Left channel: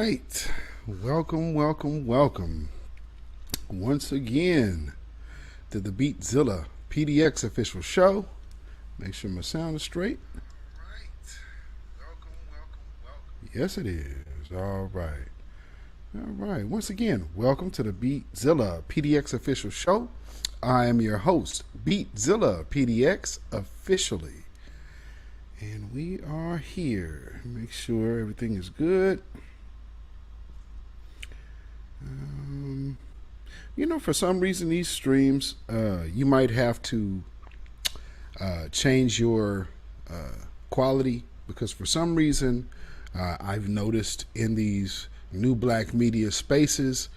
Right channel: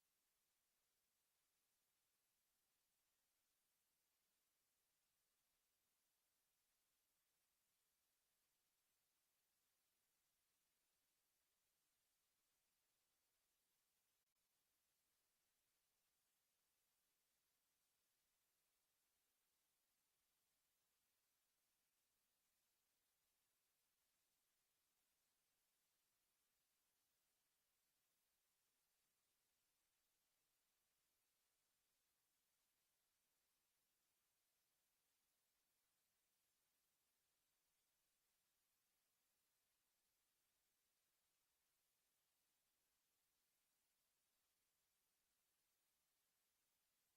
right. Welcome once again to the Beatzilla PDX official show. Make sure my sound is straight. Yes, it is. All right. All right. Once again, welcome to the Beatzilla PDX official show. I am your host, Beatzilla PDX officially. And we are here. Make sure everything is good. For some reason, these streams, you might have to change your quality because for some reason, I've noticed in these new black media spaces,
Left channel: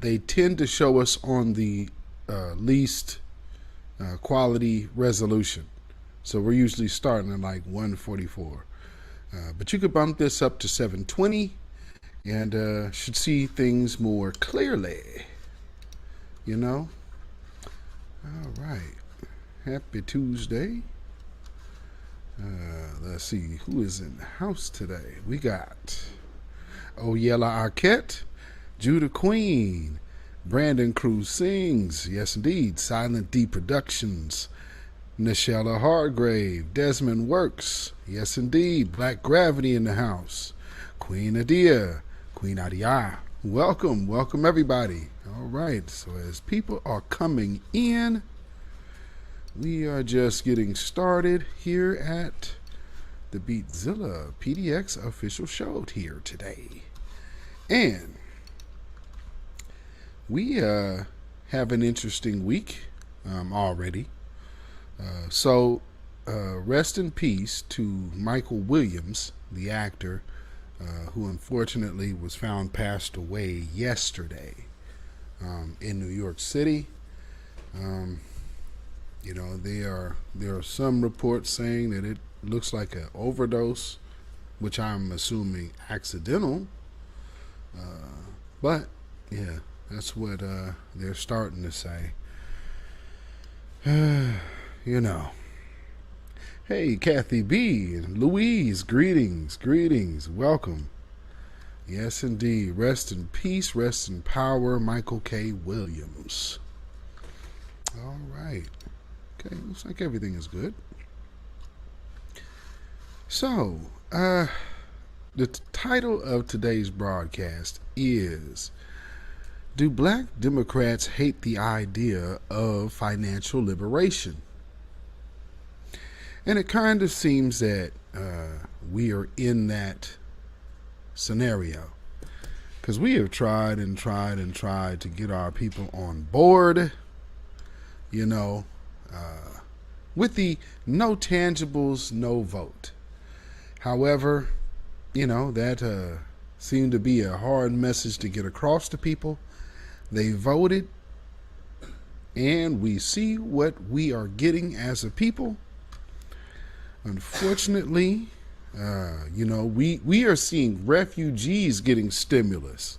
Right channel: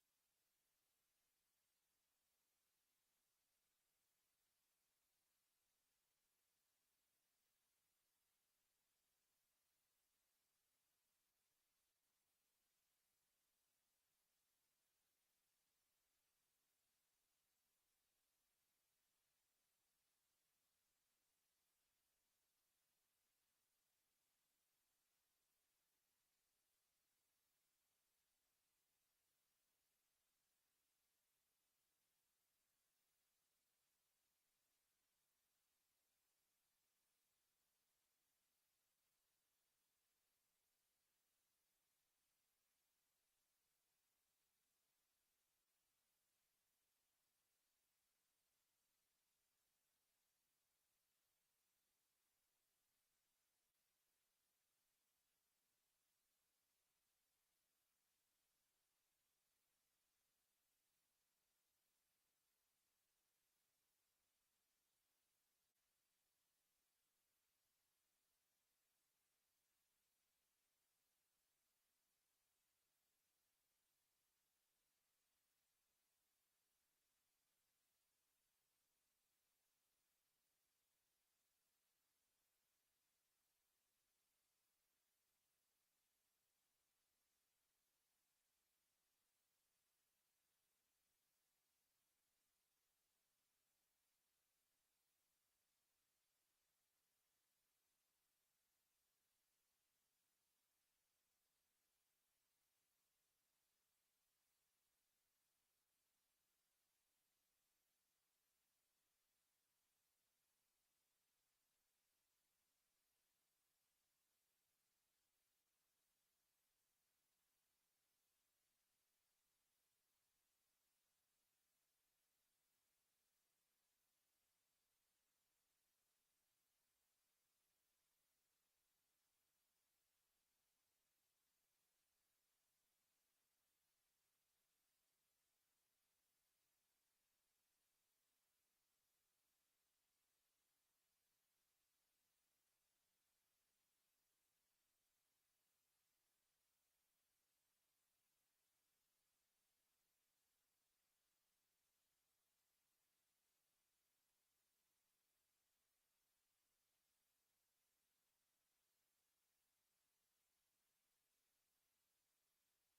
they tend to show us on the least quality resolution. So we're usually starting at like 144. But you could bump this up to 720 and should see things more clearly. All right. Happy Tuesday. Let's see who is in the house today. We got Oyella Arquette, Judah Queen, Brandon Cruz Sings, yes indeed, Silent D Productions, Nichelle Hargrave, Desmond Works, yes indeed, Black Gravity in the house, Queen Adia, welcome everybody. All right, so as people are coming in, we are just getting started here at the Beatzilla PDX official show here today. And we have an interesting week already. So rest in peace to Michael Williams, the actor, who unfortunately was found passed away yesterday in New York City. There are some reports saying that it looks like an overdose, which I'm assuming accidental. But yeah, that's what they're starting to say. Hey, Kathy B and Louise, greetings, welcome. Yes, indeed. Rest in peace, rest in power, Michael K. Williams. All right. Okay, looks like everything is good. So, the title of today's broadcast is, do Black Democrats hate the idea of financial liberation? And it kind of seems that we are in that scenario because we have tried to get our people on board, with the no tangibles, no vote. However, that seemed to be a hard message to get across to people. They voted, and we see what we are getting as a people. Unfortunately, we are seeing refugees getting stimulus,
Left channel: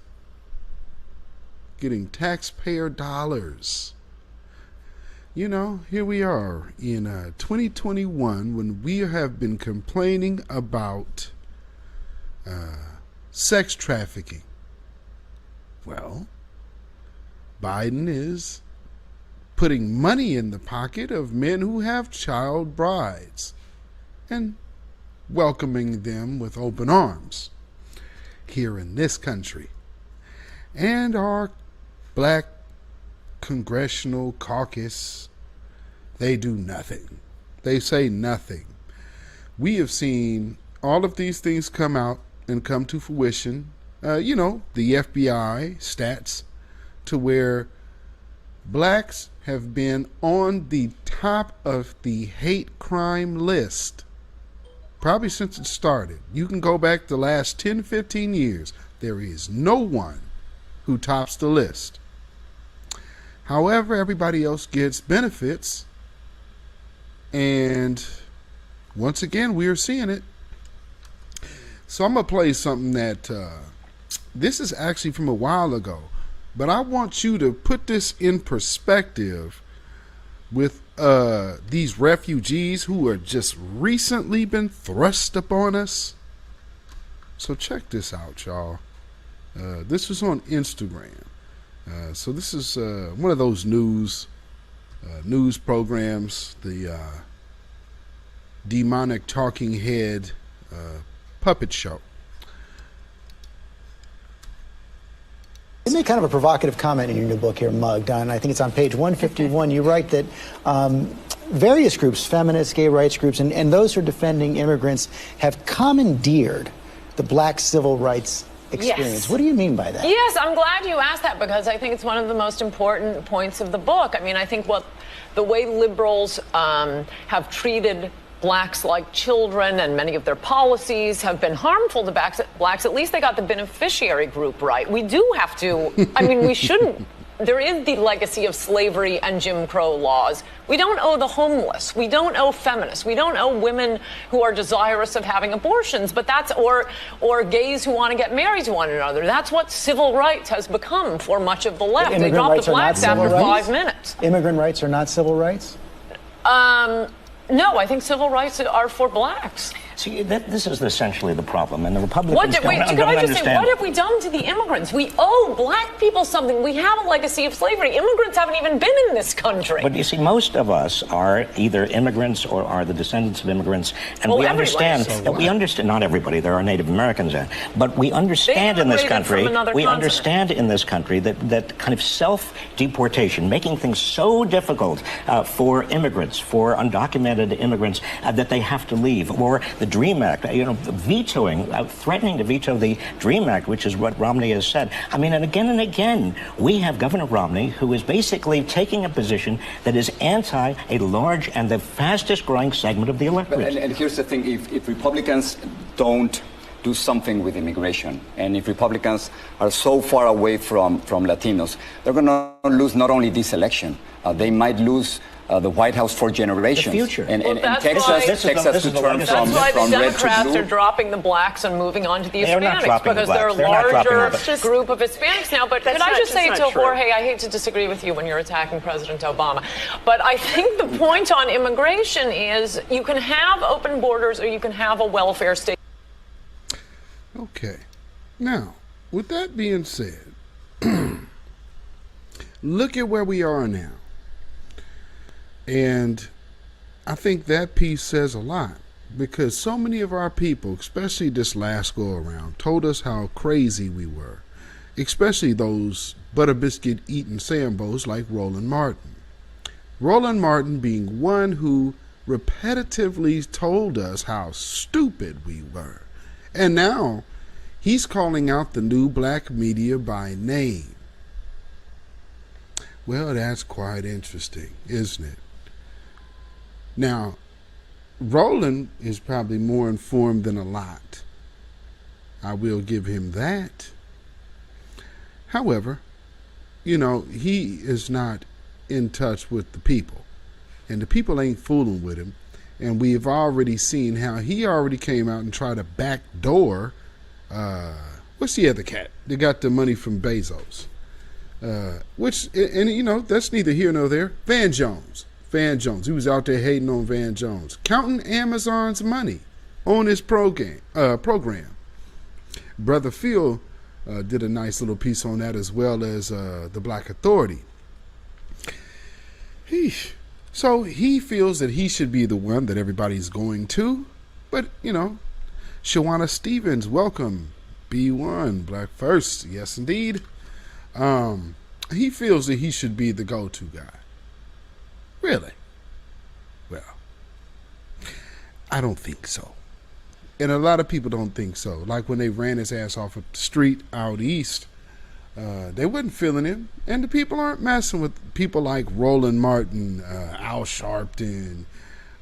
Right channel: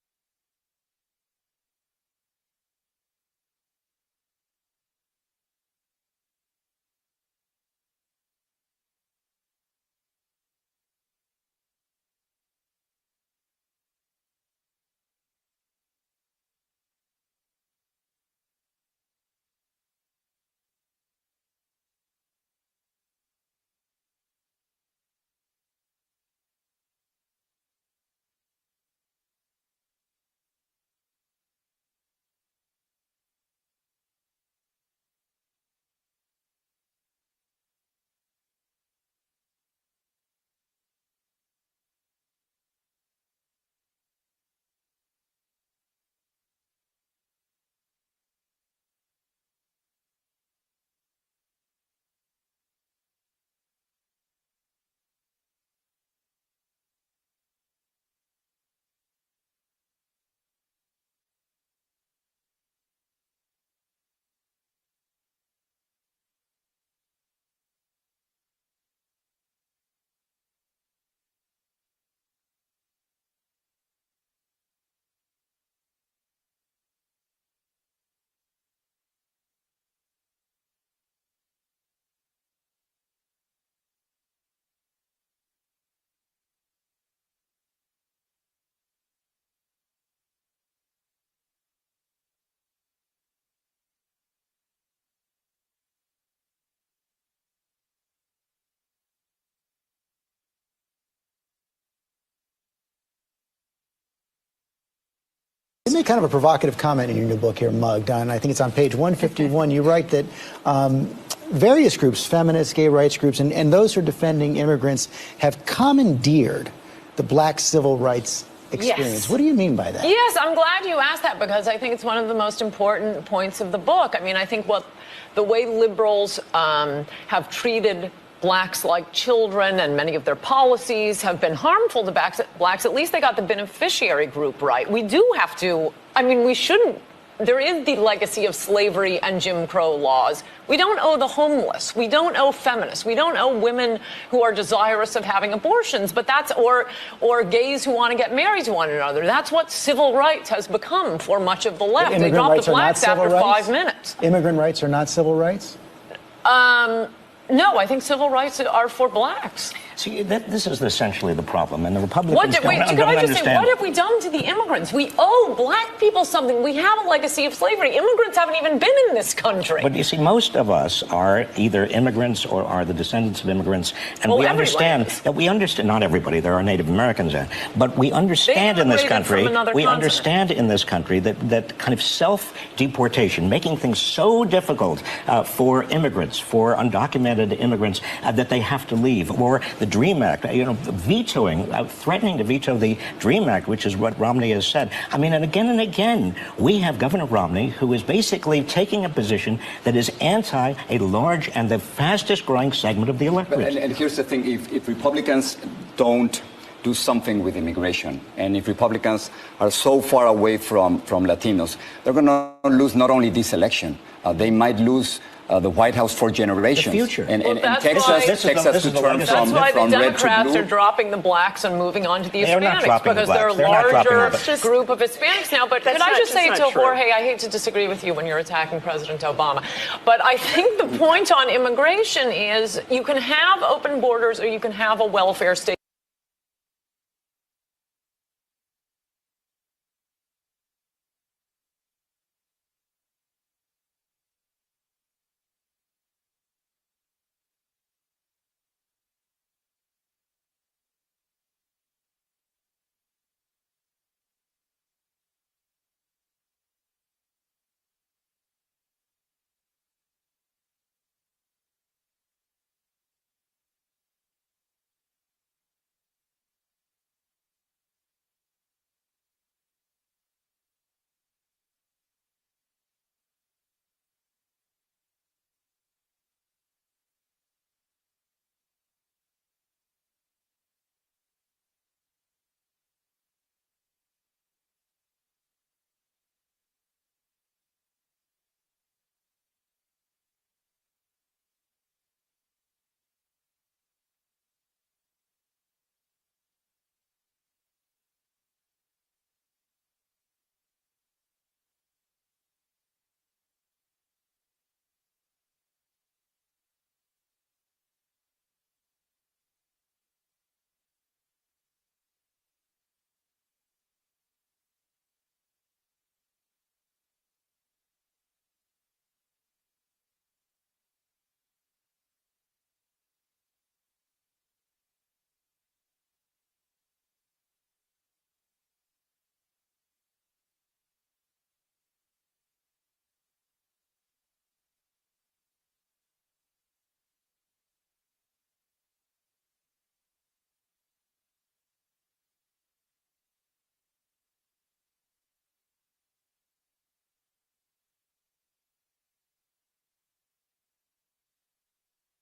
getting taxpayer dollars. Here we are in 2021 when we have been complaining about sex trafficking. Well, Biden is putting money in the pocket of men who have child brides and welcoming them with open arms here in this country. And our black congressional caucus, they do nothing. They say nothing. We have seen all of these things come out and come to fruition. The FBI stats to where blacks have been on the top of the hate crime list probably since it started. You can go back the last 10, 15 years. There is no one who tops the list. However, everybody else gets benefits. And once again, we are seeing it. So I'm going to play something that, this is actually from a while ago. But I want you to put this in perspective with these refugees who are just recently been thrust upon us. So check this out, y'all. This was on Instagram. So this is one of those news programs, the demonic talking head puppet show. You make kind of a provocative comment in your new book here, Mugged, and I think it's on page 151. You write that various groups, feminists, gay rights groups, and those who are defending immigrants have commandeered the black civil rights experience. Yes. What do you mean by that? Yes, I'm glad you asked that because I think it's one of the most important points of the book. I mean, I think the way liberals have treated blacks like children and many of their policies have been harmful to blacks. At least they got the beneficiary group right. We do have to, I mean, we shouldn't. There is the legacy of slavery and Jim Crow laws. We don't owe the homeless. We don't owe feminists. We don't owe women who are desirous of having abortions. But that's or gays who want to get married to one another. That's what civil rights has become for much of the left. They dropped the blacks after 5 minutes. Immigrant rights are not civil rights? No, I think civil rights are for blacks. See, this is essentially the problem, and the Republicans don't understand. What have we done to the immigrants? We owe black people something. We have a legacy of slavery. Immigrants haven't even been in this country. But you see, most of us are either immigrants or are the descendants of immigrants, and we understand that not everybody. There are Native Americans in, but we understand in this country. We understand in this country that kind of self-deportation, making things so difficult for immigrants, for undocumented immigrants, that they have to leave, or the DREAM Act, vetoing, threatening to veto the DREAM Act, which is what Romney has said. I mean, and again, we have Governor Romney, who is basically taking a position that is anti a large and the fastest growing segment of the electorate. And here's the thing, if Republicans don't do something with immigration, and if Republicans are so far away from Latinos, they're going to lose not only this election, they might lose the White House for generations. The future. And Texas to turn from red to blue. The Democrats are dropping the blacks and moving on to the Hispanics because they're a larger group of Hispanics now. But could I just say to Jorge, I hate to disagree with you when you're attacking President Obama, but I think the point on immigration is you can have open borders or you can have a welfare state. Okay. Now, with that being said, look at where we are now. And I think that piece says a lot because so many of our people, especially this last go around, told us how crazy we were, especially those butter biscuit eating Sambos like Roland Martin. Roland Martin being one who repetitively told us how stupid we were. And now he's calling out the new black media by name. Well, that's quite interesting, isn't it? Now, Roland is probably more informed than a lot. I will give him that. However, he is not in touch with the people. And the people ain't fooling with him. And we've already seen how he already came out and tried to backdoor, what's the other cat? They got the money from Bezos. That's neither here nor there. Van Jones. He was out there hating on Van Jones, counting Amazon's money on his program. Brother Phil did a nice little piece on that, as well as the Black Authority. So he feels that he should be the one that everybody's going to. But, Shawana Stevens, welcome. B1, Black First. Yes, indeed. He feels that he should be the go-to guy. Really? Well, I don't think so. And a lot of people don't think so. Like when they ran his ass off of the street out east, they wasn't feeling him. And the people aren't messing with people like Roland Martin, Al Sharpton,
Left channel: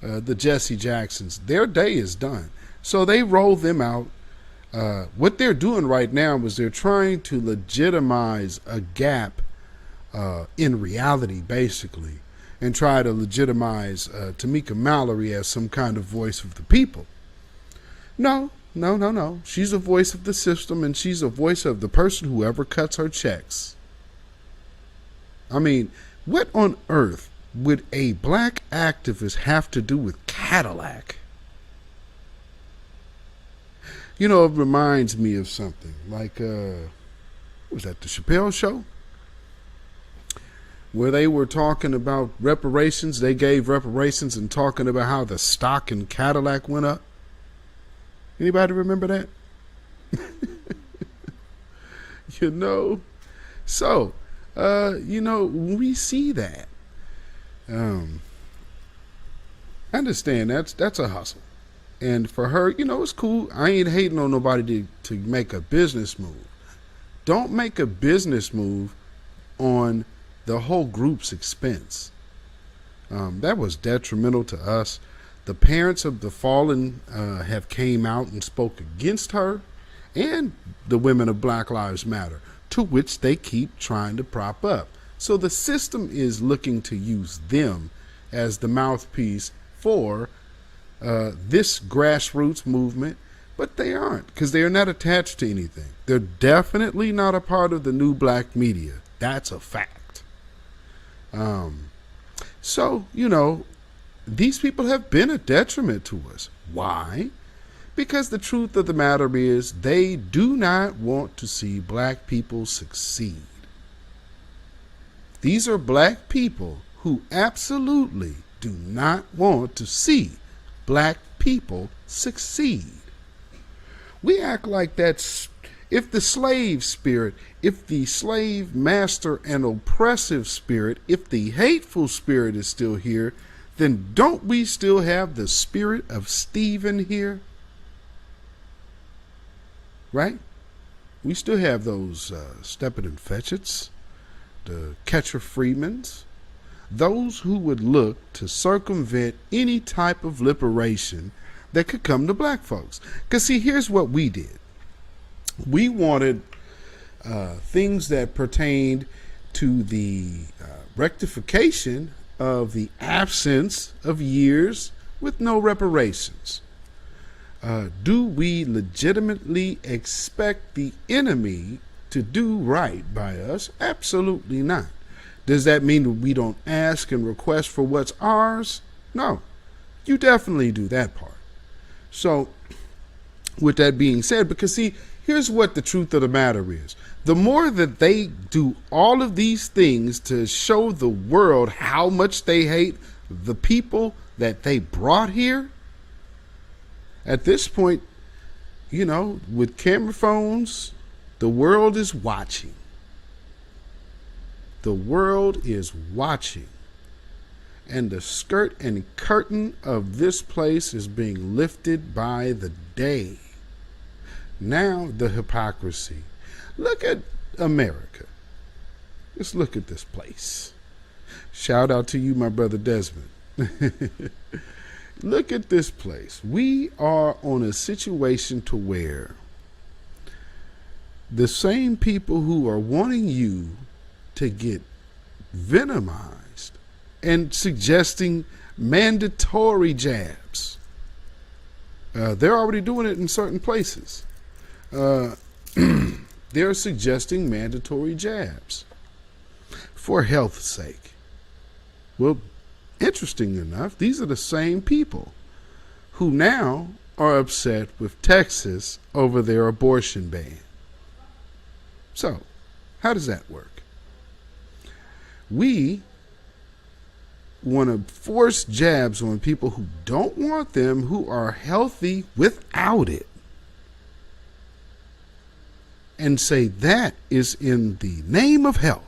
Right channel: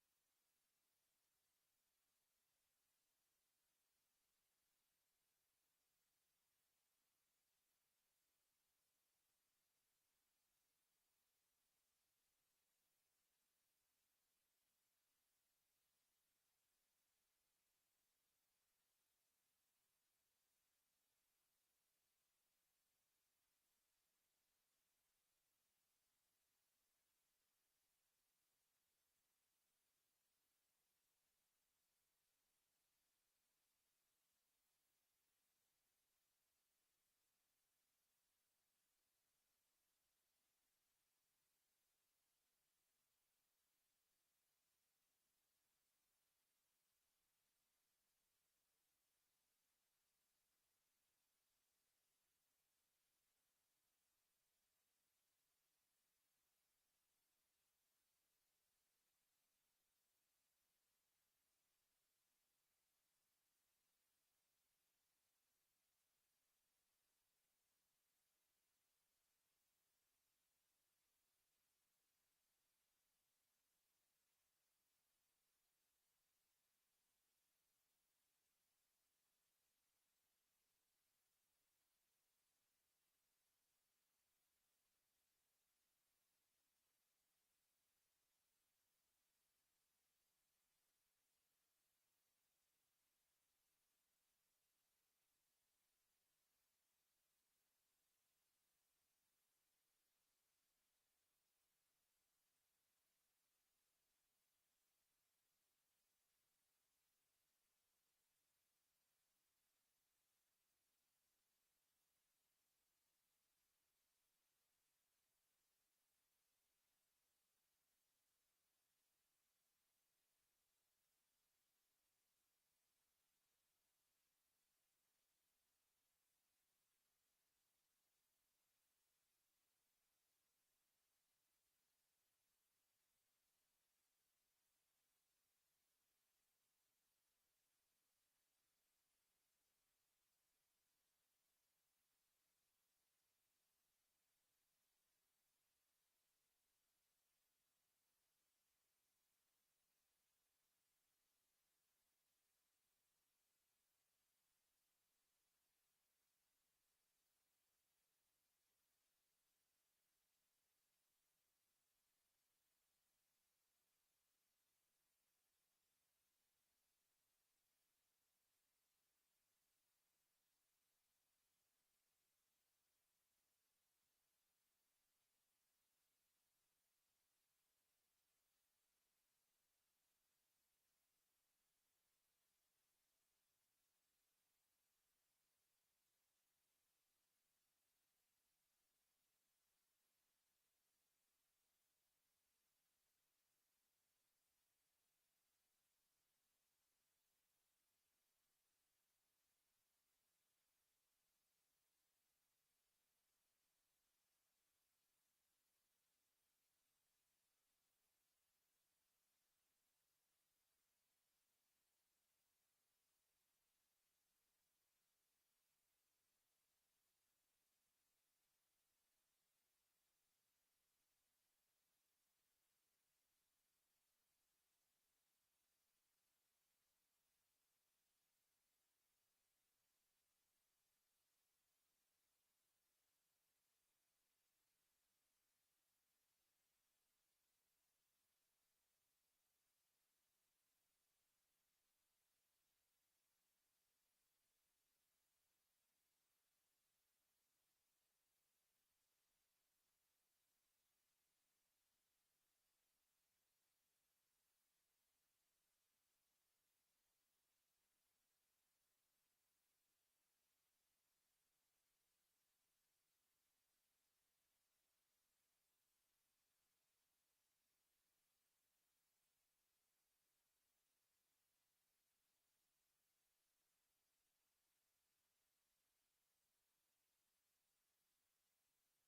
the Jesse Jacksons. Their day is done. So they rolled them out. What they're doing right now is they're trying to legitimize a gap in reality, basically, and try to legitimize Tamika Mallory as some kind of voice of the people. No. She's a voice of the system, and she's a voice of the person who ever cuts her checks. I mean, what on earth would a black activist have to do with Cadillac? It reminds me of something like was that the Chappelle Show? Where they were talking about reparations. They gave reparations and talking about how the stock in Cadillac went up. Anybody remember that? You know? So, when we see that, I understand that's a hustle. And for her, it's cool. I ain't hating on nobody to make a business move. Don't make a business move on the whole group's expense. That was detrimental to us. The parents of the fallen have came out and spoke against her and the women of Black Lives Matter, to which they keep trying to prop up. So the system is looking to use them as the mouthpiece for this grassroots movement, but they aren't, because they are not attached to anything. They're definitely not a part of the new black media. That's a fact. So, these people have been a detriment to us. Why? Because the truth of the matter is they do not want to see black people succeed. These are black people who absolutely do not want to see black people succeed. We act like that's, if the slave spirit, if the slave master and oppressive spirit, if the hateful spirit is still here, then don't we still have the spirit of Stephen here? Right? We still have those Stephen and Fetchits, the Catcher Freemans, those who would look to circumvent any type of liberation that could come to black folks. Because see, here's what we did. We wanted things that pertained to the rectification of the absence of years with no reparations. Do we legitimately expect the enemy to do right by us? Absolutely not. Does that mean that we don't ask and request for what's ours? No. You definitely do that part. So, with that being said, because see, here's what the truth of the matter is. The more that they do all of these things to show the world how much they hate the people that they brought here, at this point, with camera phones, the world is watching. The world is watching. And the skirt and curtain of this place is being lifted by the day. Now the hypocrisy. Look at America. Just look at this place. Shout out to you, my brother Desmond. Look at this place. We are on a situation to where the same people who are wanting you to get venomized and suggesting mandatory jabs, they're already doing it in certain places. They're suggesting mandatory jabs for health's sake. Well, interesting enough, these are the same people who now are upset with Texas over their abortion ban. So, how does that work? We want to force jabs on people who don't want them, who are healthy without it, and say that is in the name of health.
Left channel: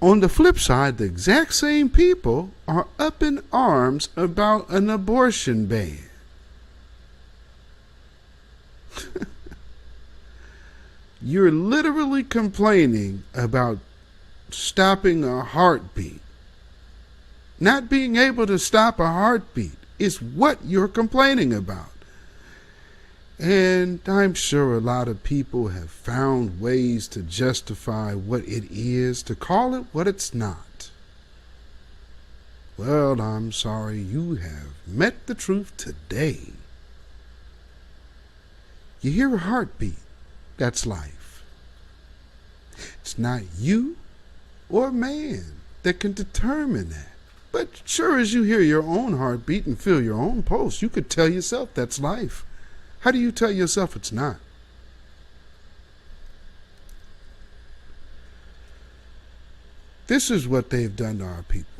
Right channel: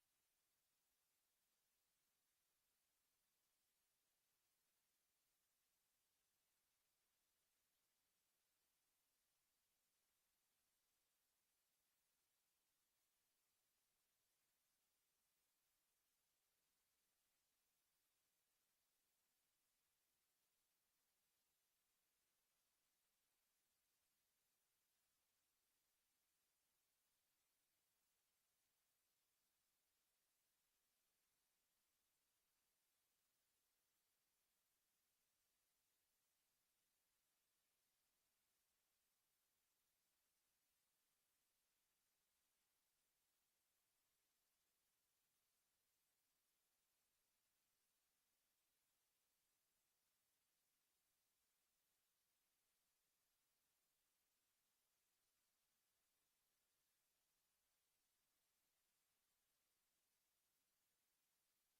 On the flip side, the exact same people are up in arms about an abortion ban. You're literally complaining about stopping a heartbeat. Not being able to stop a heartbeat is what you're complaining about. And I'm sure a lot of people have found ways to justify what it is, to call it what it's not. Well, I'm sorry, you have met the truth today. You hear a heartbeat, that's life. It's not you or man that can determine that. But sure as you hear your own heartbeat and feel your own pulse, you could tell yourself that's life. How do you tell yourself it's not? This is what they've done to our people.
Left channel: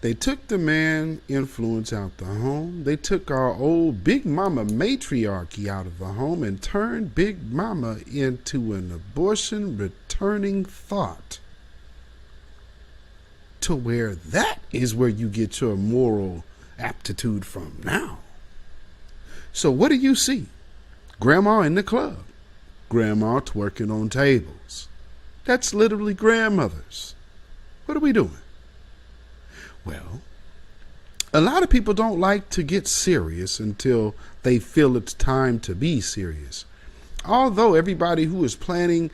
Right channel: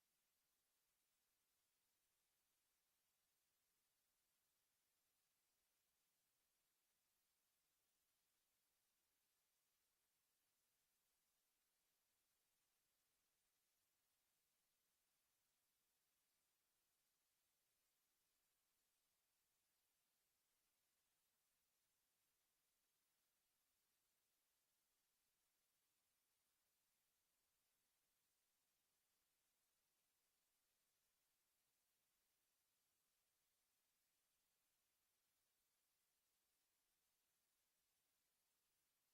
They took the man influence out the home. They took our old Big Mama matriarchy out of the home and turned Big Mama into an abortion returning thought. To where that is where you get your moral aptitude from now. So what do you see? Grandma in the club. Grandma twerking on tables. That's literally grandmothers. What are we doing? Well, a lot of people don't like to get serious until they feel it's time to be serious. Although everybody who is planning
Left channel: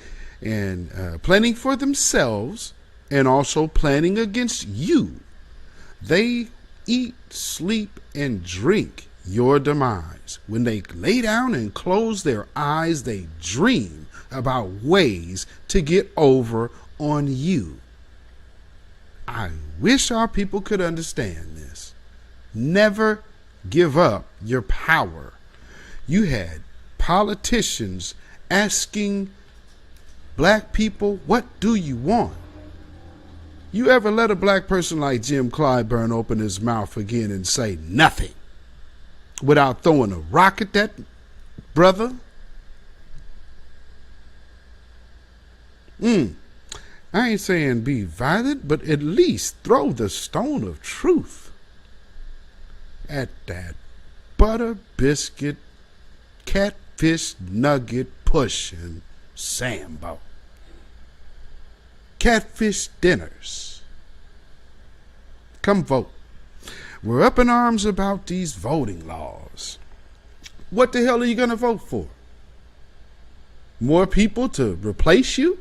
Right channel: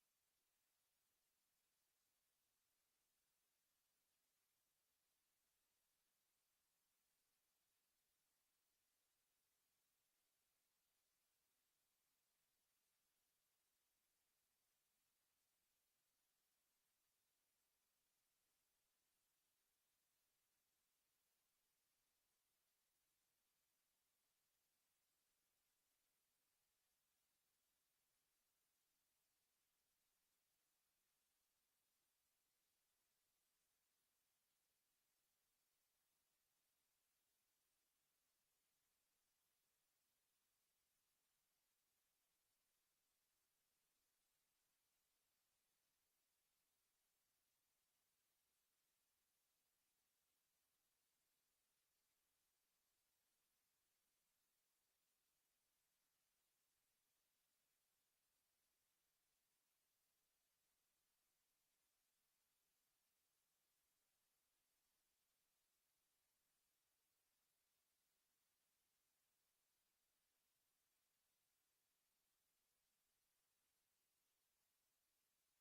for themselves and also planning against you, they eat, sleep, and drink your demise. When they lay down and close their eyes, they dream about ways to get over on you. I wish our people could understand this. Never give up your power. You had politicians asking black people, what do you want? You ever let a black person like Jim Clyburn open his mouth again and say nothing without throwing a rock at that brother? I ain't saying be violent, but at least throw the stone of truth at that butter biscuit, catfish nugget pushing Sambo. Catfish dinners. Come vote. We're up in arms about these voting laws. What the hell are you going to vote for? More people to replace you?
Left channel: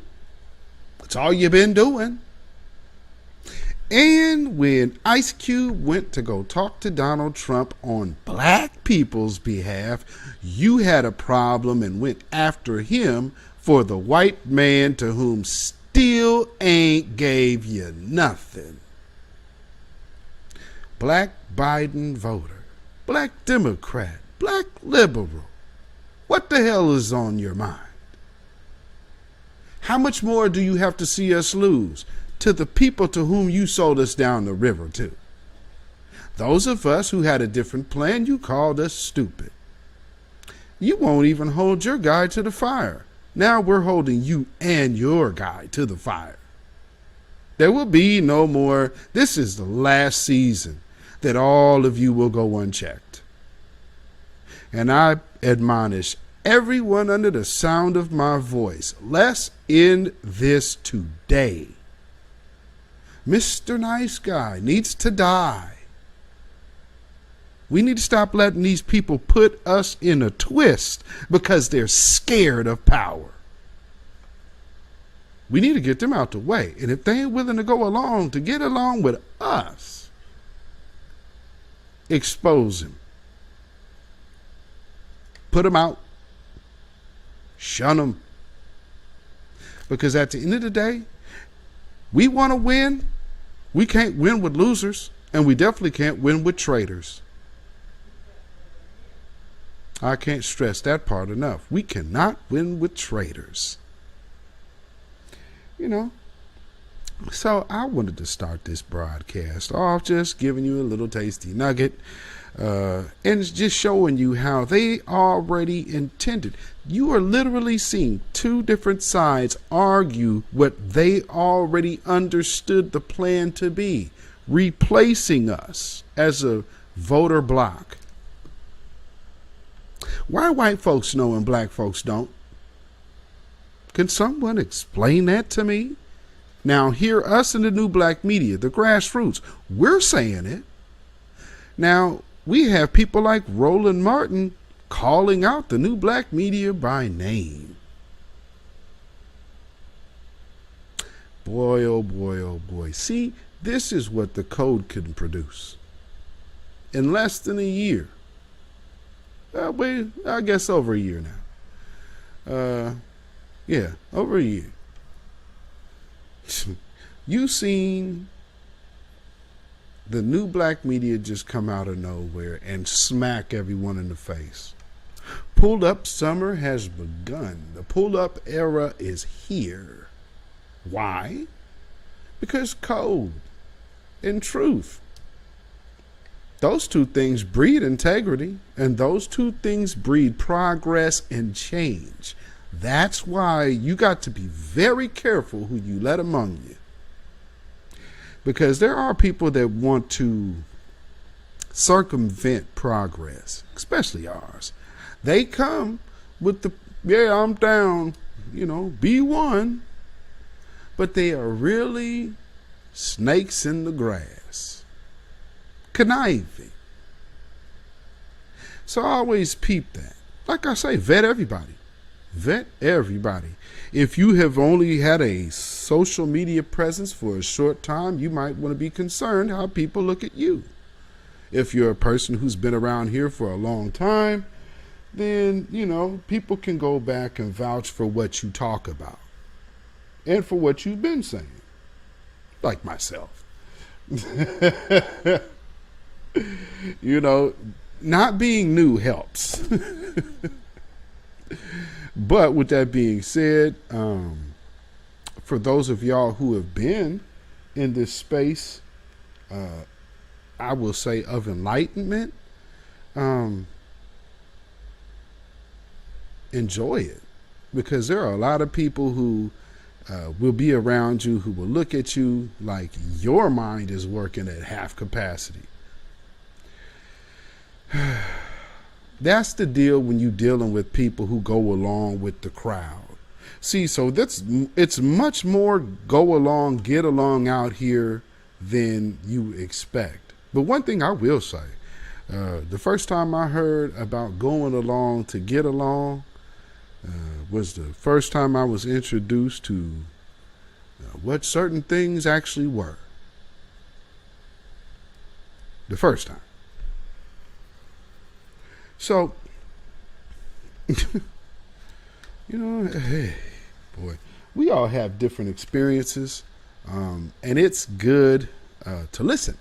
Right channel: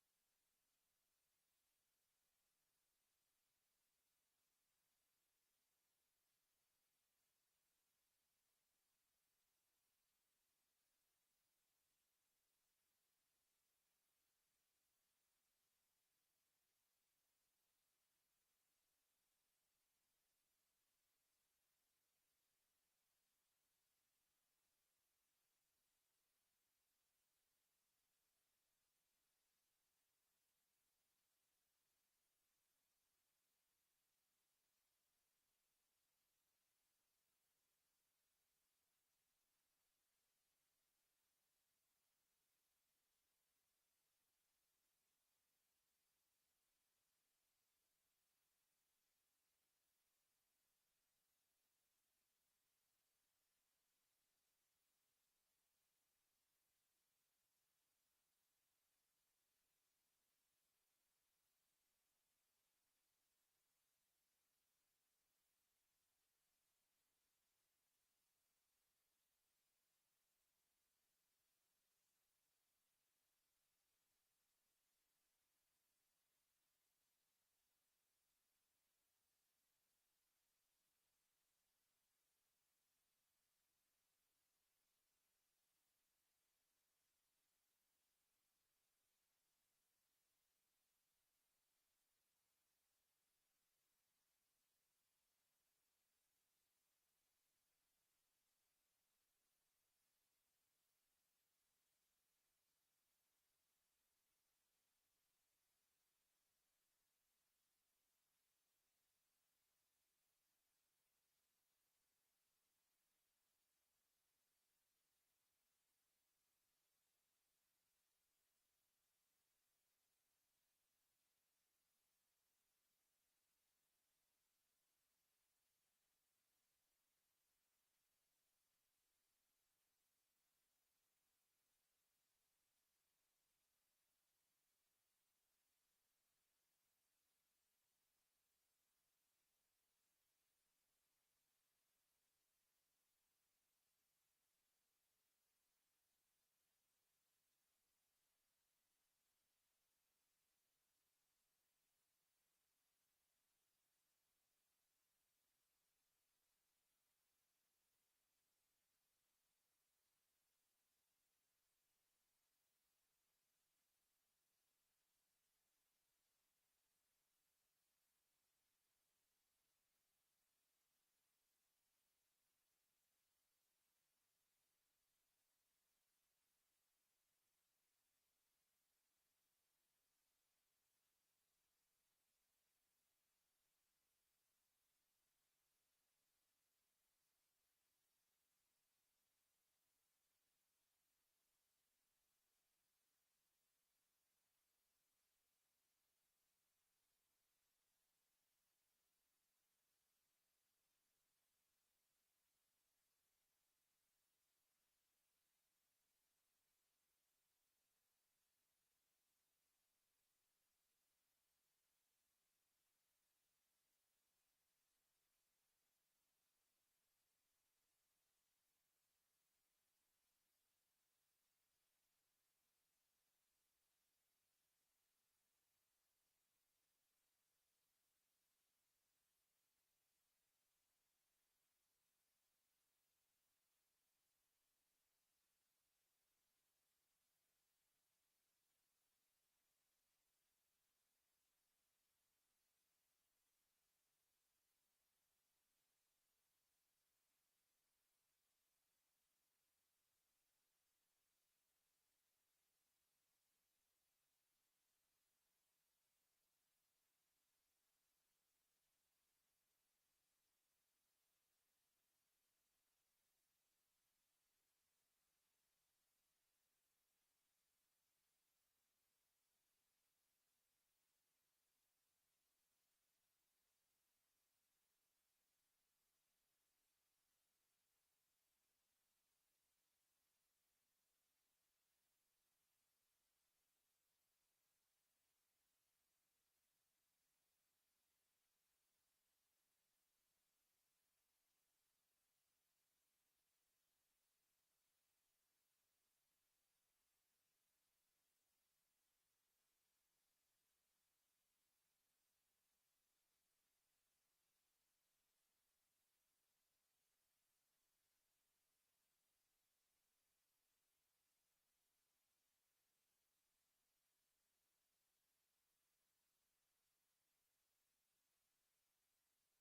That's all you've been doing. And when Ice Cube went to go talk to Donald Trump on black people's behalf, you had a problem and went after him for the white man to whom still ain't gave you nothing. Black Biden voter, black Democrat, black liberal. What the hell is on your mind? How much more do you have to see us lose to the people to whom you sold us down the river to? Those of us who had a different plan, you called us stupid. You won't even hold your guy to the fire. Now we're holding you and your guy to the fire. There will be no more. This is the last season that all of you will go unchecked. And I admonish everyone under the sound of my voice, let's end this today. Mr. Nice Guy needs to die. We need to stop letting these people put us in a twist because they're scared of power. We need to get them out the way. And if they ain't willing to go along to get along with us, expose them. Put them out. Shun them. Because at the end of the day, we want to win. We can't win with losers, and we definitely can't win with traitors. I can't stress that part enough. We cannot win with traitors. You know, so I wanted to start this broadcast off just giving you a little tasty nugget and just showing you how they already intended. You are literally seeing two different sides argue what they already understood the plan to be, replacing us as a voter bloc. Why white folks know and black folks don't? Can someone explain that to me? Now, hear us in the new black media, the grassroots, we're saying it. Now, we have people like Roland Martin calling out the new black media by name. Boy, oh boy, oh boy. See, this is what the code can produce. In less than a year. I guess over a year now. Yeah, over a year. You seen the new black media just come out of nowhere and smack everyone in the face. Pulled up summer has begun. The pulled up era is here. Why? Because code and truth, those two things breed integrity, and those two things breed progress and change. That's why you got to be very careful who you let among you. Because there are people that want to circumvent progress, especially ours. They come with the, yeah, I'm down, be one. But they are really snakes in the grass, conniving. So I always peep that. Like I say, vet everybody. Vet everybody. If you have only had a social media presence for a short time, you might want to be concerned how people look at you. If you're a person who's been around here for a long time, then, people can go back and vouch for what you talk about and for what you've been saying, like myself. Not being new helps. But with that being said, for those of y'all who have been in this space, I will say of enlightenment, enjoy it, because there are a lot of people who will be around you who will look at you like your mind is working at half capacity. That's the deal when you're dealing with people who go along with the crowd. See, so it's much more go along, get along out here than you expect. But one thing I will say, the first time I heard about going along to get along was the first time I was introduced to what certain things actually were. The first time. So, hey, boy, we all have different experiences, and it's good to listen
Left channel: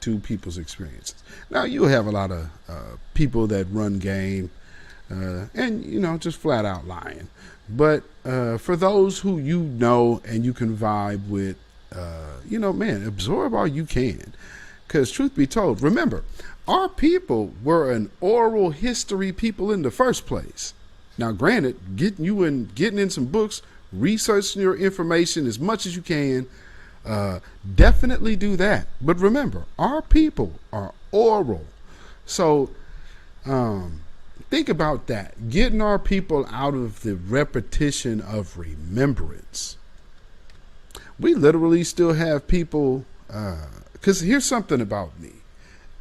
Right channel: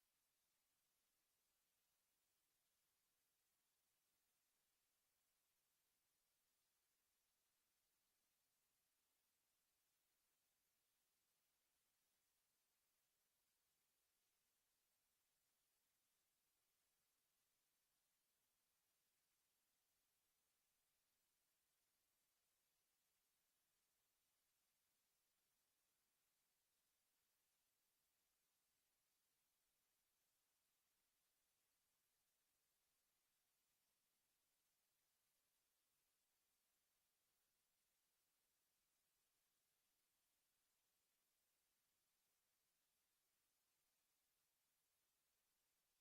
to people's experiences. Now, you'll have a lot of people that run game and, just flat out lying. But for those who and you can vibe with, absorb all you can. Because truth be told, remember, our people were an oral history people in the first place. Now, granted, getting in some books, researching your information as much as you can, definitely do that. But remember, our people are oral. So think about that. Getting our people out of the repetition of remembrance. We literally still have people, because here's something about me.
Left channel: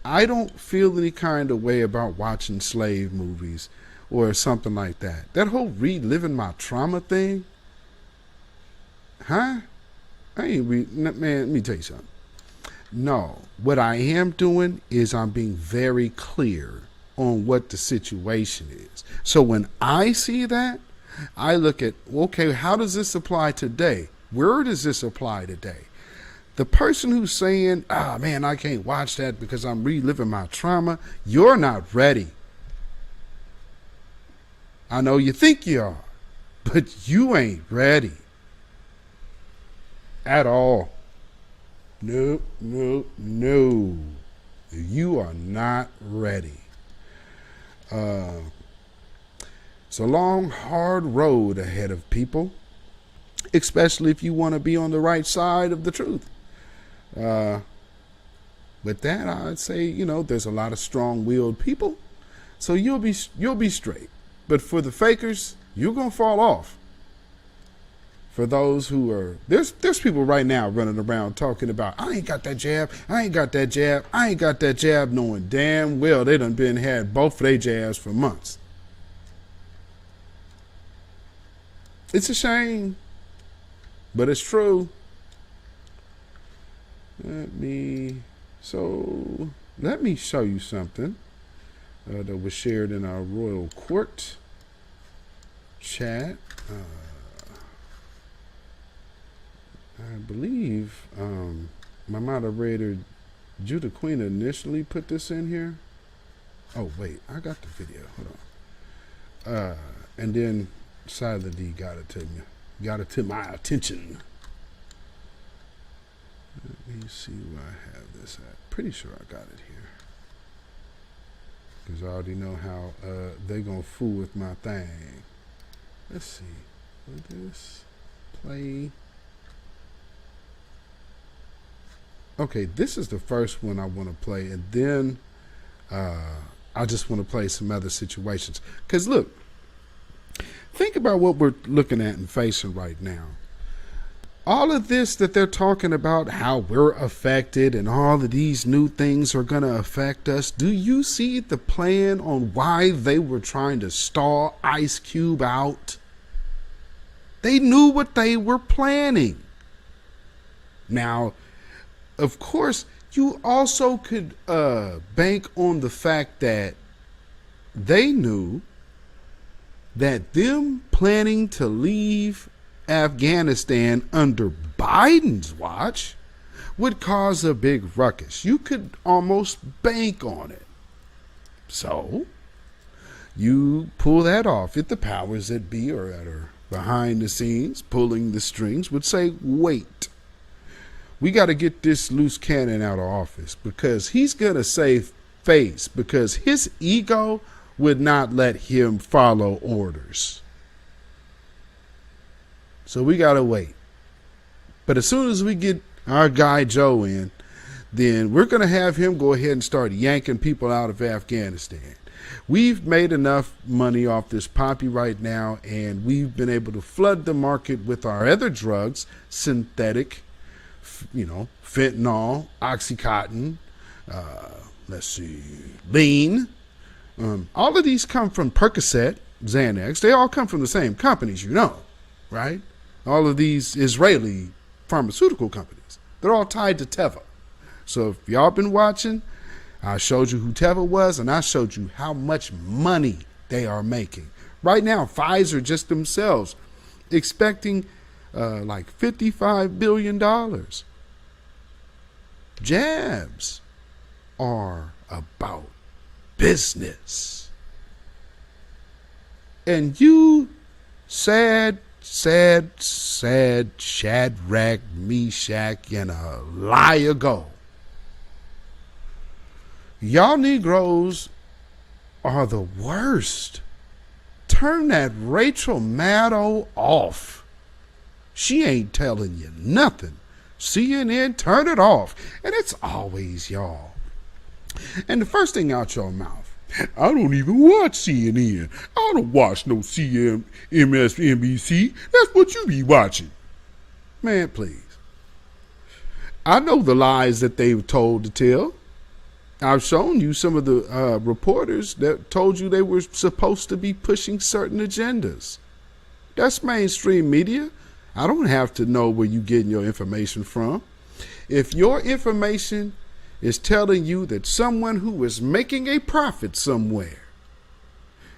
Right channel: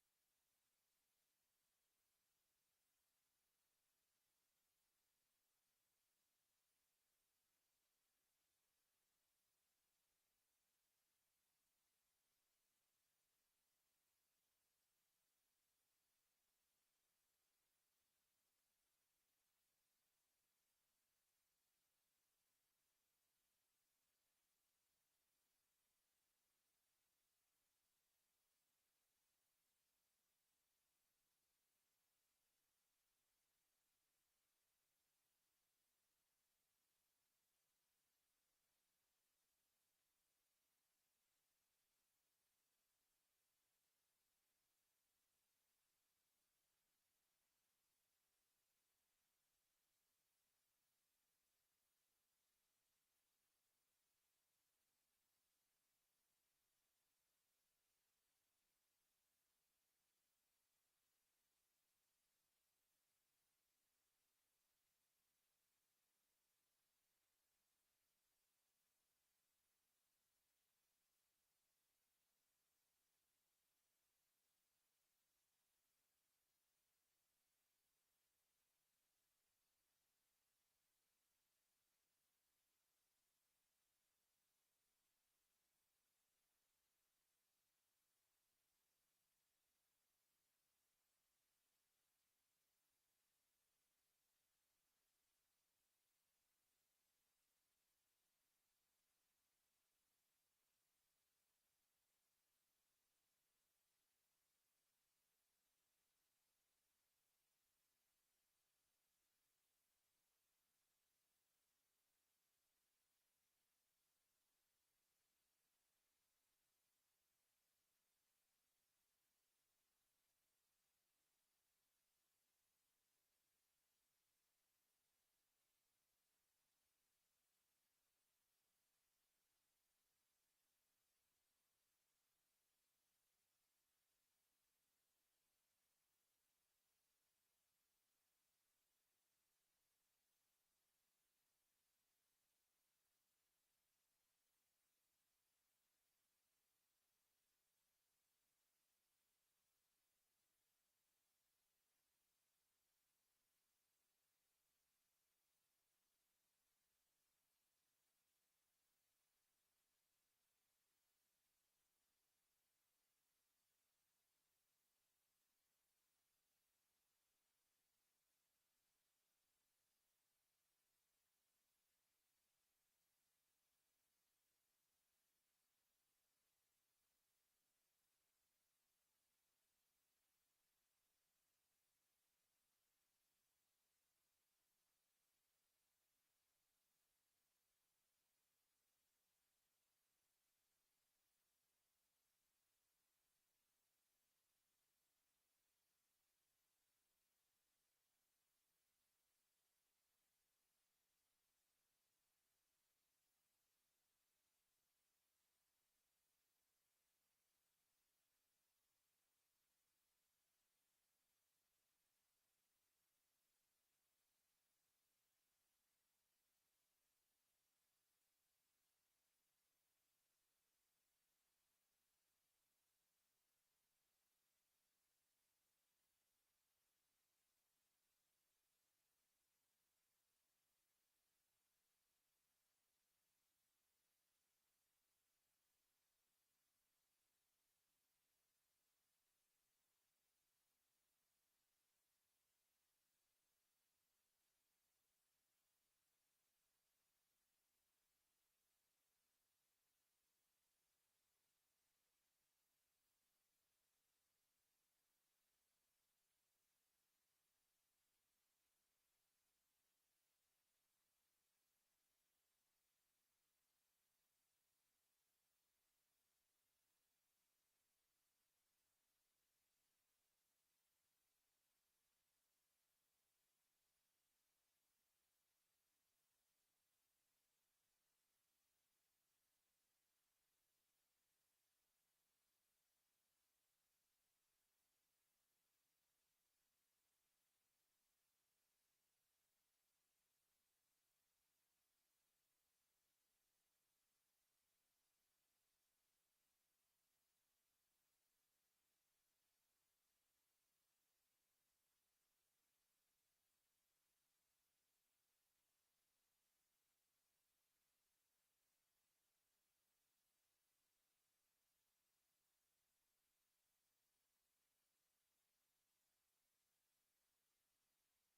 I don't feel any kind of way about watching slave movies or something like that. That whole reliving my trauma thing, man, let me tell you something. No, what I am doing is I'm being very clear on what the situation is. So when I see that, I look at, okay, how does this apply today? Where does this apply today? The person who's saying, man, I can't watch that because I'm reliving my trauma, you're not ready. I know you think you are, but you ain't ready. At all. No. You are not ready. It's a long, hard road ahead of people, especially if you want to be on the right side of the truth. With that, I'd say, there's a lot of strong-willed people, so you'll be straight. But for the fakers, you're gonna fall off. For those who are, there's people right now running around talking about, I ain't got that jab, I ain't got that jab, knowing damn well they done had both of their jabs for months. It's a shame, but it's true. Let me show you something that was shared in our Royal Court chat. I believe my moderator, Judah Queen, initially put this in here. Oh, wait, I got the video. Hold on. And then Silent D got it to me. Got it to my attention. me see where I have this at. Pretty sure I got it here. Because I already know how they gonna fool with my thing. Let's see. Will this play? Okay, this is the first one I want to play, and then I just want to play some other situations. Because look, think about what we're looking at and facing right now. All of this that they're talking about, how we're affected and all of these new things are going to affect us. Do you see the plan on why they were trying to stall Ice Cube out? They knew what they were planning. Now, of course, you also could bank on the fact that they knew that them planning to leave Afghanistan under Biden's watch would cause a big ruckus. You could almost bank on it. So, you pull that off. If the powers that be or that are behind the scenes pulling the strings would say, wait, we got to get this loose cannon out of office because he's going to save face because his ego would not let him follow orders. So we got to wait. But as soon as we get our guy Joe in, then we're going to have him go ahead and start yanking people out of Afghanistan. We've made enough money off this poppy right now, and we've been able to flood the market with our other drugs, synthetic, fentanyl, Oxycontin, let's see, lean. All of these come from Percocet, Xanax. They all come from the same companies, right? All of these Israeli pharmaceutical companies. They're all tied to Teva. So if y'all been watching, I showed you who Teva was, and I showed you how much money they are making. Right now, Pfizer just themselves expecting like $55 billion. Jabs are about business. And you sad Shadrach, Meshach, and a liar go. Y'all Negroes are the worst. Turn that Rachel Maddow off. She ain't telling you nothing. CNN, turn it off. And it's always y'all. And the first thing out your mouth, I don't even watch CNN. I don't watch no MSNBC. That's what you be watching. Man, please. I know the lies that they were told to tell. I've shown you some of the reporters that told you they were supposed to be pushing certain agendas. That's mainstream media. I don't have to know where you're getting your information from. If your information is telling you that someone who is making a profit somewhere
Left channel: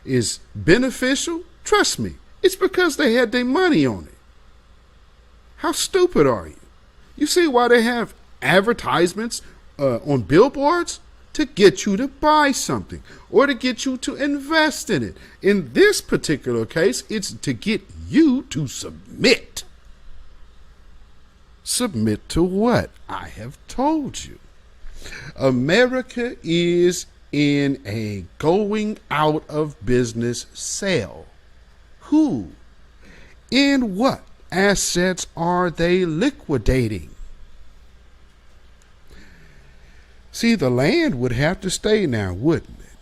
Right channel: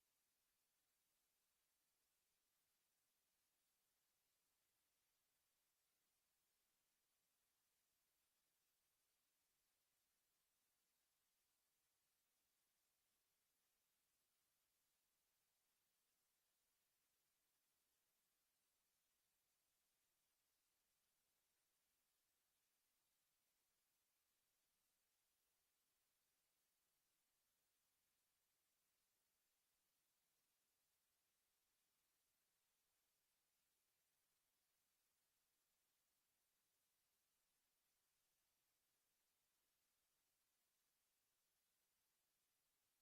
is beneficial, trust me, it's because they had their money on it. How stupid are you? You see why they have advertisements on billboards? To get you to buy something or to get you to invest in it. In this particular case, it's to get you to submit. Submit to what? I have told you. America is in a going out of business sale. Who? In what assets are they liquidating? See, the land would have to stay now, wouldn't it?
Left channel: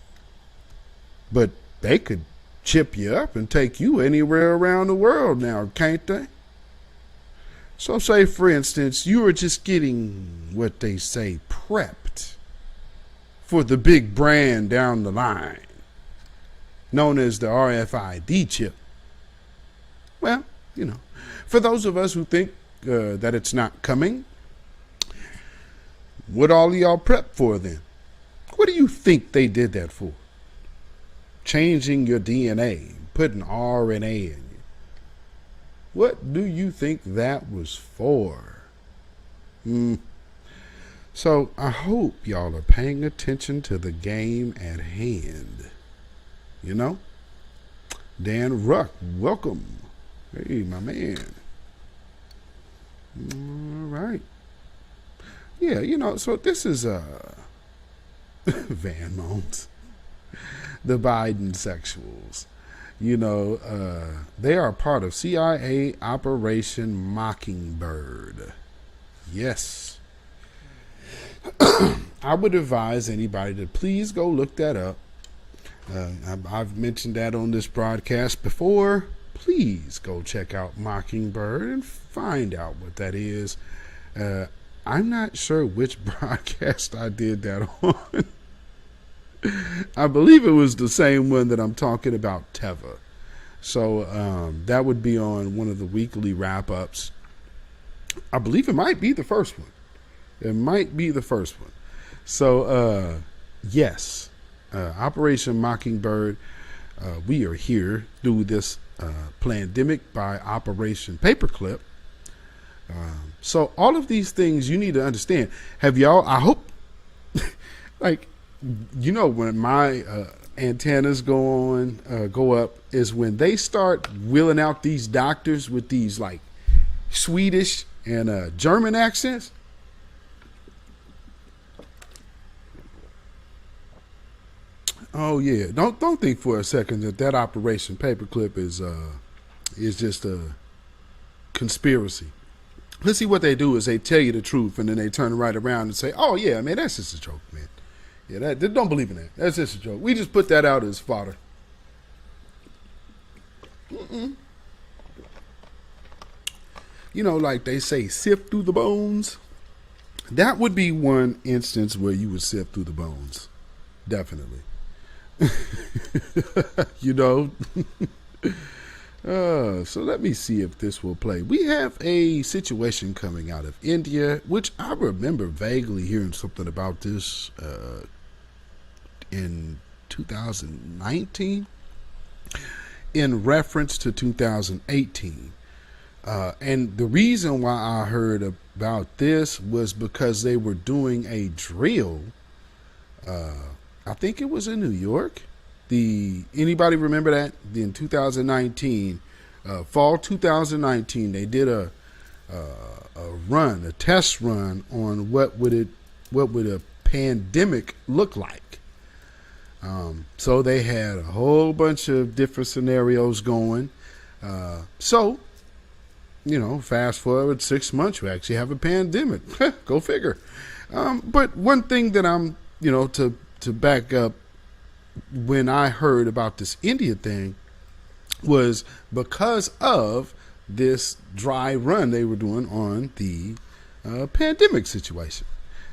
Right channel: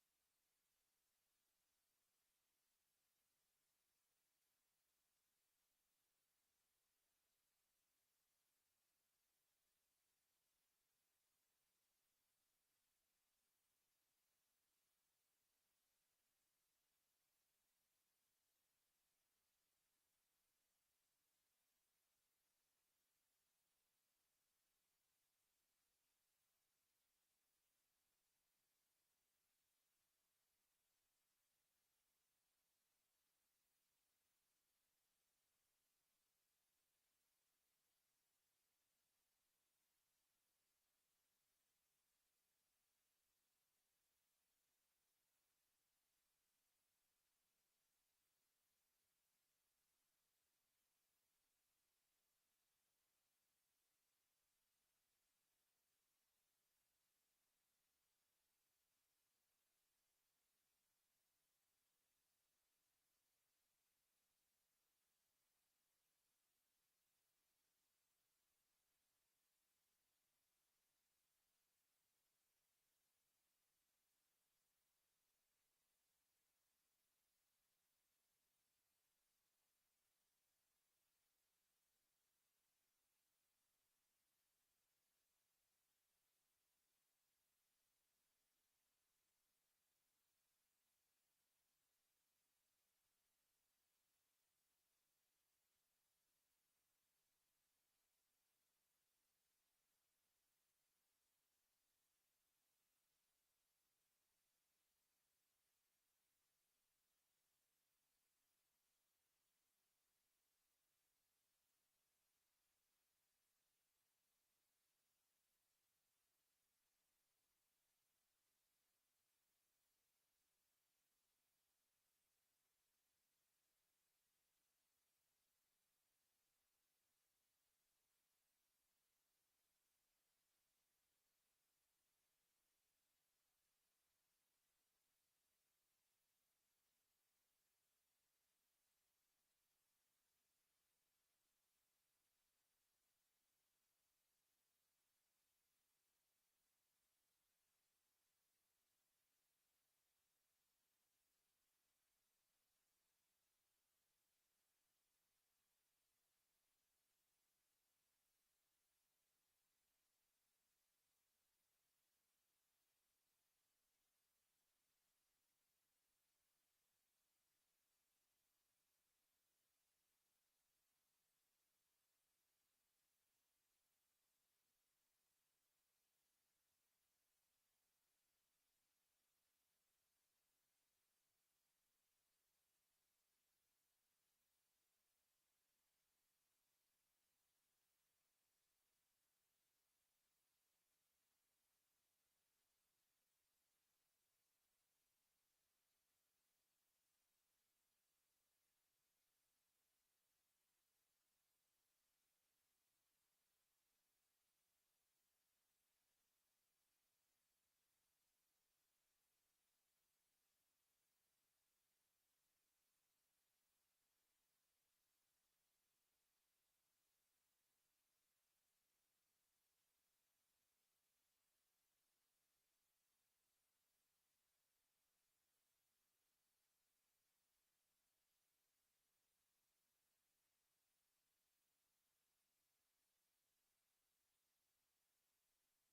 But they could chip you up and take you anywhere around the world now, can't they? So say, for instance, you are just getting what they say prepped for the big brand down the line, known as the RFID chip. Well, for those of us who think that it's not coming, what all of y'all prep for then? What do you think they did that for? Changing your DNA, putting RNA in you. What do you think that was for? So I hope y'all are paying attention to the game at hand. Dan Ruck, welcome. Hey, my man. All right. Yeah, so this is Van Moans, the Biden sexuals. They are part of CIA Operation Mockingbird. Yes. I would advise anybody to please go look that up. I've mentioned that on this broadcast before. Please go check out Mockingbird and find out what that is. I'm not sure which broadcast I did that on. I believe it was the same one that I'm talking about, Teva. So that would be on one of the weekly wrap-ups. I believe it might be the first one. It might be the first one. So, yes, Operation Mockingbird, we are here through this pandemic by Operation Paperclip. So all of these things you need to understand. Have y'all, I hope, like, when my antennas go up is when they start wheeling out these doctors with these like Swedish and German accents. Oh yeah, don't think for a second that Operation Paperclip is just a conspiracy. Let's see what they do is they tell you the truth and then they turn right around and say, "Oh yeah, man, that's just a joke, man. Yeah, don't believe in that. That's just a joke. We just put that out as fodder." Like they say, sift through the bones. That would be one instance where you would sift through the bones. Definitely. So let me see if this will play. We have a situation coming out of India, which I remember vaguely hearing something about this in 2019 in reference to 2018. And the reason why I heard about this was because they were doing a drill. I think it was in New York. Anybody remember that? In 2019, fall 2019, they did a test run on what would a pandemic look like. So they had a whole bunch of different scenarios going. Fast forward 6 months, we actually have a pandemic. Go figure. But one thing that I'm, to back up, when I heard about this India thing was because of this dry run they were doing on the pandemic situation.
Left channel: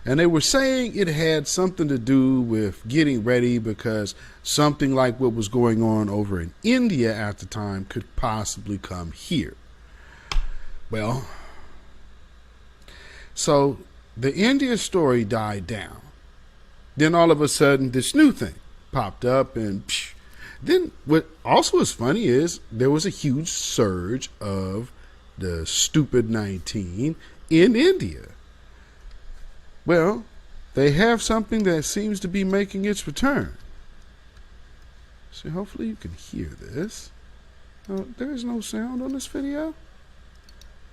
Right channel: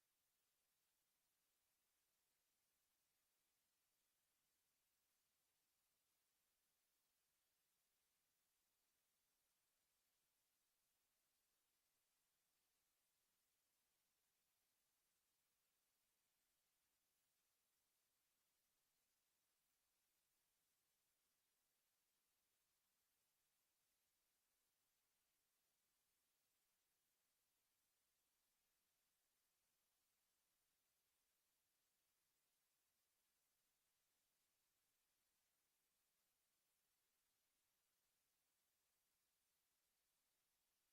And they were saying it had something to do with getting ready because something like what was going on over in India at the time could possibly come here. Well, so the India story died down. Then all of a sudden this new thing popped up, and then what also is funny is there was a huge surge of the stupid 19 in India. Well, they have something that seems to be making its return. So hopefully you can hear this. Oh, there is no sound on this video.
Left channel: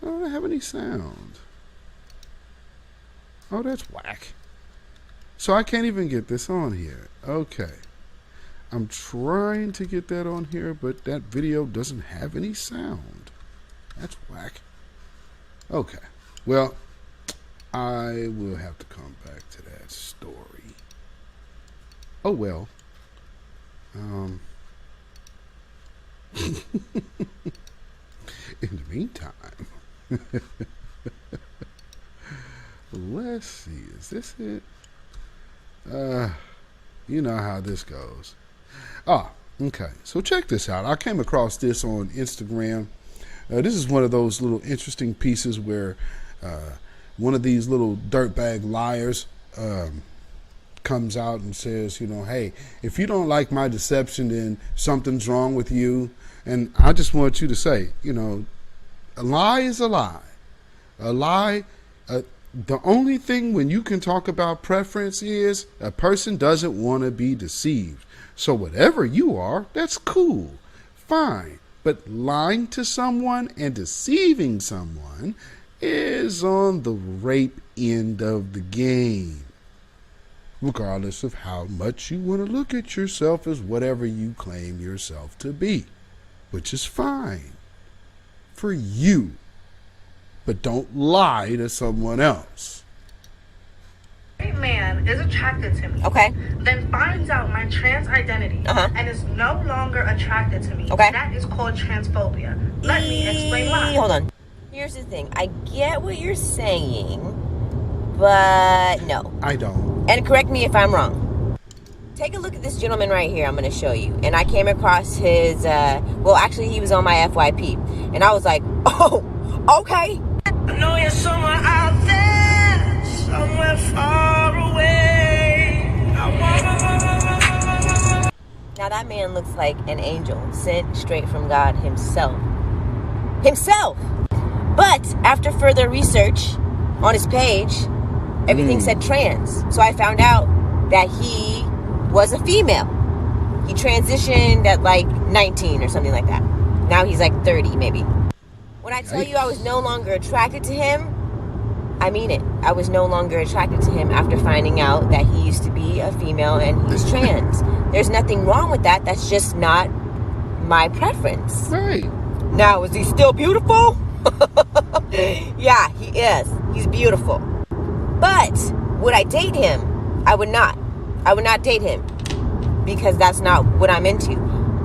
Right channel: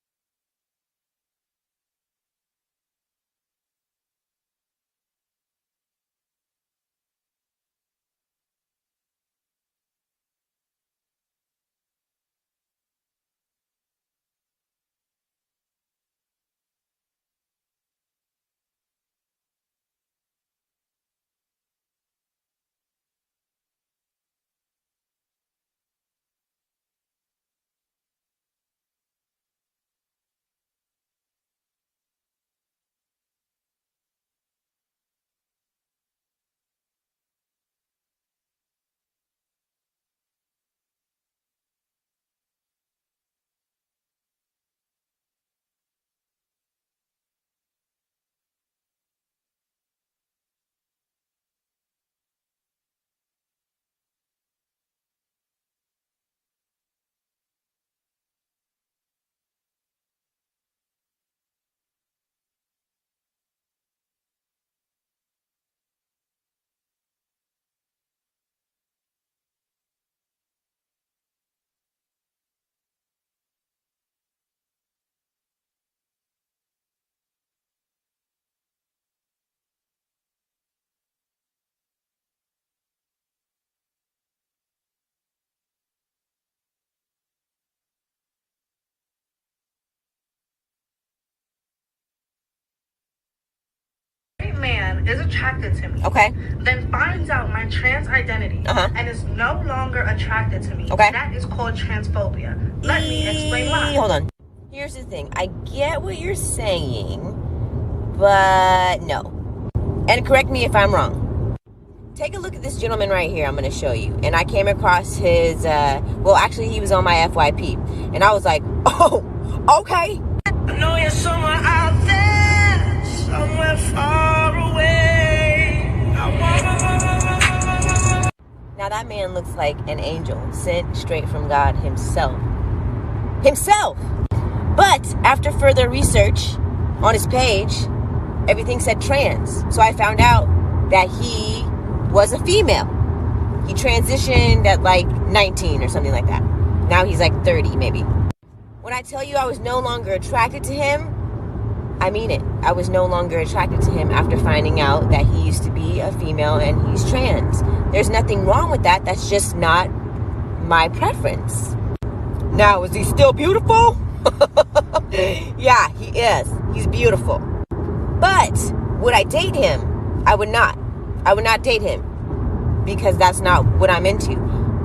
I don't have any sound. Oh, that's whack. So I can't even get this on here. Okay. I'm trying to get that on here, but that video doesn't have any sound. That's whack. Okay. Well, I will have to come back to that story. Oh, well. In the meantime, let's see. Is this it? You know how this goes. Okay. So check this out. I came across this on Instagram. This is one of those little interesting pieces where one of these little dirtbag liars comes out and says, hey, if you don't like my deception, then something's wrong with you. And I just want you to say, a lie is a lie. A lie, the only thing when you can talk about preference is a person doesn't want to be deceived. So whatever you are, that's cool, fine. But lying to someone and deceiving someone, is on the rape end of the game, regardless of how much you want to look at yourself as whatever you claim yourself to be, which is fine for you. But don't lie to someone else. A man is attracted to me, okay, then finds out my trans identity, and is no longer attracted to me, okay, that is called transphobia. Let me explain why. Hold on. Here's the thing. I get what you're saying, but no. I don't. And correct me if I'm wrong. Take a look at this gentleman right here I'm going to show you. And I came across his, well, actually, he was on my FYP. And I was like, oh, okay. I know you're somewhere out there, somewhere far away. Now that man looks like an angel sent straight from God himself. Himself! But after further research on his page, everything said trans. So I found out that he was a female. He transitioned at like 19 or something like that. Now he's like 30 maybe. When I tell you I was no longer attracted to him, I mean it. I was no longer attracted to him after finding out that he used to be a female and he's trans. There's nothing wrong with that. That's just not my preference. Right. Now, is he still beautiful? Yeah, he is. He's beautiful. But would I date him? I would not. I would not date him because that's not what I'm into.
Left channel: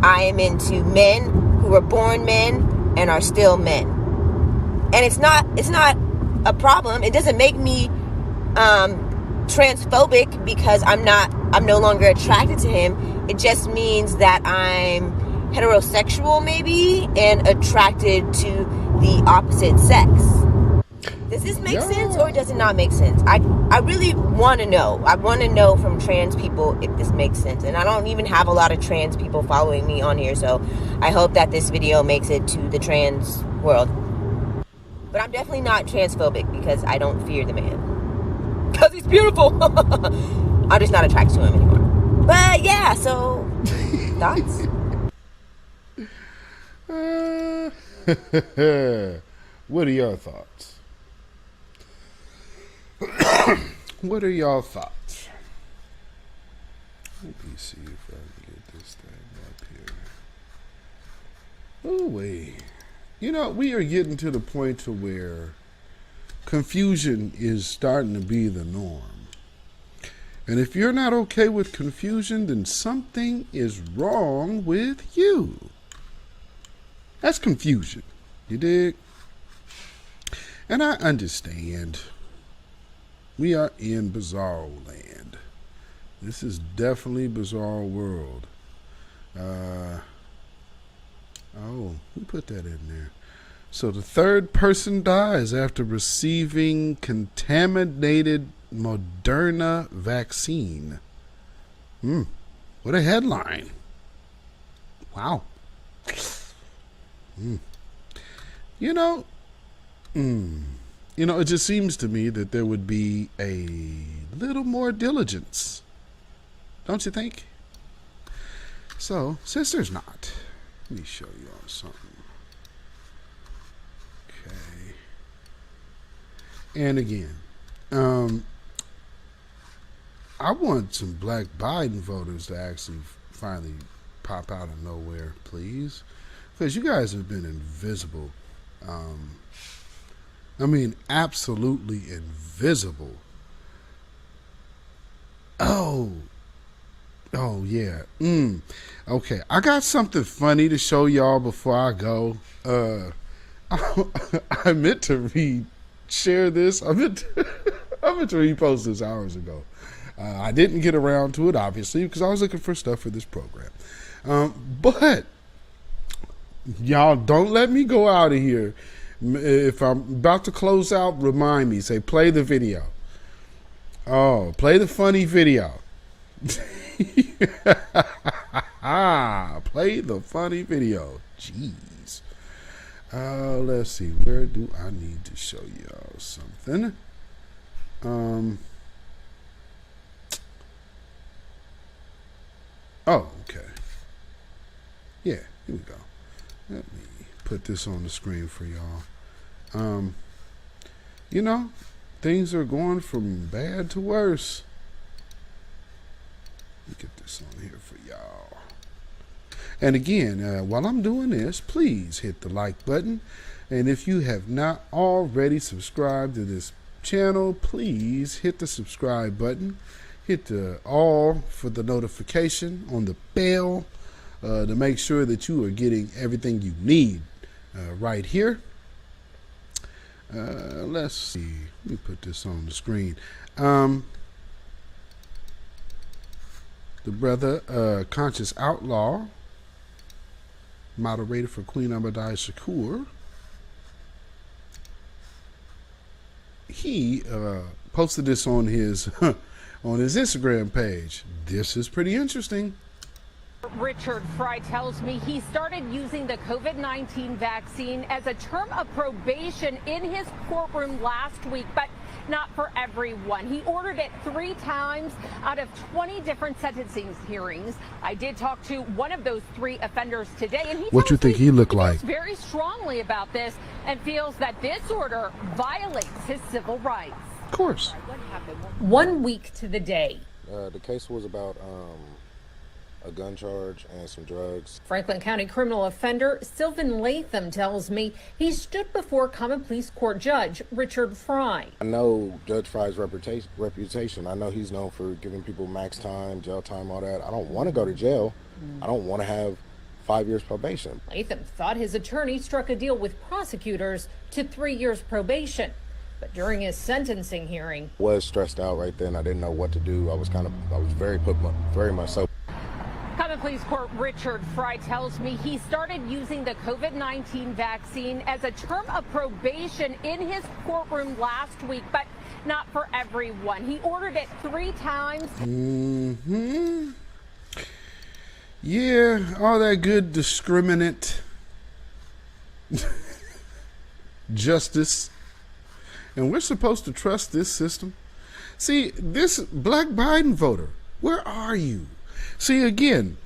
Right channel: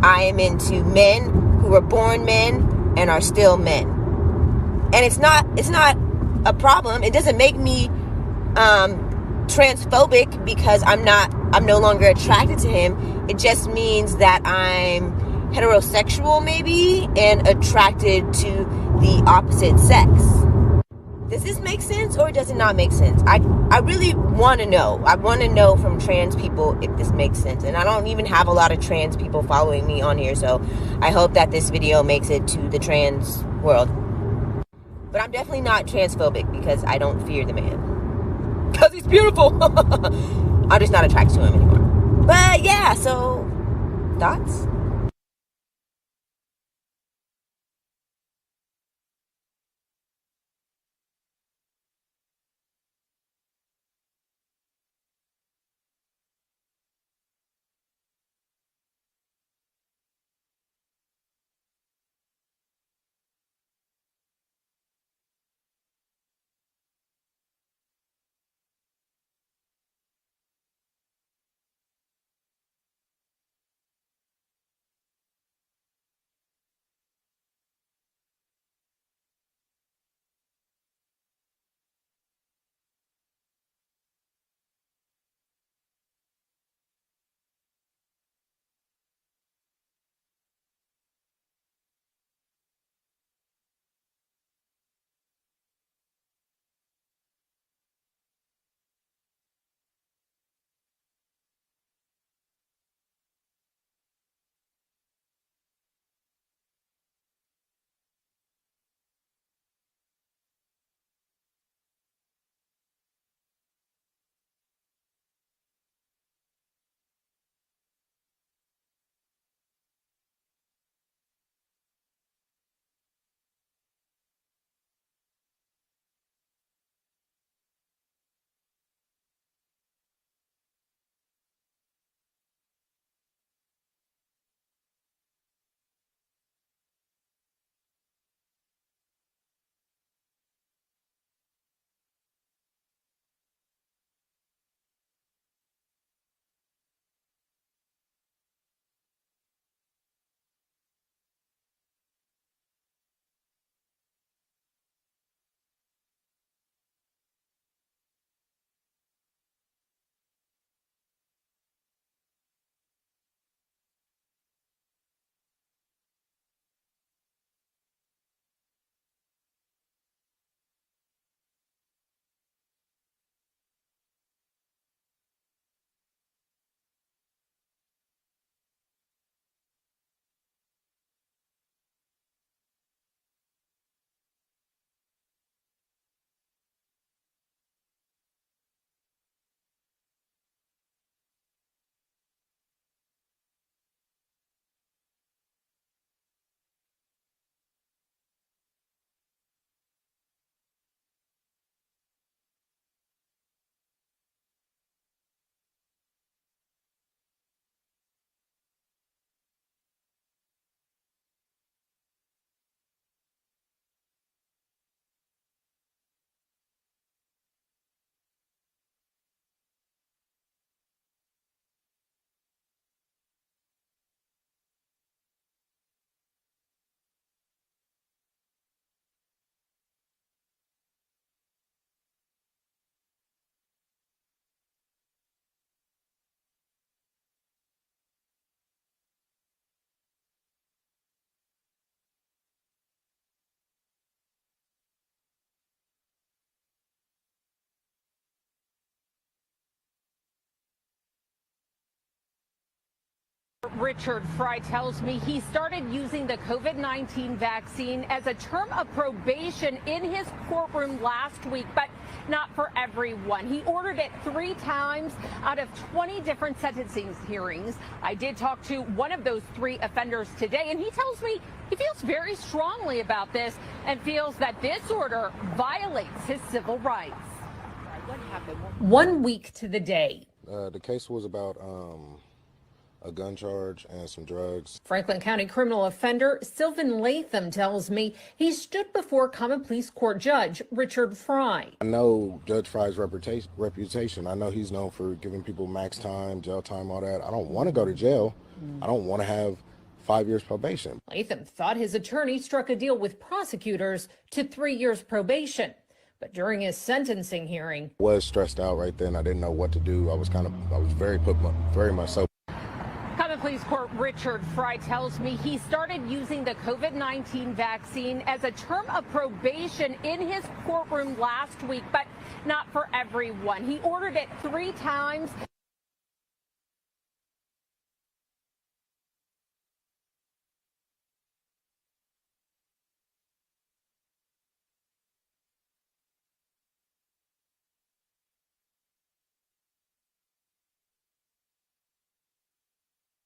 I am into men who were born men and are still men. And it's not a problem. It doesn't make me transphobic because I'm no longer attracted to him. It just means that I'm heterosexual maybe and attracted to the opposite sex. Does this make sense or does it not make sense? I really want to know. I want to know from trans people if this makes sense. And I don't even have a lot of trans people following me on here, so I hope that this video makes it to the trans world. But I'm definitely not transphobic because I don't fear the man. Because he's beautiful. I'm just not attracted to him anymore. But yeah, so thoughts? What are your thoughts? What are your thoughts? Let me see if I can get this thing up here. Oh, wait. You know, we are getting to the point to where confusion is starting to be the norm. And if you're not okay with confusion, then something is wrong with you. That's confusion. You dig? And I understand. We are in bizarre land. This is definitely bizarre world. Oh, who put that in there? So the third person dies after receiving contaminated Moderna vaccine. What a headline. Wow. You know, it just seems to me that there would be a little more diligence. Don't you think? So, since there's not, let me show you all something. Okay. And again, I want some black Biden voters to actually finally pop out of nowhere, please. Because you guys have been invisible. I mean, absolutely invisible. Oh, yeah. Okay, I got something funny to show y'all before I go. I meant to share this. I meant to repost this hours ago. I didn't get around to it, obviously, because I was looking for stuff for this program. But y'all, don't let me go out of here. If I'm about to close out, remind me. Say, play the video. Oh, play the funny video. Play the funny video. Jeez. Let's see. Where do I need to show y'all something? Oh, okay. Yeah, here we go. Let me put this on the screen for y'all. you know, things are going from bad to worse. Let me get this on here for y'all. And again, while I'm doing this, please hit the like button. And if you have not already subscribed to this channel, please hit the subscribe button. Hit the all for the notification on the bell to make sure that you are getting everything you need right here. Let's see. Let me put this on the screen. The brother, Conscious Outlaw, moderator for Queen Abadai Shakur, he posted this on his on his Instagram page. This is pretty interesting. Richard Fry tells me he started using the COVID-19 vaccine as a term of probation in his courtroom last week, but not for everyone. He ordered it 3 times out of 20 different sentencing hearings. I did talk to one of those 3 offenders today, and he what you think he looked like? Feels very strongly about this and feels that this order violates his civil rights. Of course. What happened? 1 week to the day. The case was about a gun charge and some drugs. Franklin County criminal offender Sylvan Latham tells me he stood before Common Pleas Court Judge Richard Fry. I know Judge Fry's reputation. I know he's known for giving people max time, jail time, all that. I don't want to go to jail. I don't want to have 5 years probation. Latham thought his attorney struck a deal with prosecutors to 3 years probation. But during his sentencing hearing, was stressed out right then. I didn't know what to do. I was very much so. Common Pleas Court Richard Fry tells me he started using the COVID-19 vaccine as a term of probation in his courtroom last week, but not for everyone. He ordered it 3 times. Yeah, all that good discriminate justice. And we're supposed to trust this system. See, this black Biden voter, where are you? See, again,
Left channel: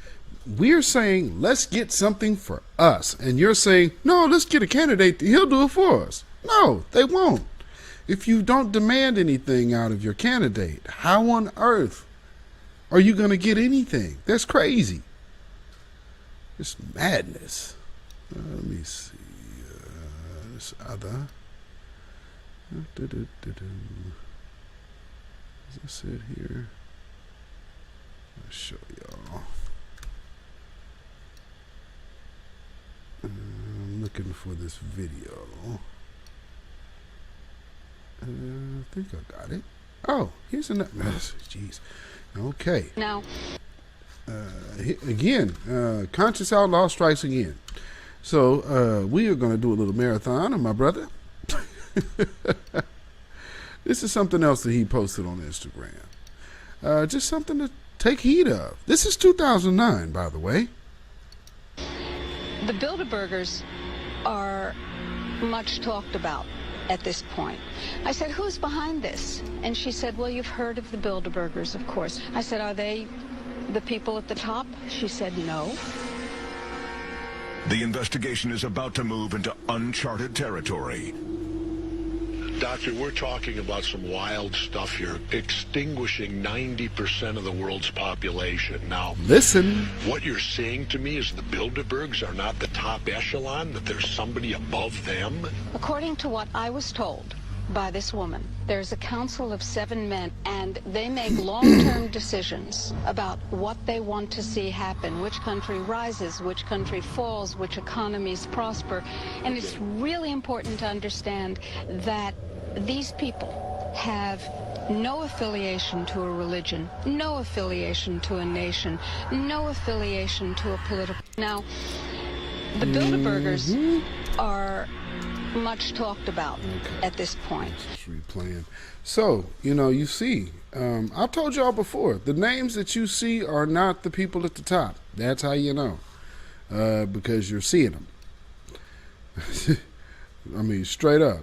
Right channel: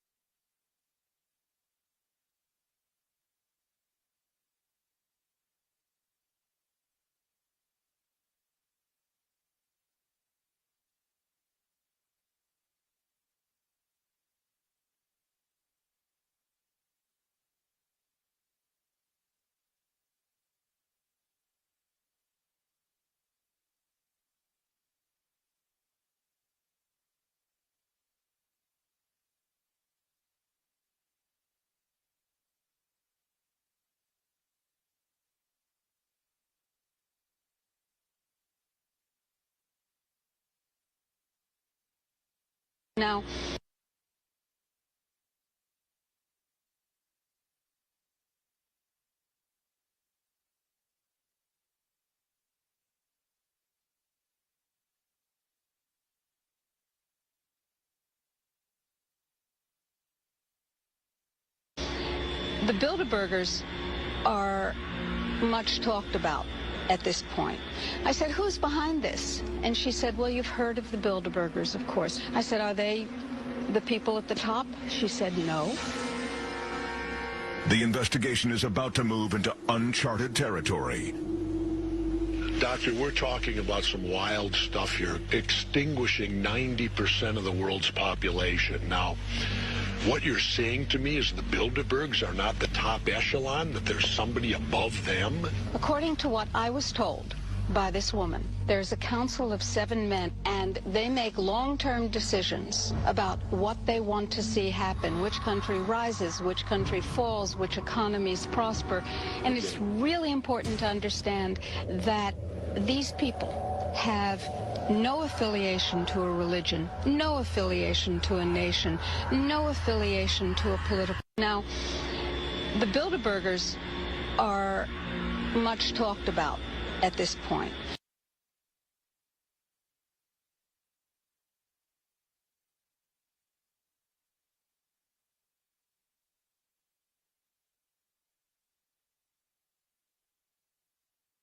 we're saying, let's get something for us. And you're saying, no, let's get a candidate. He'll do it for us. No, they won't. If you don't demand anything out of your candidate, how on earth are you going to get anything? That's crazy. It's madness. Let me see. This other. Is this it here? I'll show y'all. I'm looking for this video. I think I got it. Oh, here's another. Jeez. Okay. Now. Again, Conscious Outlaw strikes again. So we are going to do a little marathon of my brother. This is something else that he posted on Instagram. Just something to take heed of. This is 2009, by the way. The Bilderbergers are much talked about at this point. I said, who's behind this? And she said, well, you've heard of the Bilderbergers, of course. I said, are they the people at the top? She said, no. The investigation is about to move into uncharted territory. Doctor, we're talking about some wild stuff here, extinguishing 90% of the world's population. Now, listen. What you're saying to me is the Bilderbergs are not the top echelon, that there's somebody above them? According to what I was told by this woman, there's a council of 7 men, and they make long-term decisions about what they want to see happen, which country rises, which country falls, which economies prosper. And it's really important to understand that these people have no affiliation to a religion, no affiliation to a nation, no affiliation to a political... Now, the Bilderbergers are much talked about at this point. So, you see, I've told y'all before, the names that you see are not the people at the top. That's how you know, because you're seeing them. I mean, straight up.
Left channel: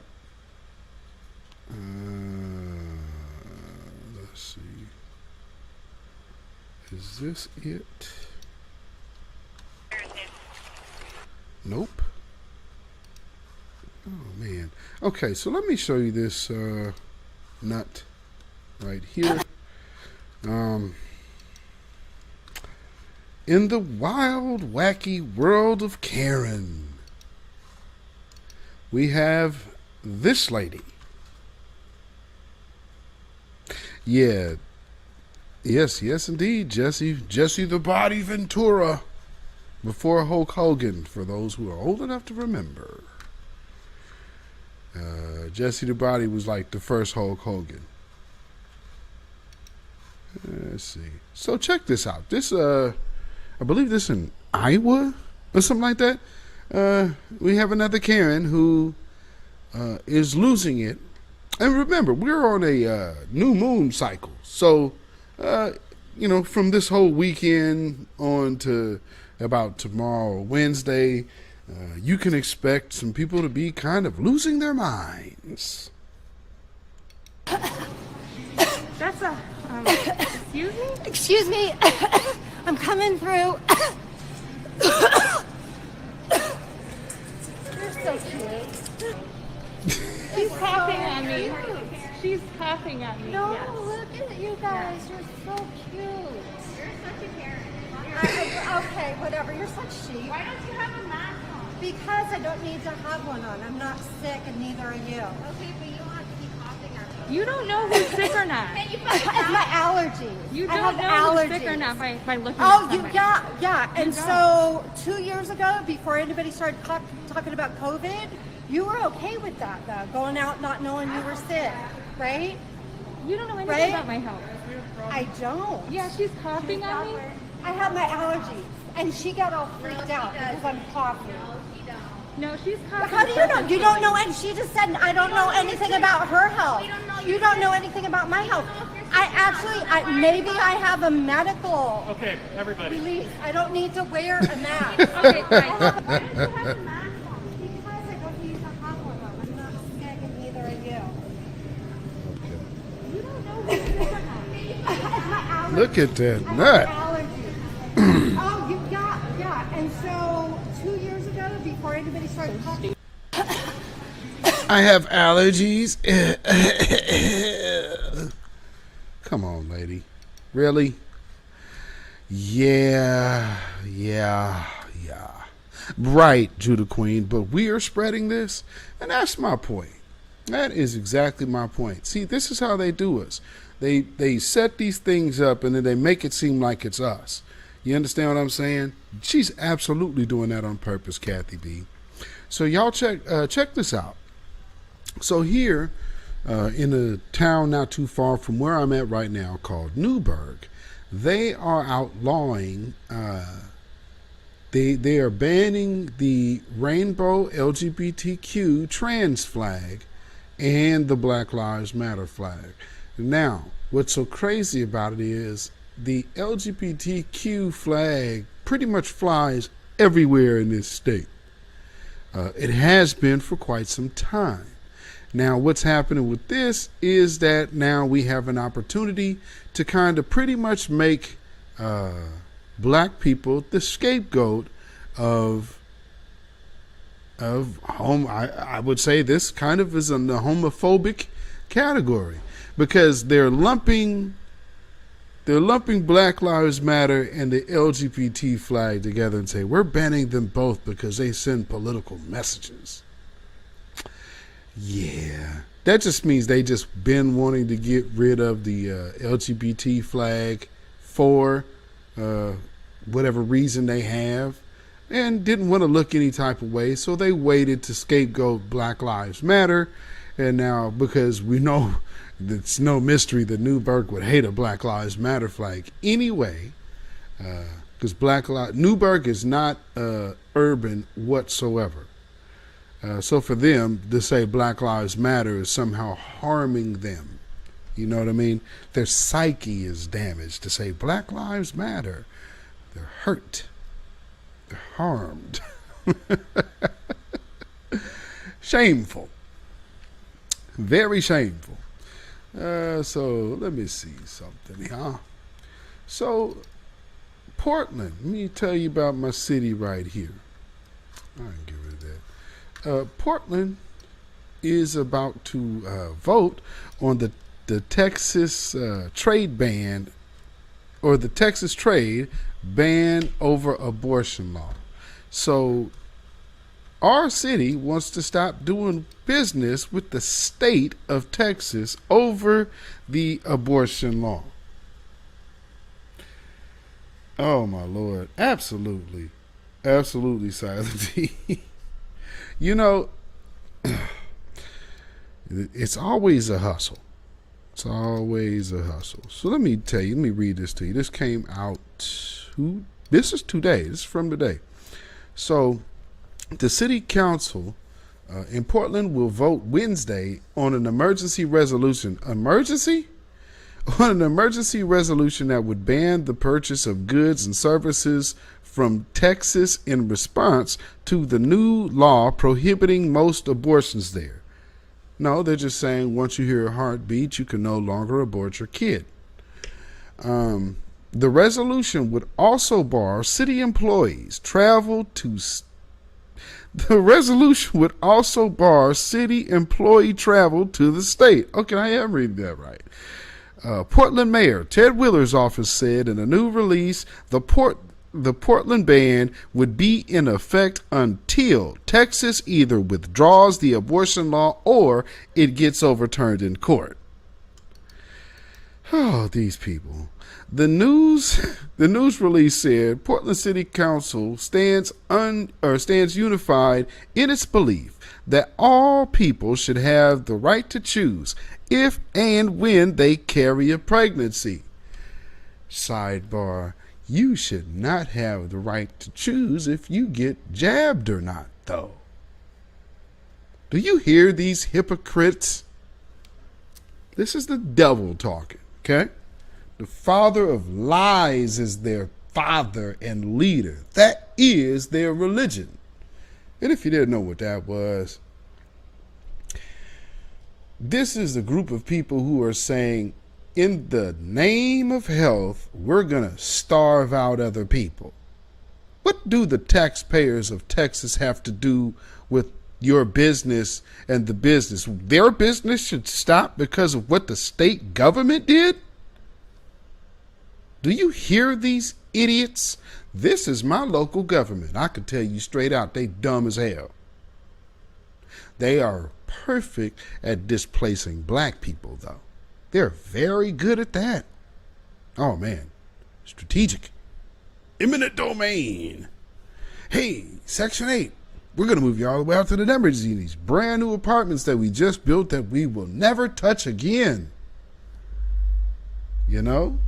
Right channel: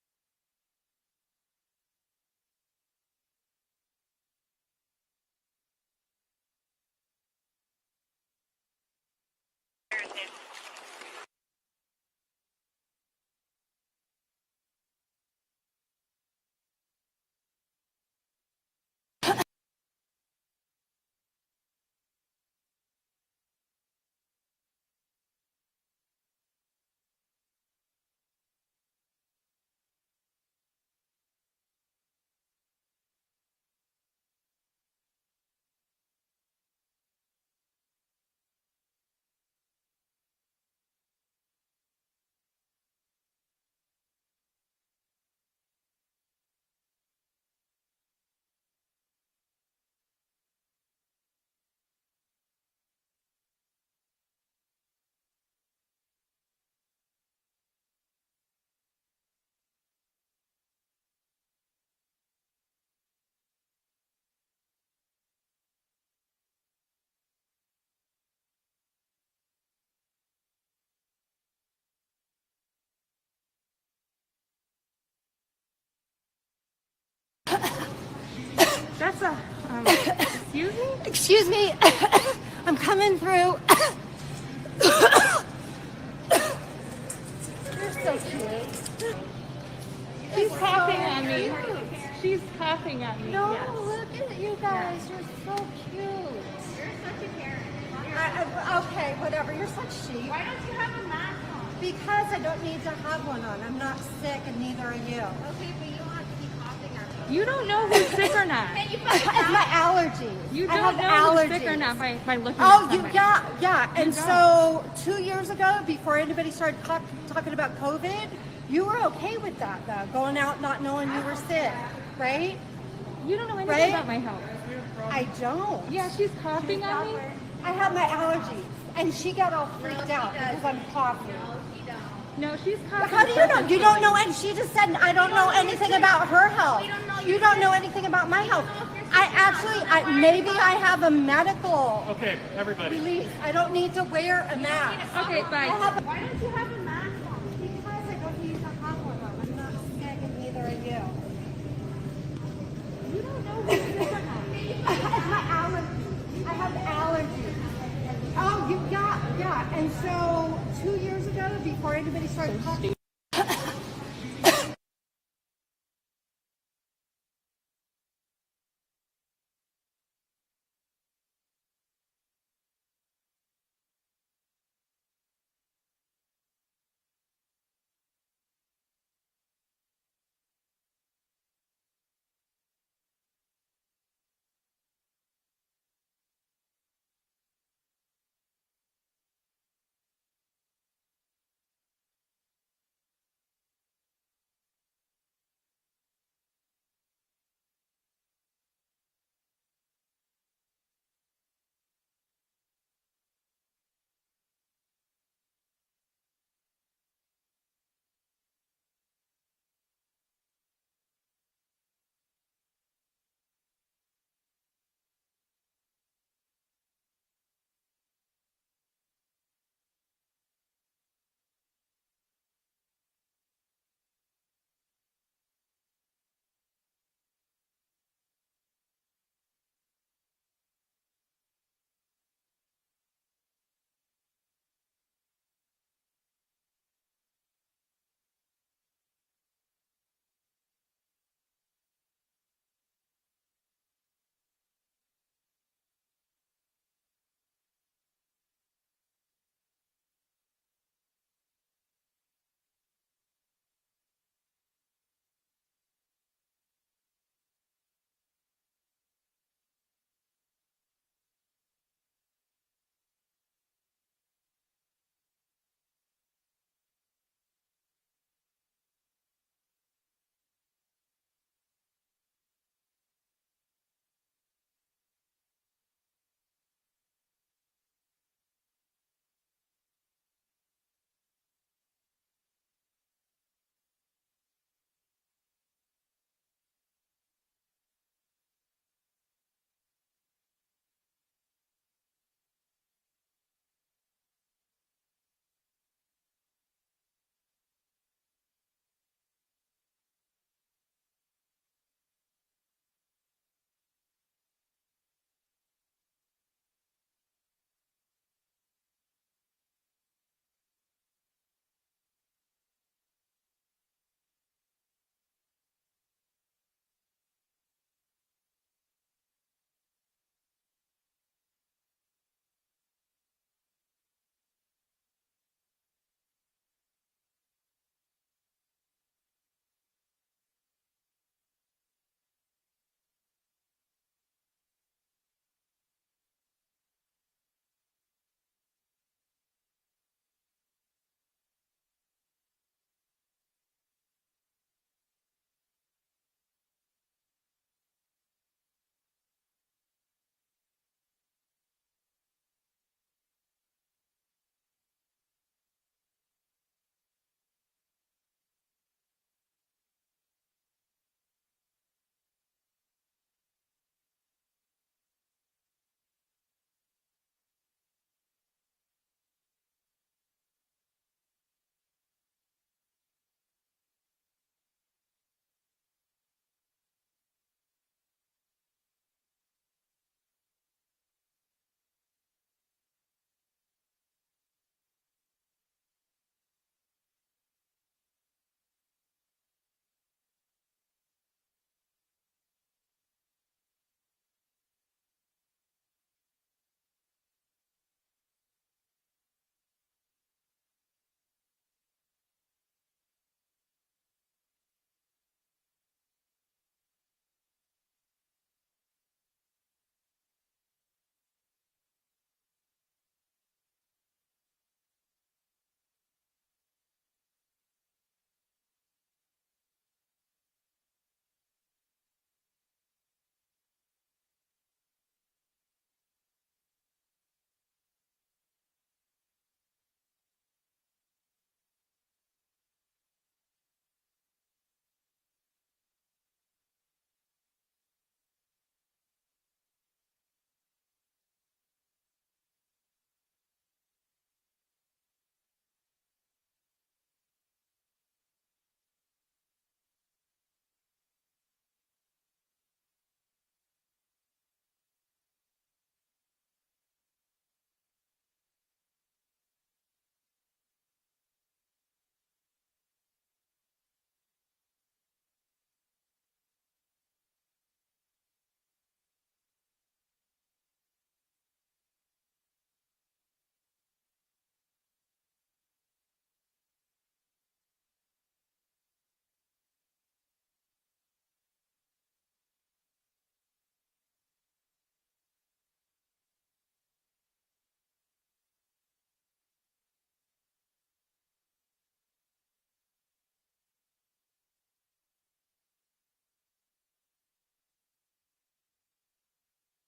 Let's see. Is this it? Nope. Oh, man. Okay, so let me show you this nut right here. In the wild, wacky world of Karen, we have this lady. Yeah. Yes, indeed, Jesse the Body Ventura. Before Hulk Hogan, for those who are old enough to remember. Jesse the Body was like the first Hulk Hogan. Let's see. So check this out. This, I believe this in Iowa or something like that. We have another Karen who is losing it. And remember, we're on a new moon cycle. So, from this whole weekend on to about tomorrow, Wednesday, you can expect some people to be kind of losing their minds. That's a, excuse me? Excuse me. I'm coming through. You're so cute. She's coughing at me. She's coughing at me. No, yes. look at you guys. You're so cute. You're such a Karen. Okay, whatever. You're such sheep. Why don't you have a mask on? Because I don't need to have one on. I'm not sick, and neither are you. Okay, but you don't have to be coughing at me. You don't know who's sick or not. It's my allergies. You I don't have know allergies. who's sick or not by looking Oh, at somebody. yeah. And so 2 years ago, before anybody started talking about COVID, you were okay with that, though, going out not knowing you were sick, right? You don't know anything about my health. I don't. Yeah, she's coughing at me. I have my allergies, and she got all freaked out because I'm coughing. No, she's coughing. How do you know? You don't know, and she just said, I don't know anything about her health. You don't know anything about my health. Maybe I have a medical release. I don't need to wear a mask. Okay, fine. Why don't you have a mask on? Because I don't need to have one on. I'm not sick, and neither are you. You don't know who's sick or not. My allergies. Look at that I nut. have allergies. Oh, yeah. And so 2 years ago, before anybody started talking. I have allergies. Come on, lady. Really? Yeah. Right, Judah Queen, but we are spreading this, and that's my point. That is exactly my point. See, this is how they do us. They set these things up, and then they make it seem like it's us. You understand what I'm saying? She's absolutely doing that on purpose, Kathy B. So y'all check this out. So here, in a town not too far from where I'm at right now called Newburgh, they are outlawing, they are banning the rainbow LGBTQ trans flag and the Black Lives Matter flag. Now, what's so crazy about it is the LGBTQ flag pretty much flies everywhere in this state. It has been for quite some time. Now, what's happening with this is that now we have an opportunity to kind of pretty much make black people the scapegoat of I would say this kind of is in the homophobic category, because they're lumping Black Lives Matter and the LGBT flag together and say we're banning them both because they send political messages. Yeah, that just means they just been wanting to get rid of the LGBT flag for whatever reason they have, and didn't want to look any type of way, so they waited to scapegoat Black Lives Matter. And now, because we know it's no mystery that Newburgh would hate a Black Lives Matter flag anyway, because Newburgh is not urban whatsoever. So for them to say Black Lives Matter is somehow harming them. You know what I mean? Their psyche is damaged. To say Black Lives Matter, they're hurt. They're harmed. Shameful. Very shameful. So let me see something here. So Portland, let me tell you about my city right here. I can get rid of that. Portland is about to vote on the Texas trade ban, or the Texas trade ban over abortion law. So our city wants to stop doing business with the state of Texas over the abortion law. Oh my Lord. Absolutely. Absolutely, Silent T. You know, it's always a hustle. It's always a hustle. So let me tell you, let me read this to you. This came out, this is today. This is from today. So the city council in Portland will vote Wednesday on an emergency resolution. Emergency? On an emergency resolution that would ban the purchase of goods and services from Texas in response to the new law prohibiting most abortions there. No, they're just saying once you hear a heartbeat, you can no longer abort your kid. The resolution would also bar city employees travel to. The resolution would also bar city employee travel to the state. Okay, I am reading that right. Portland Mayor Ted Willer's office said in a new release, the Portland ban would be in effect until Texas either withdraws the abortion law or it gets overturned in court. Oh, these people. The news release said Portland City Council stands unified in its belief that all people should have the right to choose if and when they carry a pregnancy. Sidebar, you should not have the right to choose if you get jabbed or not, though. Do you hear these hypocrites? This is the devil talking, okay? The father of lies is their father and leader. That is their religion. And if you didn't know what that was, this is a group of people who are saying, in the name of health, we're going to starve out other people. What do the taxpayers of Texas have to do with your business and the business? Their business should stop because of what the state government did? Do you hear these idiots? This is my local government. I can tell you straight out, they dumb as hell. They are perfect at displacing black people, though. They're very good at that. Oh, man. Strategic. Eminent domain. Hey, Section 8. We're going to move you all the way out to the numbers in these brand new apartments that we just built that we will never touch again. You know?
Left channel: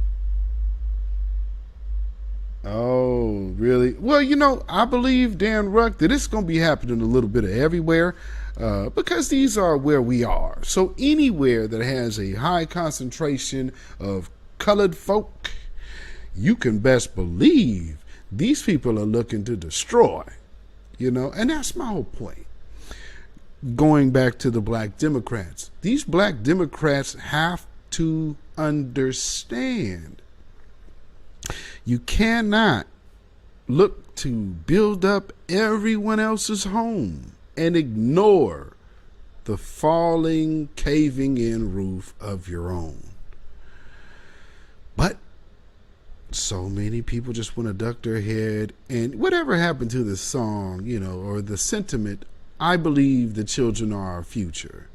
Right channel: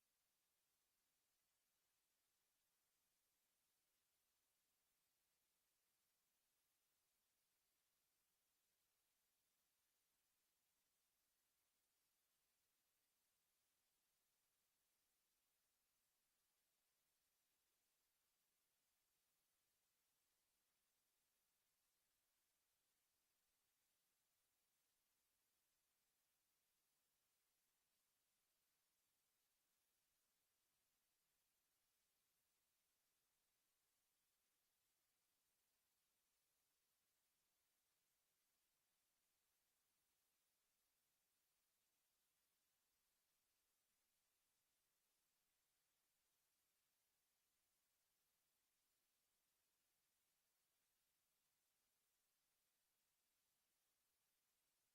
Oh, really? Well, you know, I believe, Dan Ruck, that it's going to be happening a little bit of everywhere because these are where we are. So anywhere that has a high concentration of colored folk, you can best believe these people are looking to destroy, you know, and that's my whole point. Going back to the black Democrats, these black Democrats have to understand you cannot look to build up everyone else's home and ignore the falling, caving in roof of your own. But so many people just want to duck their head, and whatever happened to the song, you know, or the sentiment, I believe the children are our future.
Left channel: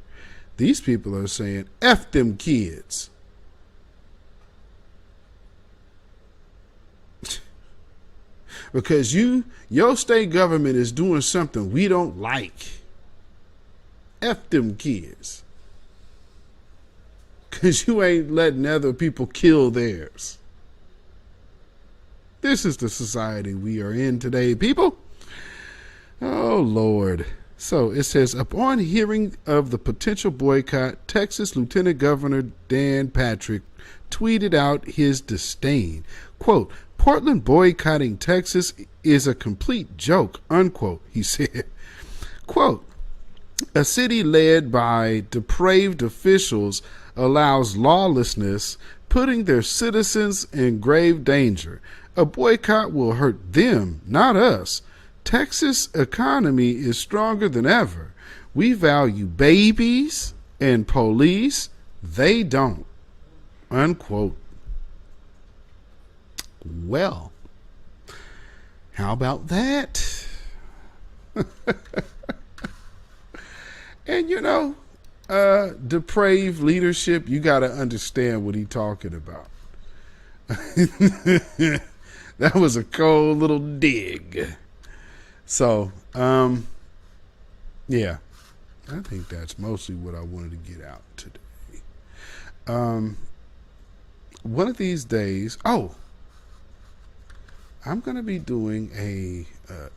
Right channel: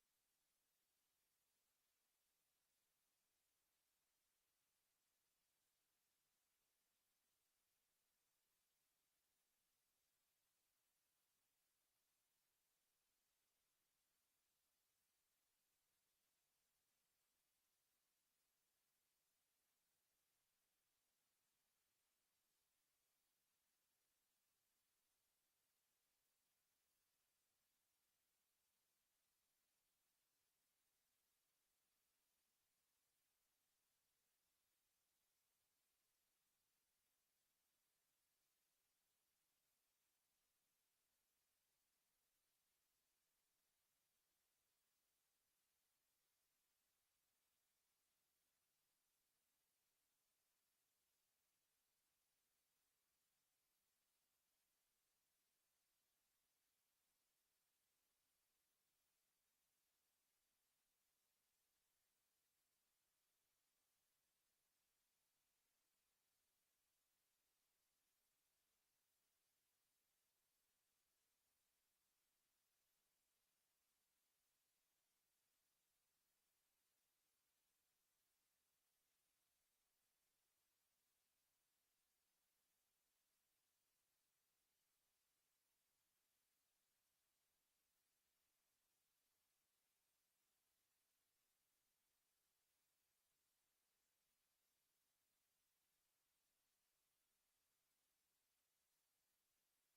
These people are saying, F them kids. Because your state government is doing something we don't like. F them kids. Because you ain't letting other people kill theirs. This is the society we are in today, people. Oh, Lord. So it says, upon hearing of the potential boycott, Texas Lieutenant Governor Dan Patrick tweeted out his disdain. Quote, Portland boycotting Texas is a complete joke, unquote, he said. Quote, a city led by depraved officials allows lawlessness, putting their citizens in grave danger. A boycott will hurt them, not us. Texas' economy is stronger than ever. We value babies and police. They don't. Unquote. Well, how about that? And you know, depraved leadership, you got to understand what he's talking about. That was a cold little dig. So, yeah, I think that's mostly what I wanted to get out today. One of these days, I'm going to be doing a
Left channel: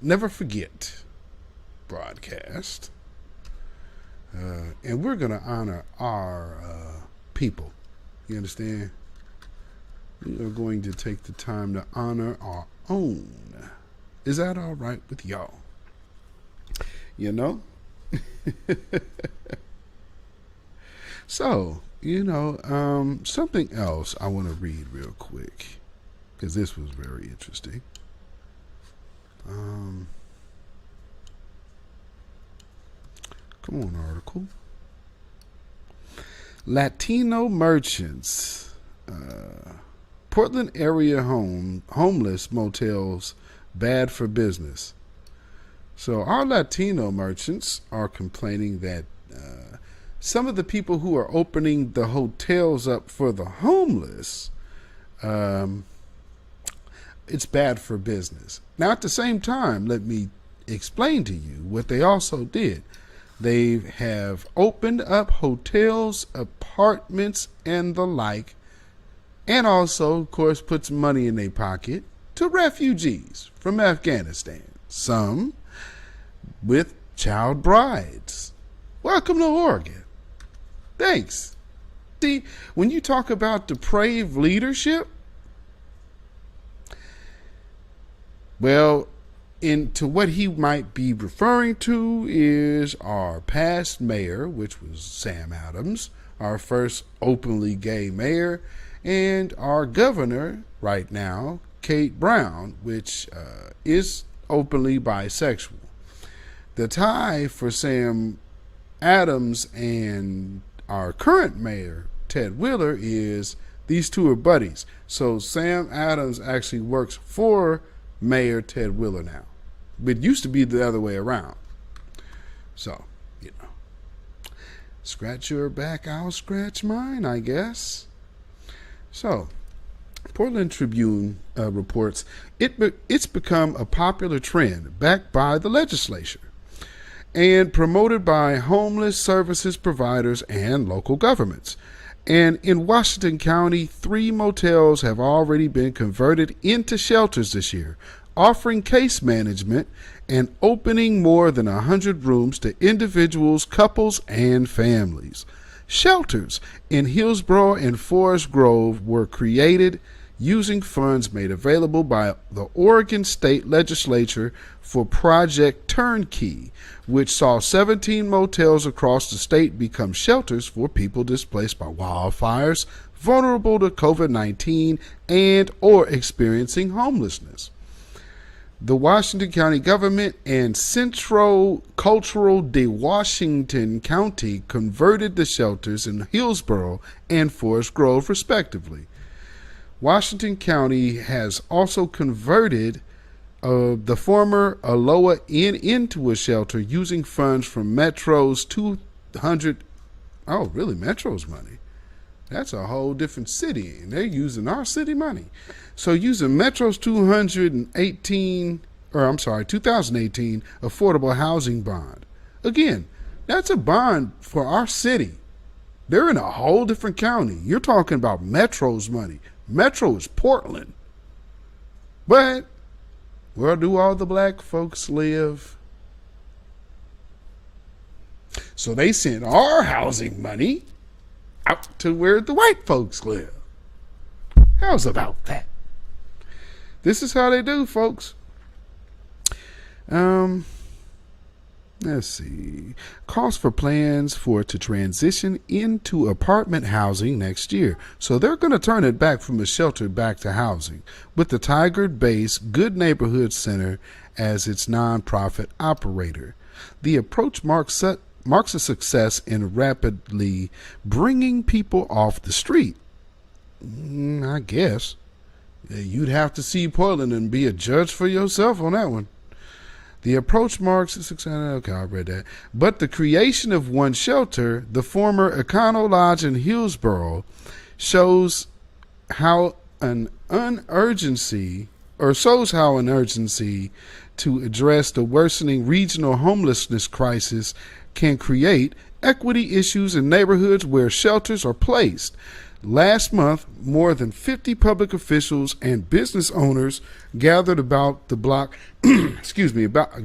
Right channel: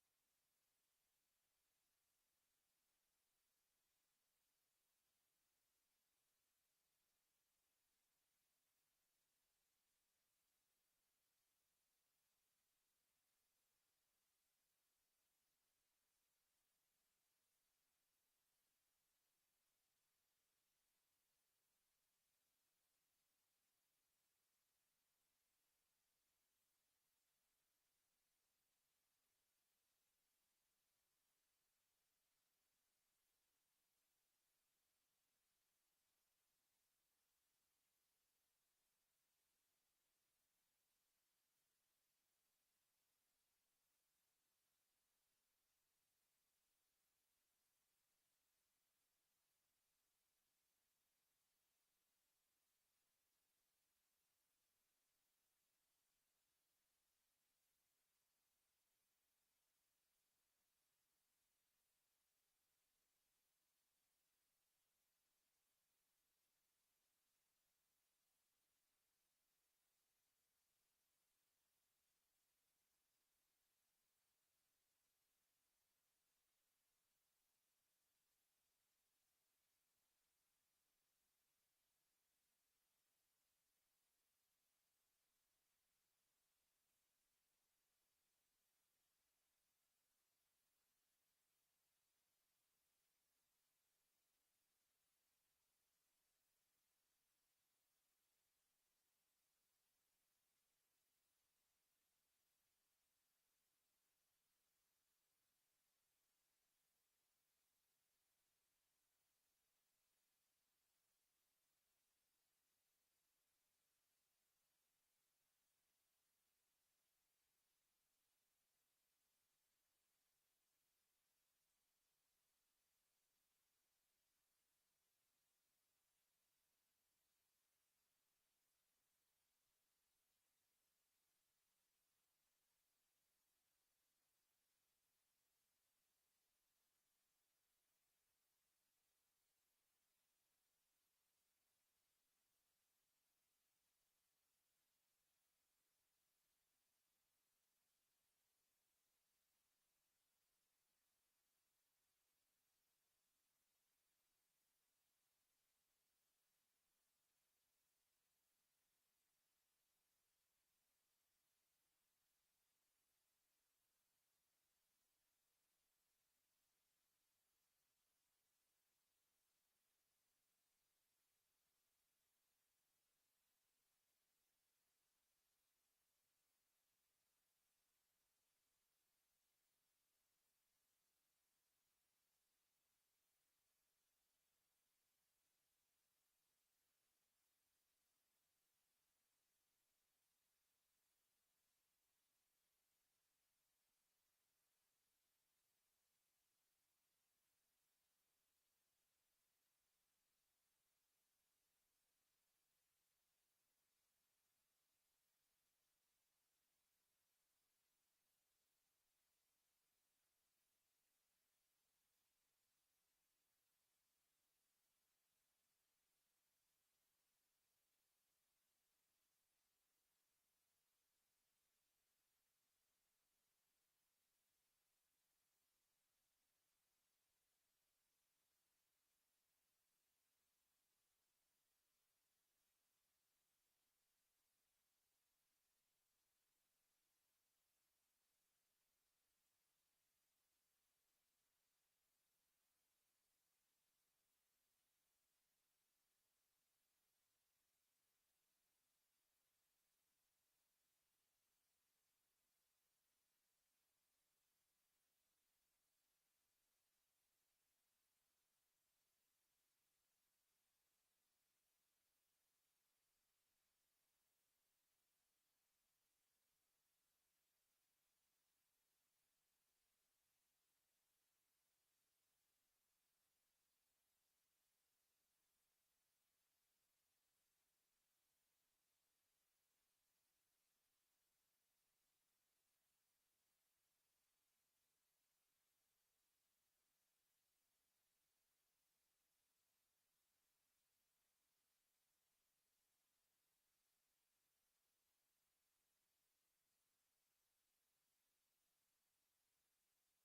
Never Forget broadcast. And we're going to honor our people. You understand? We are going to take the time to honor our own. Is that all right with y'all? You know? So, you know, something else I want to read real quick, because this was very interesting. Come on, article. Latino merchants. Portland area homeless motels bad for business. So our Latino merchants are complaining that some of the people who are opening the hotels up for the homeless, it's bad for business. Now, at the same time, let me explain to you what they also did. They have opened up hotels, apartments, and the like, and also, of course, put some money in their pocket to refugees from Afghanistan, some with child brides. Welcome to Oregon. Thanks. See, when you talk about depraved leadership, well, into what he might be referring to is our past mayor, which was Sam Adams, our first openly gay mayor, and our governor right now, Kate Brown, which is openly bisexual. The tie for Sam Adams and our current mayor, Ted Wheeler, is these two are buddies. So Sam Adams actually works for Mayor Ted Wheeler now. It used to be the other way around. So, you know, scratch your back, I'll scratch mine, I guess. So, Portland Tribune reports it's become a popular trend backed by the legislature and promoted by homeless services providers and local governments. And in Washington County, 3 motels have already been converted into shelters this year, offering case management and opening more than 100 rooms to individuals, couples, and families. Shelters in Hillsborough and Forest Grove were created using funds made available by the Oregon State Legislature for Project Turnkey, which saw 17 motels across the state become shelters for people displaced by wildfires, vulnerable to COVID-19, and or experiencing homelessness. The Washington County government and Centro Cultural de Washington County converted the shelters in Hillsborough and Forest Grove, respectively. Washington County has also converted the former Aloha Inn into a shelter using funds from Metro's 200. Oh, really? Metro's money? That's a whole different city, and they're using our city money. So using Metro's 2018 affordable housing bond. Again, that's a bond for our city. They're in a whole different county. You're talking about Metro's money. Metro is Portland. But where do all the black folks live? So they sent our housing money out to where the white folks live. How's about that? This is how they do, folks. Let's see. Calls for plans for it to transition into apartment housing next year. So they're going to turn it back from a shelter back to housing, with the Tigard-based Good Neighborhood Center as its nonprofit operator. The approach marks marks a success in rapidly bringing people off the street. I guess. You'd have to see Portland and be a judge for yourself on that one. The approach marks a success. Okay, I read that. But the creation of one shelter, the former Econo Lodge in Hillsborough, shows how an urgency to address the worsening regional homelessness crisis can create equity issues in neighborhoods where shelters are placed. Last month, more than 50 public officials and business owners gathered about the block,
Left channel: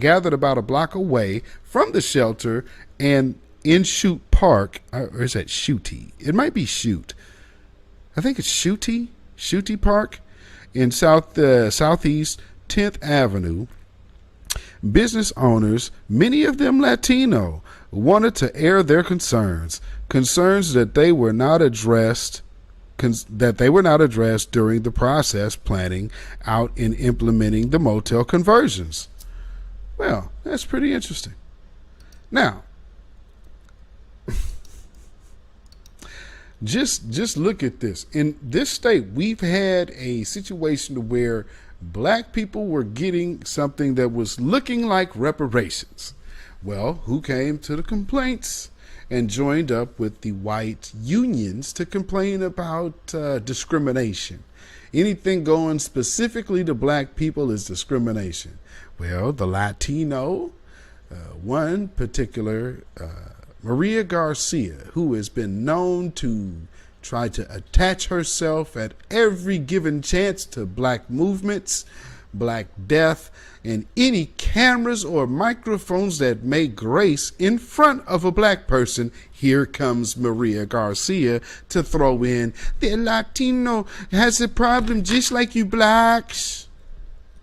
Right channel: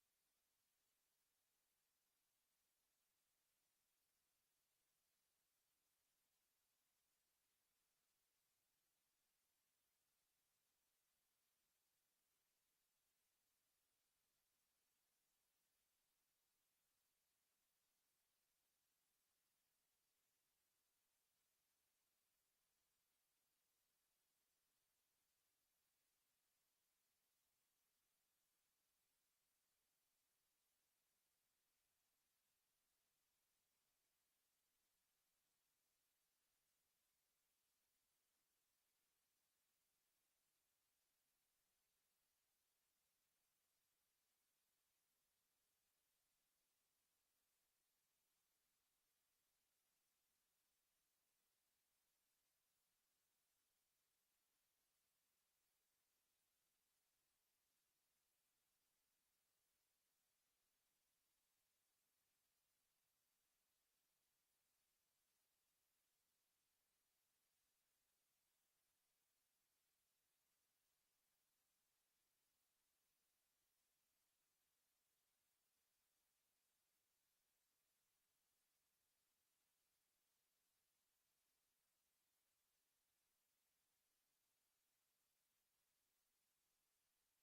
gathered about a block away from the shelter and in Shoot Park, or is that Shooty? It might be Shoot. I think it's Shooty Park in Southeast 10th Avenue. Business owners, many of them Latino, wanted to air their concerns that they were not addressed during the process planning out in implementing the motel conversions. Well, that's pretty interesting. Now, just look at this. In this state, we've had a situation where black people were getting something that was looking like reparations. Well, who came to the complaints and joined up with the white unions to complain about discrimination? Anything going specifically to black people is discrimination. Well, the Latino, one particular, Maria Garcia, who has been known to try to attach herself at every given chance to black movements, black death, and any cameras or microphones that may grace in front of a black person. Here comes Maria Garcia to throw in, the Latino has a problem just like you blacks.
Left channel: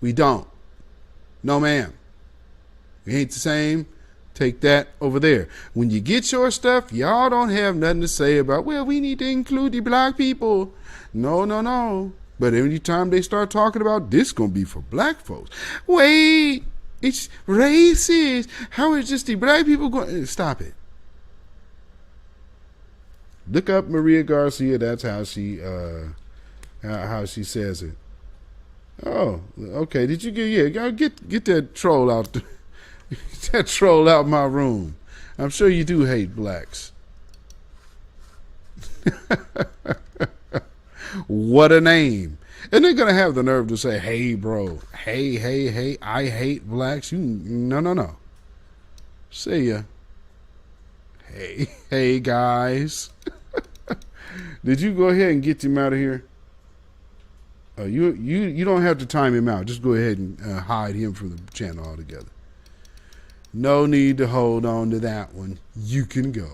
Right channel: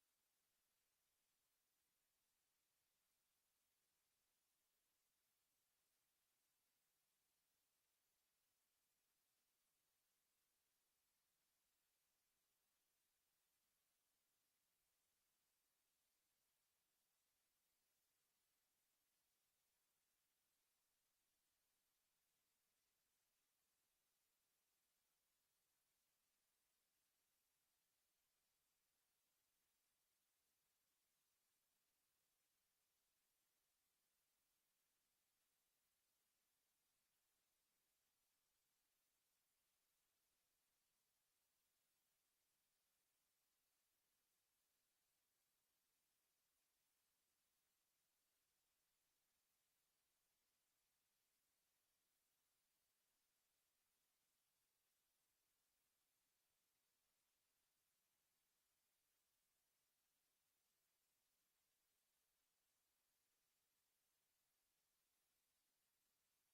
We don't. No, ma'am. We ain't the same. Take that over there. When you get your stuff, y'all don't have nothing to say about, well, we need to include the black people. No. But every time they start talking about this gonna be for black folks. Wait, it's racist. How is just the black people going? Stop it. Look up Maria Garcia. That's how she says it. Oh, okay. Did you get that troll out? Get that troll out my room. I'm sure you do hate blacks. What a name. And they're going to have the nerve to say, hey, bro. Hey, I hate blacks. No. See ya. Hey, guys. Did you go ahead and get him out of here? You don't have to time him out. Just go ahead and hide him from the channel altogether. No need to hold on to that one. You can go.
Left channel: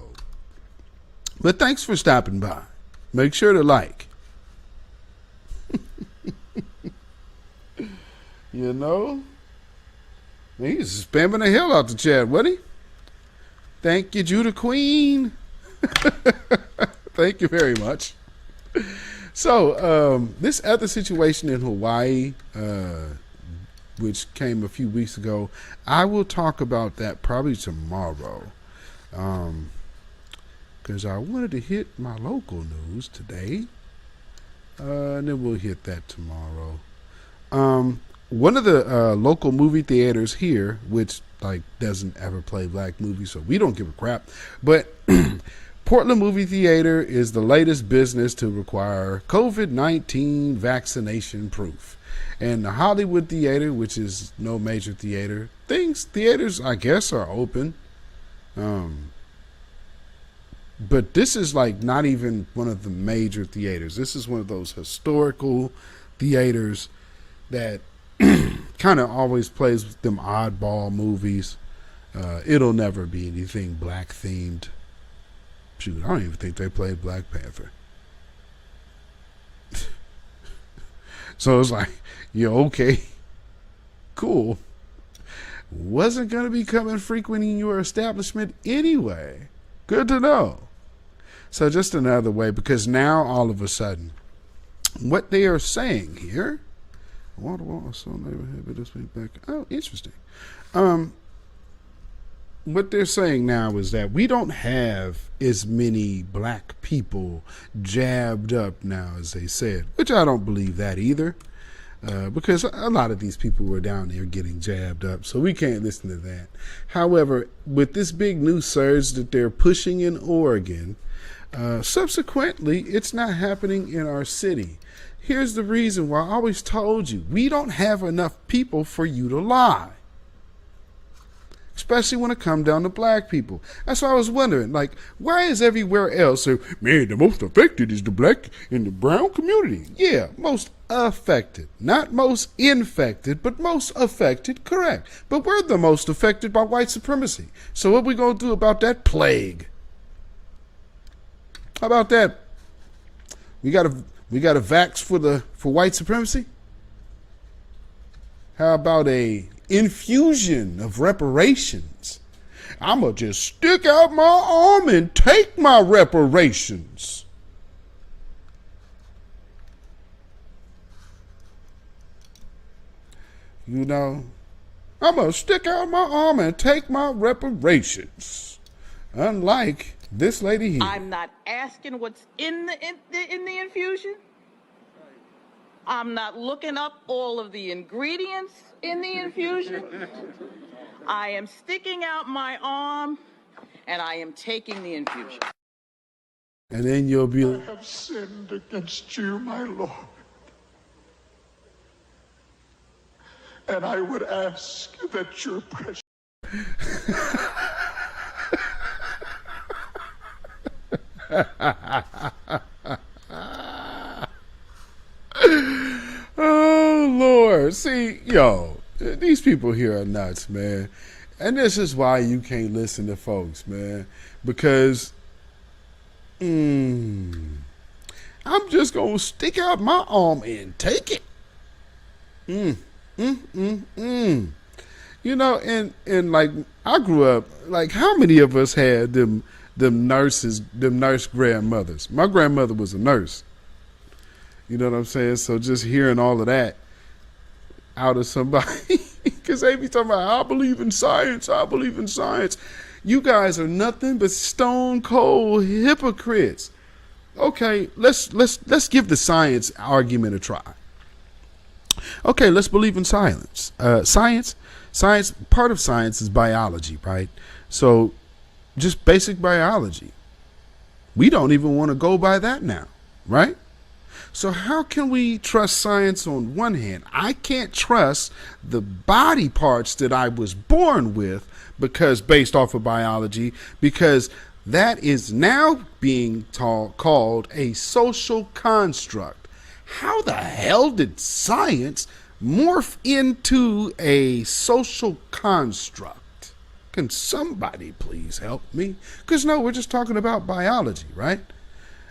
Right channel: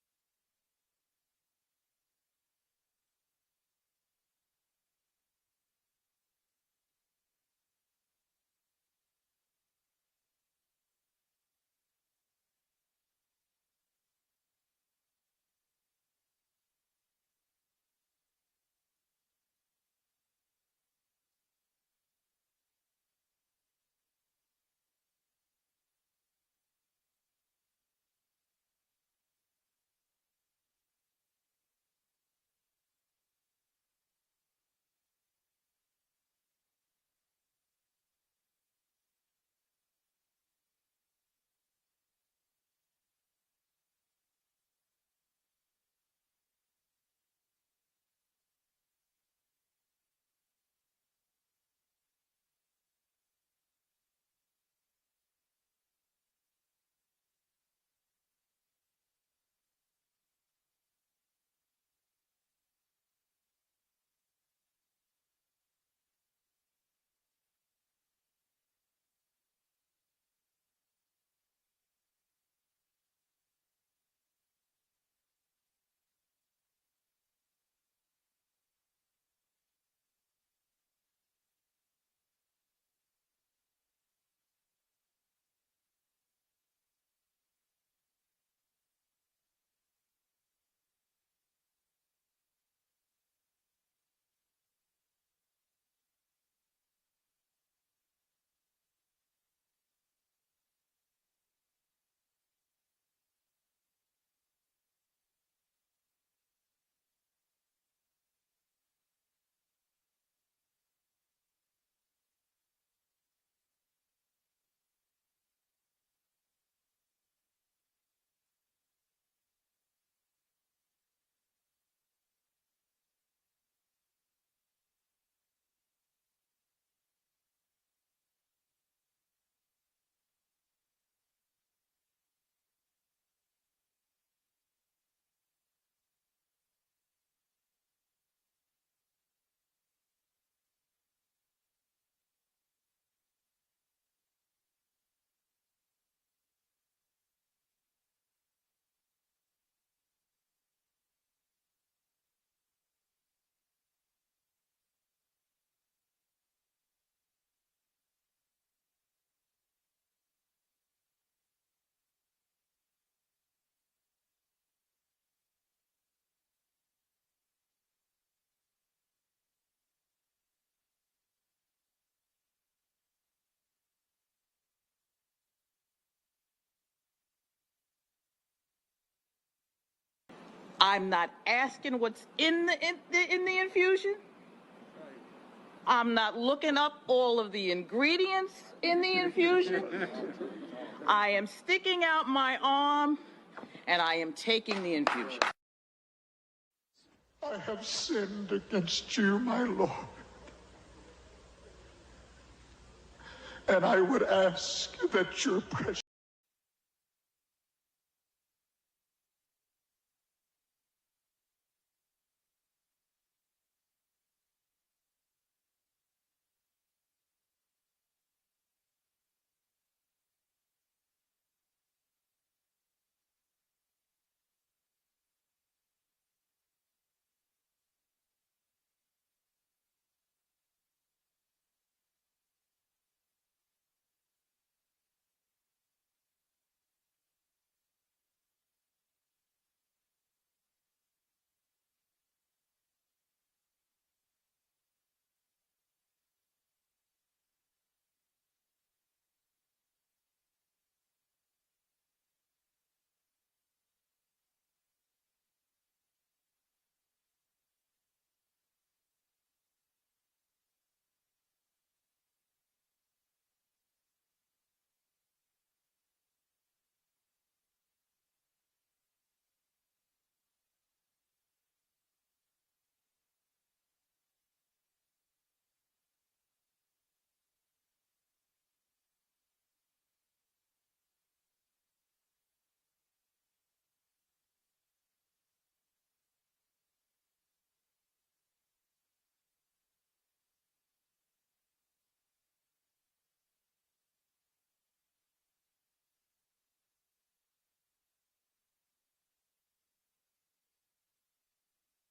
But thanks for stopping by. Make sure to like. You know? He's spamming the hell out the chat, wasn't he? Thank you, Judah Queen. Thank you very much. So, this other situation in Hawaii, which came a few weeks ago, I will talk about that probably tomorrow. Because I wanted to hit my local news today. And then we'll hit that tomorrow. One of the local movie theaters here, which doesn't ever play black movies, so we don't give a crap, but Portland Movie Theater is the latest business to require COVID-19 vaccination proof. And the Hollywood Theater, which is no major theater, theaters, I guess, are open. But this is not even one of the major theaters. This is one of those historical theaters that kind of always plays them oddball movies. It'll never be anything black themed. Shoot, I don't even think they played Black Panther. So it's okay, cool. Wasn't going to be coming frequenting your establishment anyway. Good to know. So just another way, because now all of a sudden, what they are saying here, oh, interesting. what they're saying now is that we don't have as many black people jabbed up now as they said, which I don't believe that either, because a lot of these people were down there getting jabbed up, so we can't listen to that. However, with this big new surge that they're pushing in Oregon, subsequently, it's not happening in our city. Here's the reason why I always told you, we don't have enough people for you to lie. Especially when it comes down to black people. That's why I was wondering, like, why is everywhere else, man, the most affected is the black and the brown community? Yeah, most affected. Not most infected, but most affected, correct. But we're the most affected by white supremacy. So what we going to do about that plague? How about that? We got a vax for white supremacy? How about a infusion of reparations? I'ma just stick out my arm and take my reparations. You know, I'm gonna stick out my arm and take my reparations. Unlike this lady here. I'm not asking what's in the infusion. I'm not looking up all of the ingredients in the infusion. I am sticking out my arm and I am taking the infusion. And then you'll be I have sinned against you, my Lord. And I would ask that your precious... Oh, Lord. See, yo, these people here are nuts, man. And this is why you can't listen to folks, man. Because, I'm just going to stick out my arm and take it. You know, and like, I grew up, like, how many of us had them nurse grandmothers? My grandmother was a nurse. You know what I'm saying? So just hearing all of that out of somebody, because they be talking about, I believe in science, I believe in science. You guys are nothing but stone cold hypocrites. Okay, let's give the science argument a try. Okay, let's believe in science. Science, part of science is biology, right? So just basic biology. We don't even want to go by that now, right? So how can we trust science on one hand? I can't trust the body parts that I was born with because based off of biology, because that is now being called a social construct. How the hell did science morph into a social construct? Can somebody please help me? Because no, we're just talking about biology, right?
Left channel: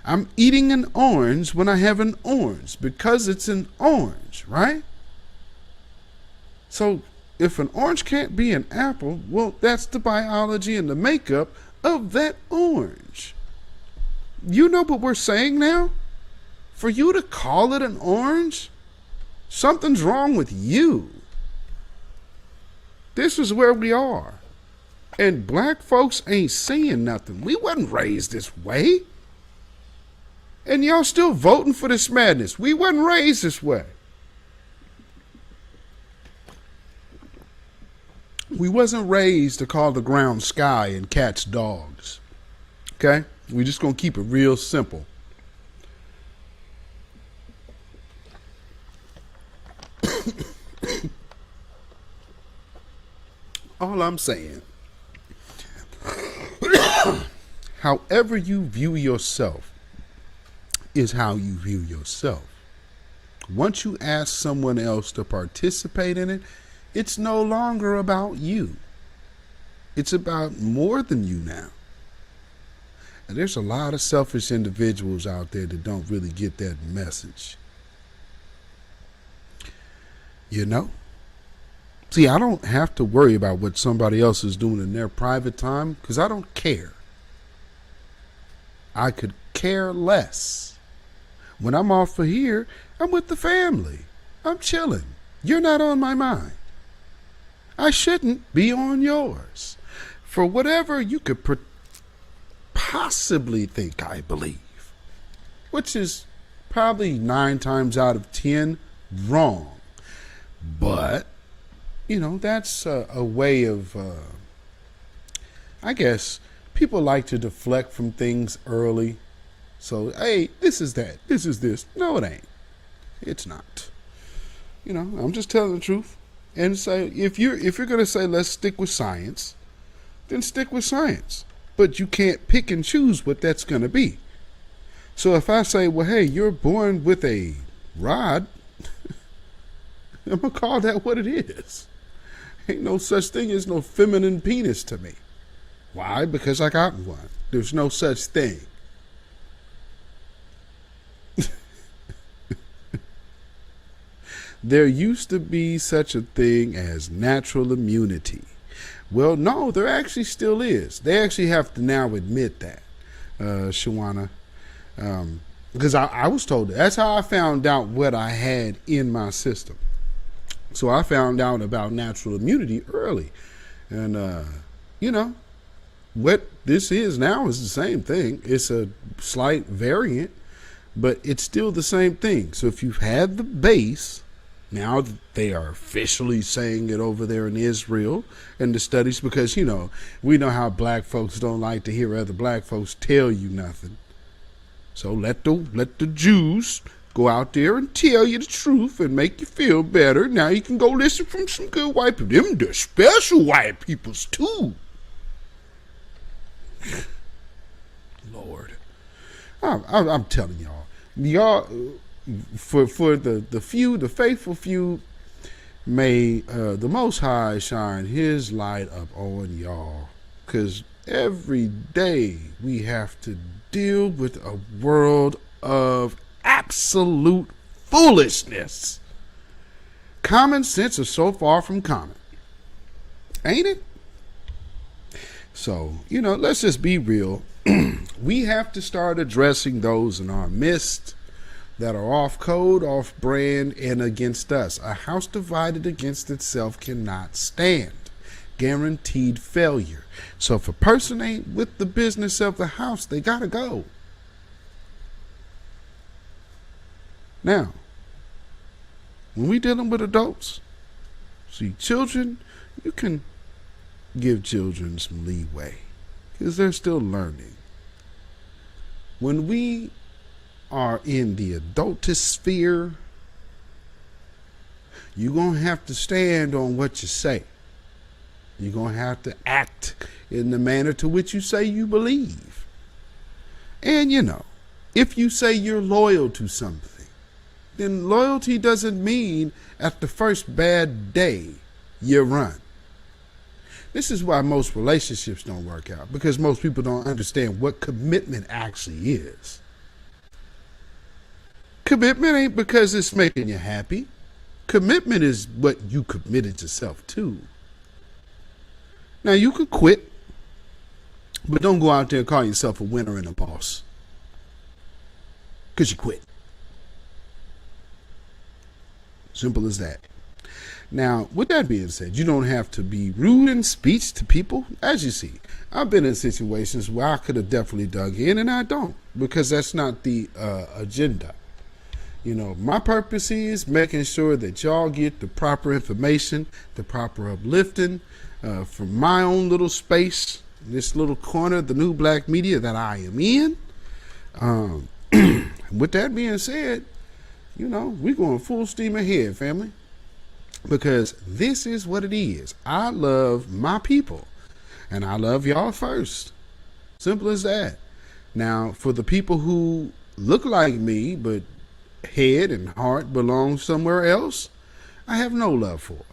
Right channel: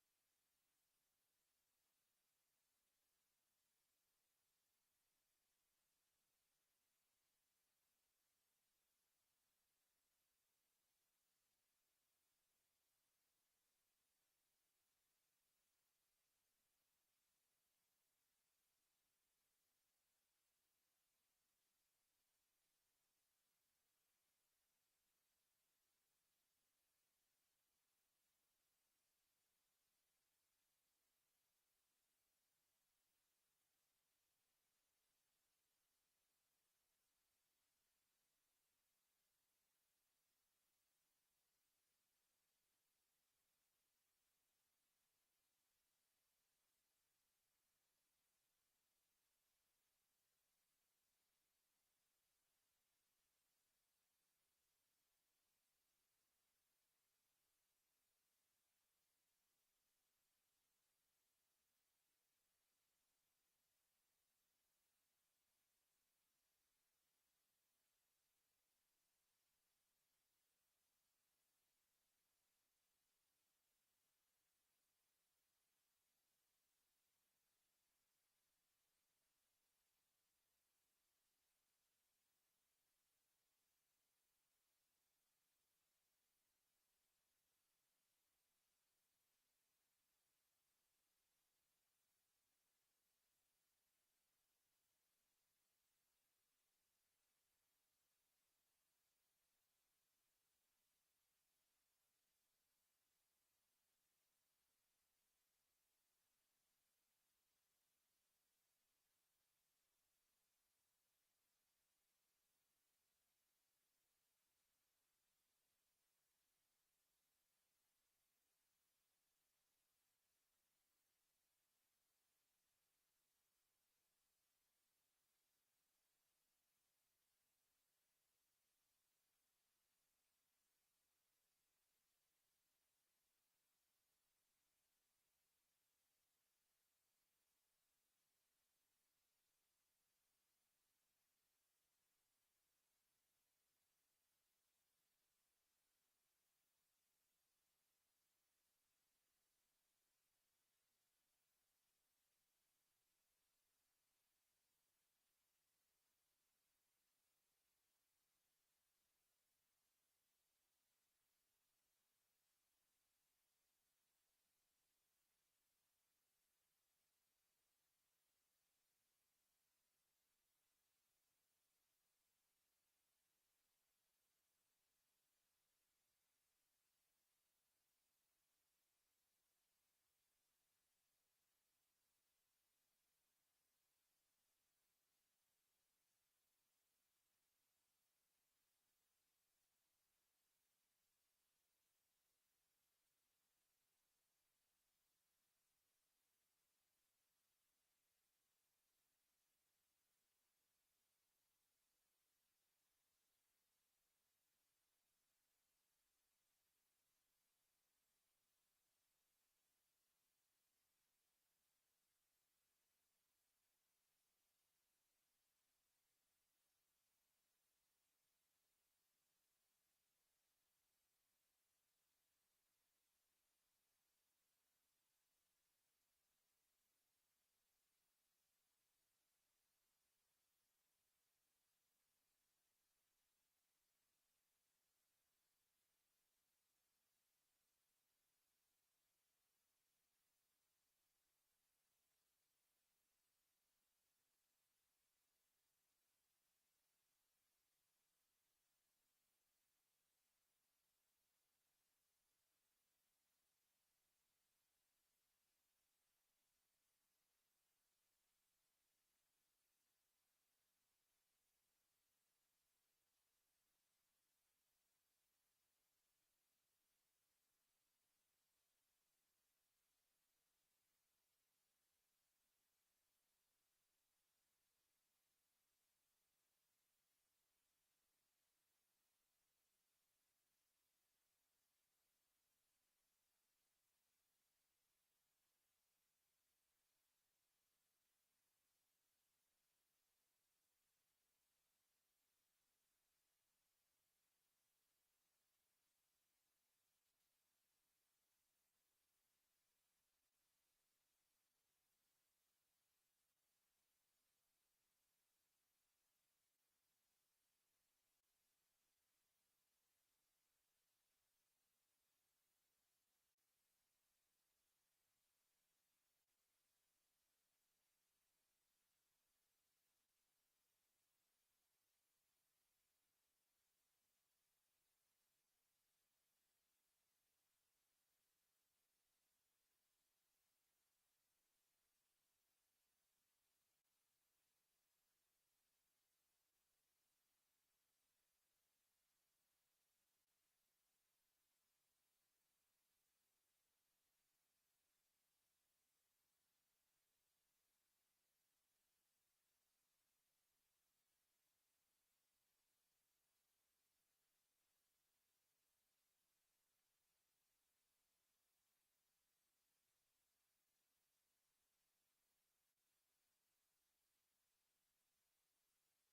I'm eating an orange when I have an orange because it's an orange, right? So if an orange can't be an apple, well, that's the biology and the makeup of that orange. You know what we're saying now? For you to call it an orange, something's wrong with you. This is where we are. And black folks ain't saying nothing. We wasn't raised this way. And y'all still voting for this madness. We wasn't raised this way. We wasn't raised to call the ground sky and cats dogs. Okay? We just gonna keep it real simple. All I'm saying, however you view yourself is how you view yourself. Once you ask someone else to participate in it, it's no longer about you. It's about more than you now. And there's a lot of selfish individuals out there that don't really get that message. You know? See, I don't have to worry about what somebody else is doing in their private time because I don't care. I could care less. When I'm off for here, I'm with the family. I'm chilling. You're not on my mind. I shouldn't be on yours. for whatever you could possibly think I believe, which is probably 9 times out of 10 wrong. But, that's a way of, I guess, people like to deflect from things early. So, hey, this is that. This is this. No, it ain't. It's not. I'm just telling the truth. And say, if you're going to say, let's stick with science, then stick with science. But you can't pick and choose what that's going to be. So if I say, well, hey, you're born with a rod, I'm going to call that what it is. Ain't no such thing as no feminine penis to me. Why? Because I got one. There's no such thing. There used to be such a thing as natural immunity. Well, no, there actually still is. They actually have to now admit that, Shawana. Because I was told that. That's how I found out what I had in my system. So I found out about natural immunity early. And, what this is now is the same thing. It's a slight variant, but it's still the same thing. So if you've had the base, now they are officially saying it over there in Israel and the studies, because, we know how black folks don't like to hear other black folks tell you nothing. So let the Jews go out there and tell you the truth and make you feel better. Now you can go listen from some good white people. Them the special white peoples too. Lord, I'm telling y'all, for the few, the faithful few, may the Most High shine His light up on y'all, because every day we have to deal with a world of absolute foolishness. Common sense is so far from common, ain't it? So, let's just be real. We have to start addressing those in our midst that are off code, off brand, and against us. A house divided against itself cannot stand. Guaranteed failure. So if a person ain't with the business of the house, they gotta go. Now, when we dealing with adults, see, children, you can give children some leeway because they're still learning. When we are in the adultosphere, you're going to have to stand on what you say. You're going to have to act in the manner to which you say you believe. And, if you say you're loyal to something, then loyalty doesn't mean at the first bad day you run. This is why most relationships don't work out, because most people don't understand what commitment actually is. Commitment ain't because it's making you happy. Commitment is what you committed yourself to. Now, you could quit, but don't go out there and call yourself a winner and a boss, because you quit. Simple as that. Now, with that being said, you don't have to be rude in speech to people. As you see, I've been in situations where I could have definitely dug in, and I don't, because that's not the agenda. My purpose is making sure that y'all get the proper information, the proper uplifting from my own little space, this little corner, the new black media that I am in. With that being said, we're going full steam ahead, family. Because this is what it is. I love my people, and I love y'all first. Simple as that. Now, for the people who look like me, but head and heart belong somewhere else, I have no love for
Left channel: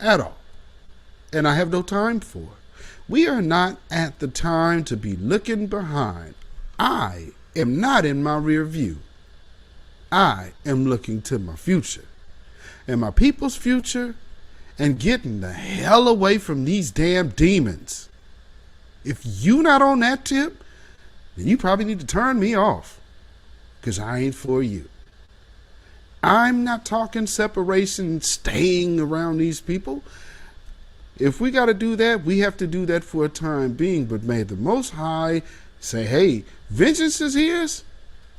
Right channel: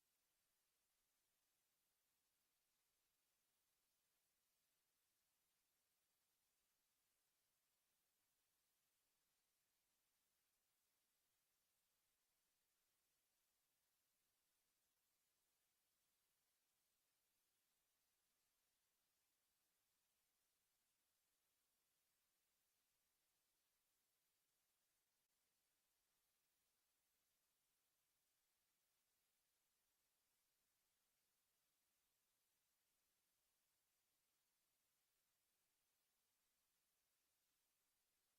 at all. And I have no time for. We are not at the time to be looking behind. I am not in my rear view. I am looking to my future. And my people's future, and getting the hell away from these damn demons. If you not on that tip, then you probably need to turn me off, because I ain't for you. I'm not talking separation, staying around these people. if we got to do that, we have to do that for a time being. But may the Most High say, hey, vengeance is his.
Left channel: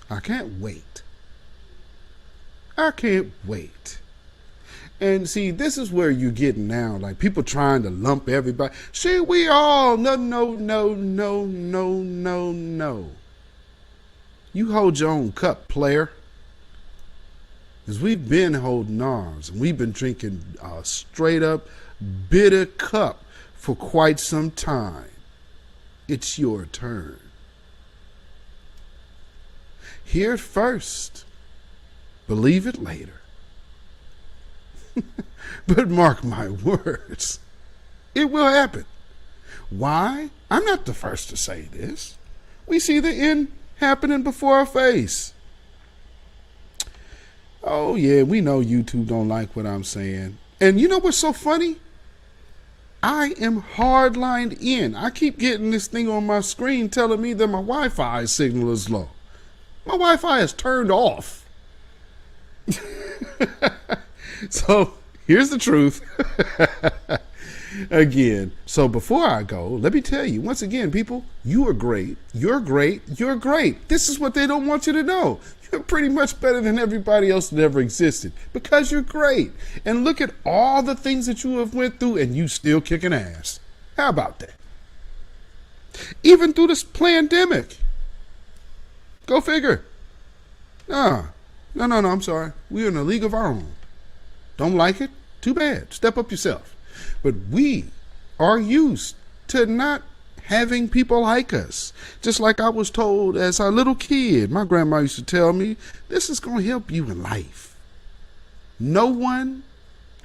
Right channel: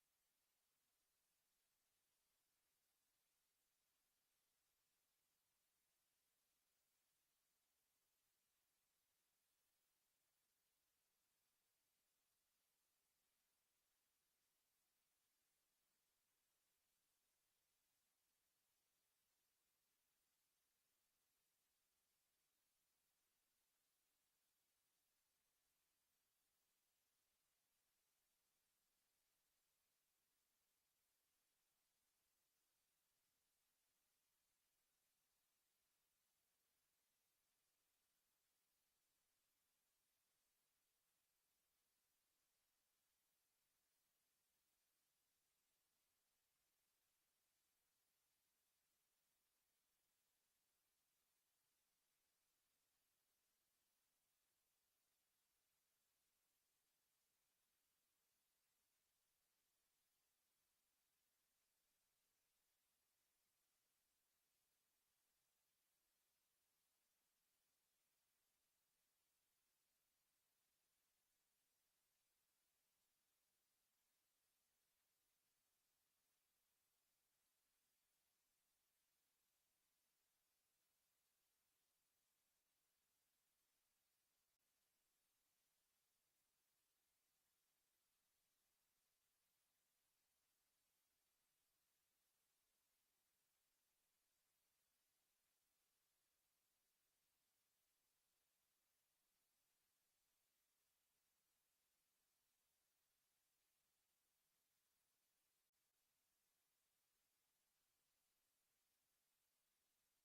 I can't wait. I can't wait. And see, this is where you're getting now, like people trying to lump everybody. See, we all, no. You hold your own cup, player. Because we've been holding ours, and we've been drinking a straight up bitter cup for quite some time. It's your turn. Hear it first. Believe it later. But mark my words, it will happen. Why? I'm not the first to say this. We see the end happening before our face. Oh yeah, we know YouTube don't like what I'm saying. And you know what's so funny? I am hardlined in. I keep getting this thing on my screen telling me that my Wi-Fi signal is low. My Wi-Fi is turned off. So here's the truth. Again, so before I go, let me tell you, once again, people, you are great. You're great. You're great. This is what they don't want you to know. You're pretty much better than everybody else that ever existed because you're great. And look at all the things that you have went through and you still kicking ass. How about that? Even through this pandemic. Go figure. No, I'm sorry. We're in a league of our own. Don't like it? Too bad. Step up yourself. But we are used to not having people like us. Just like I was told as a little kid, my grandma used to tell me, this is going to help you in life. No one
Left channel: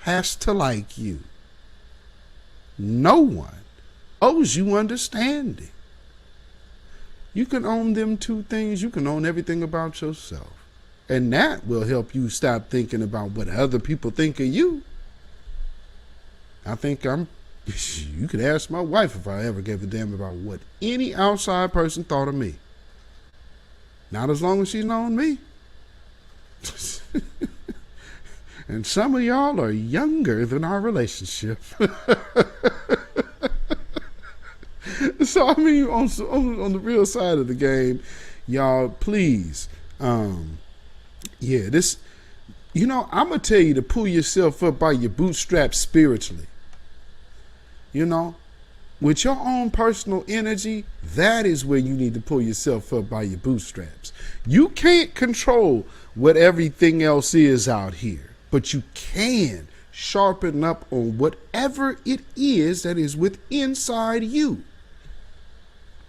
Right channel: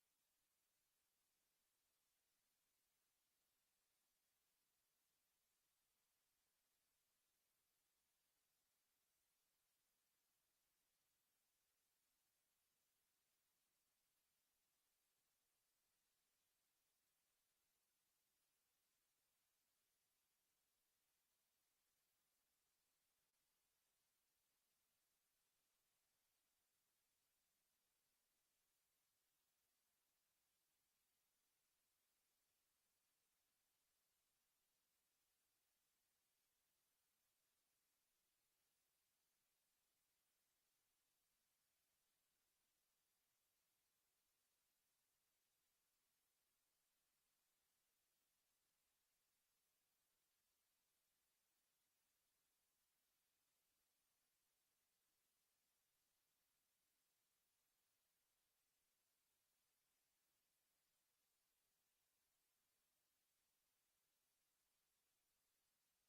has to like you. No one owes you understanding. You can own them two things. You can own everything about yourself. And that will help you stop thinking about what other people think of you. I think you could ask my wife if I ever gave a damn about what any outside person thought of me. Not as long as she's known me. And some of y'all are younger than our relationship. So, I mean, on the real side of the game, y'all, please, this, I'm going to tell you to pull yourself up by your bootstraps spiritually. With your own personal energy, that is where you need to pull yourself up by your bootstraps. You can't control what everything else is out here, but you can sharpen up on whatever it is that is inside you.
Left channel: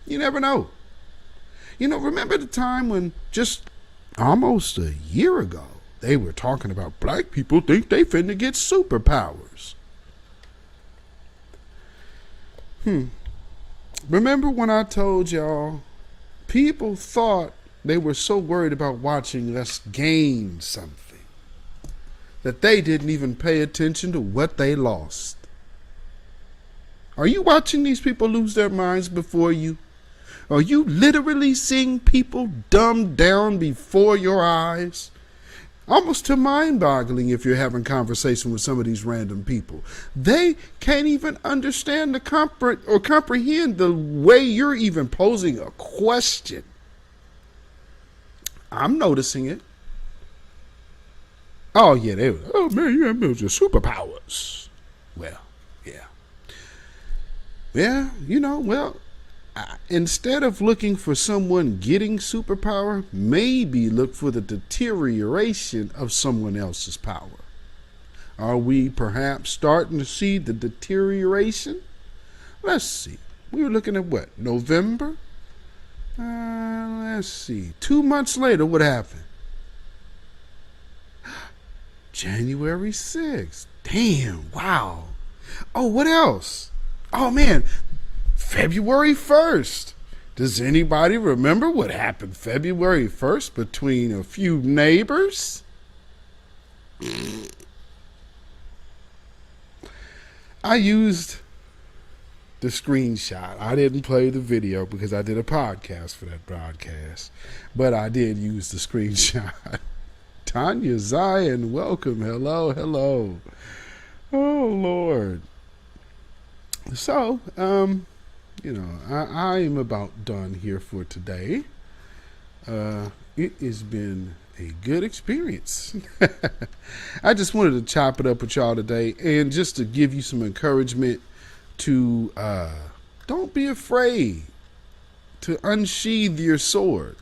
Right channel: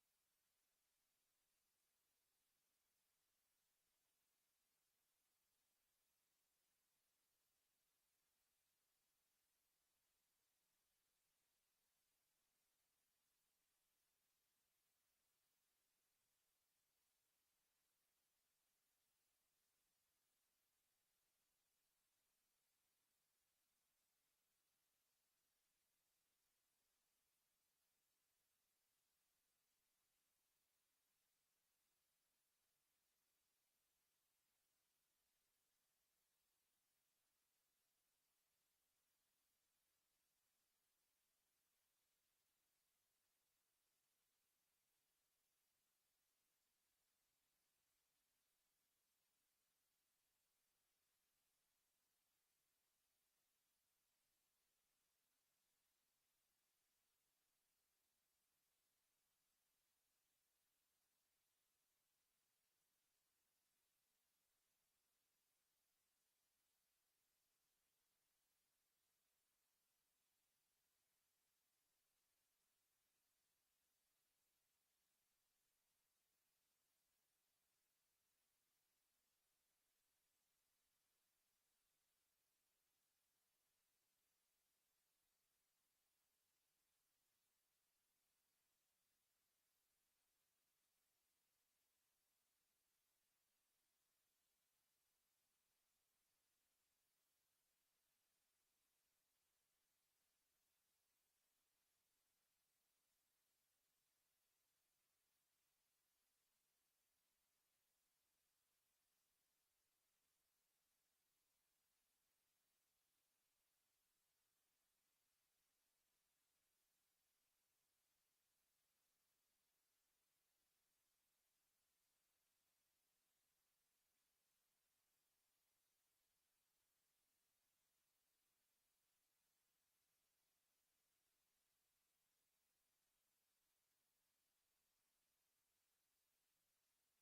You never know. Remember the time when just almost a year ago, they were talking about black people think they finna get superpowers. Remember when I told y'all people thought they were so worried about watching us gain something that they didn't even pay attention to what they lost? Are you watching these people lose their minds before you? Are you literally seeing people dumbed down before your eyes? Almost to mind-boggling if you're having conversation with some of these random people. They can't even understand or comprehend the way you're even posing a question. I'm noticing it. Oh, yeah, they were, oh, man, you have your superpowers. Well, yeah. Yeah, instead of looking for someone getting superpower, maybe look for the deterioration of someone else's power. Are we perhaps starting to see the deterioration? Let's see. We were looking at what? November? Let's see. 2 months later, what happened? January 6th. Damn, wow. Oh, what else? Oh, man. February 1st. Does anybody remember what happened February 1st between a few neighbors? I used the screenshot. I didn't play the video because I did a podcast for that broadcast, but I did use the screenshot. Tanya Zion, welcome. Hello. Oh, Lord. So, I am about done here for today. It has been a good experience. I just wanted to chop it up with y'all today and just to give you some encouragement to don't be afraid to unsheathe your sword.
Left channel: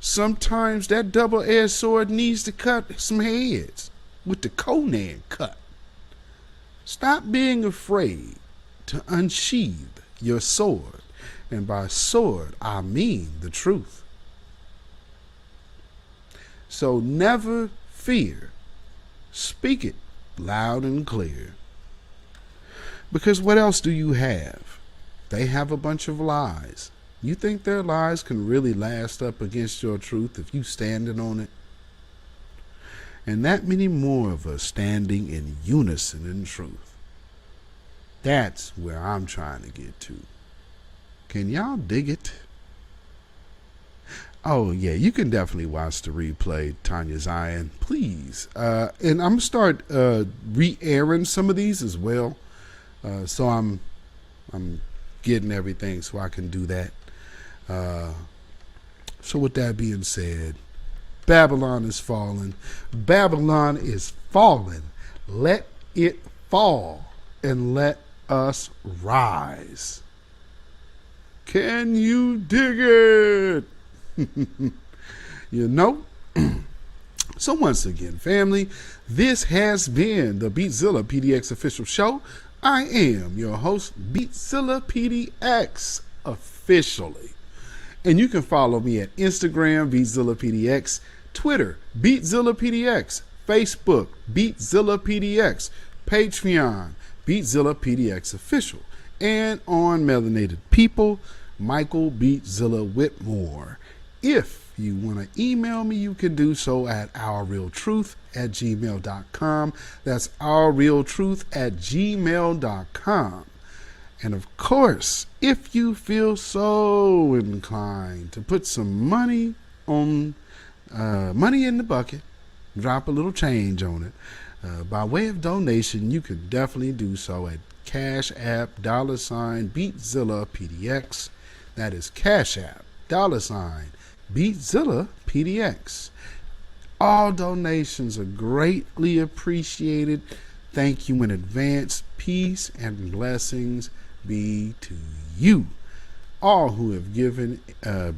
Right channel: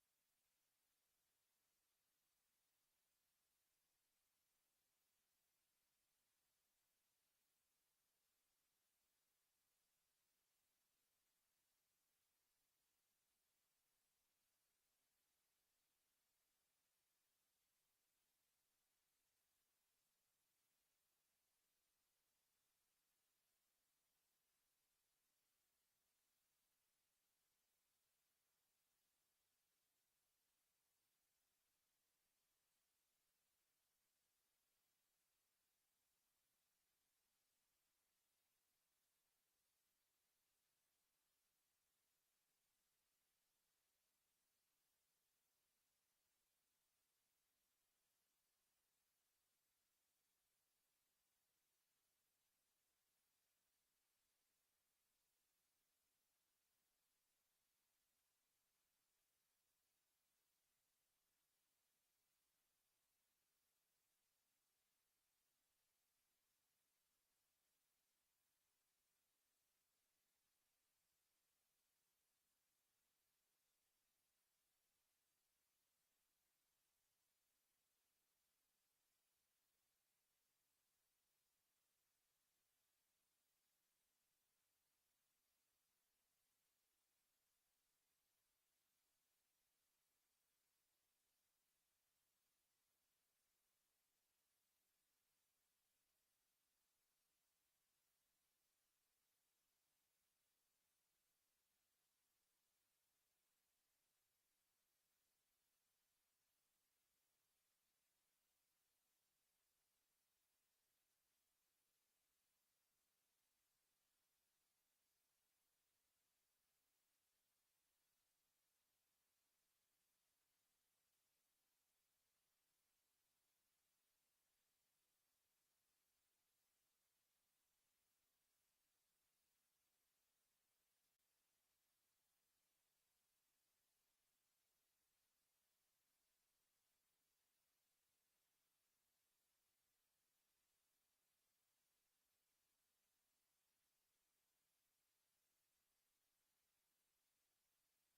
Sometimes that double-edged sword needs to cut some heads with the Conan cut. Stop being afraid to unsheathe your sword. And by sword, I mean the truth. So never fear. Speak it loud and clear. Because what else do you have? They have a bunch of lies. You think their lies can really last up against your truth if you standing on it? And that many more of us standing in unison in truth. That's where I'm trying to get to. Can y'all dig it? Oh, yeah, you can definitely watch the replay, Tanya Zion, please. And I'm going to start re-airing some of these as well. So I'm getting everything so I can do that. So with that being said, Babylon is falling. Babylon is falling. Let it fall and let us rise. Can you dig it? So once again, family, this has been the BeatZillaPDX official show. I am your host, Beatzillapdx, officially. And you can follow me at Instagram, Beatzillapdx, Twitter, Beatzillapdx, Facebook, Beatzillapdx, Patreon, Beatzillapdx official, and on Melanated People, Michael Beatzilla Whitmore. If you want to email me, you can do so at ourrealtruth@gmail.com. That's ourrealtruth@gmail.com. And of course, if you feel so inclined to put some money in the bucket, drop a little change on it, by way of donation, you can definitely do so at CashApp $Beatzillapdx. That is CashApp $Beatzillapdx. All donations are greatly appreciated. Thank you in advance. Peace and blessings be to you, all who have given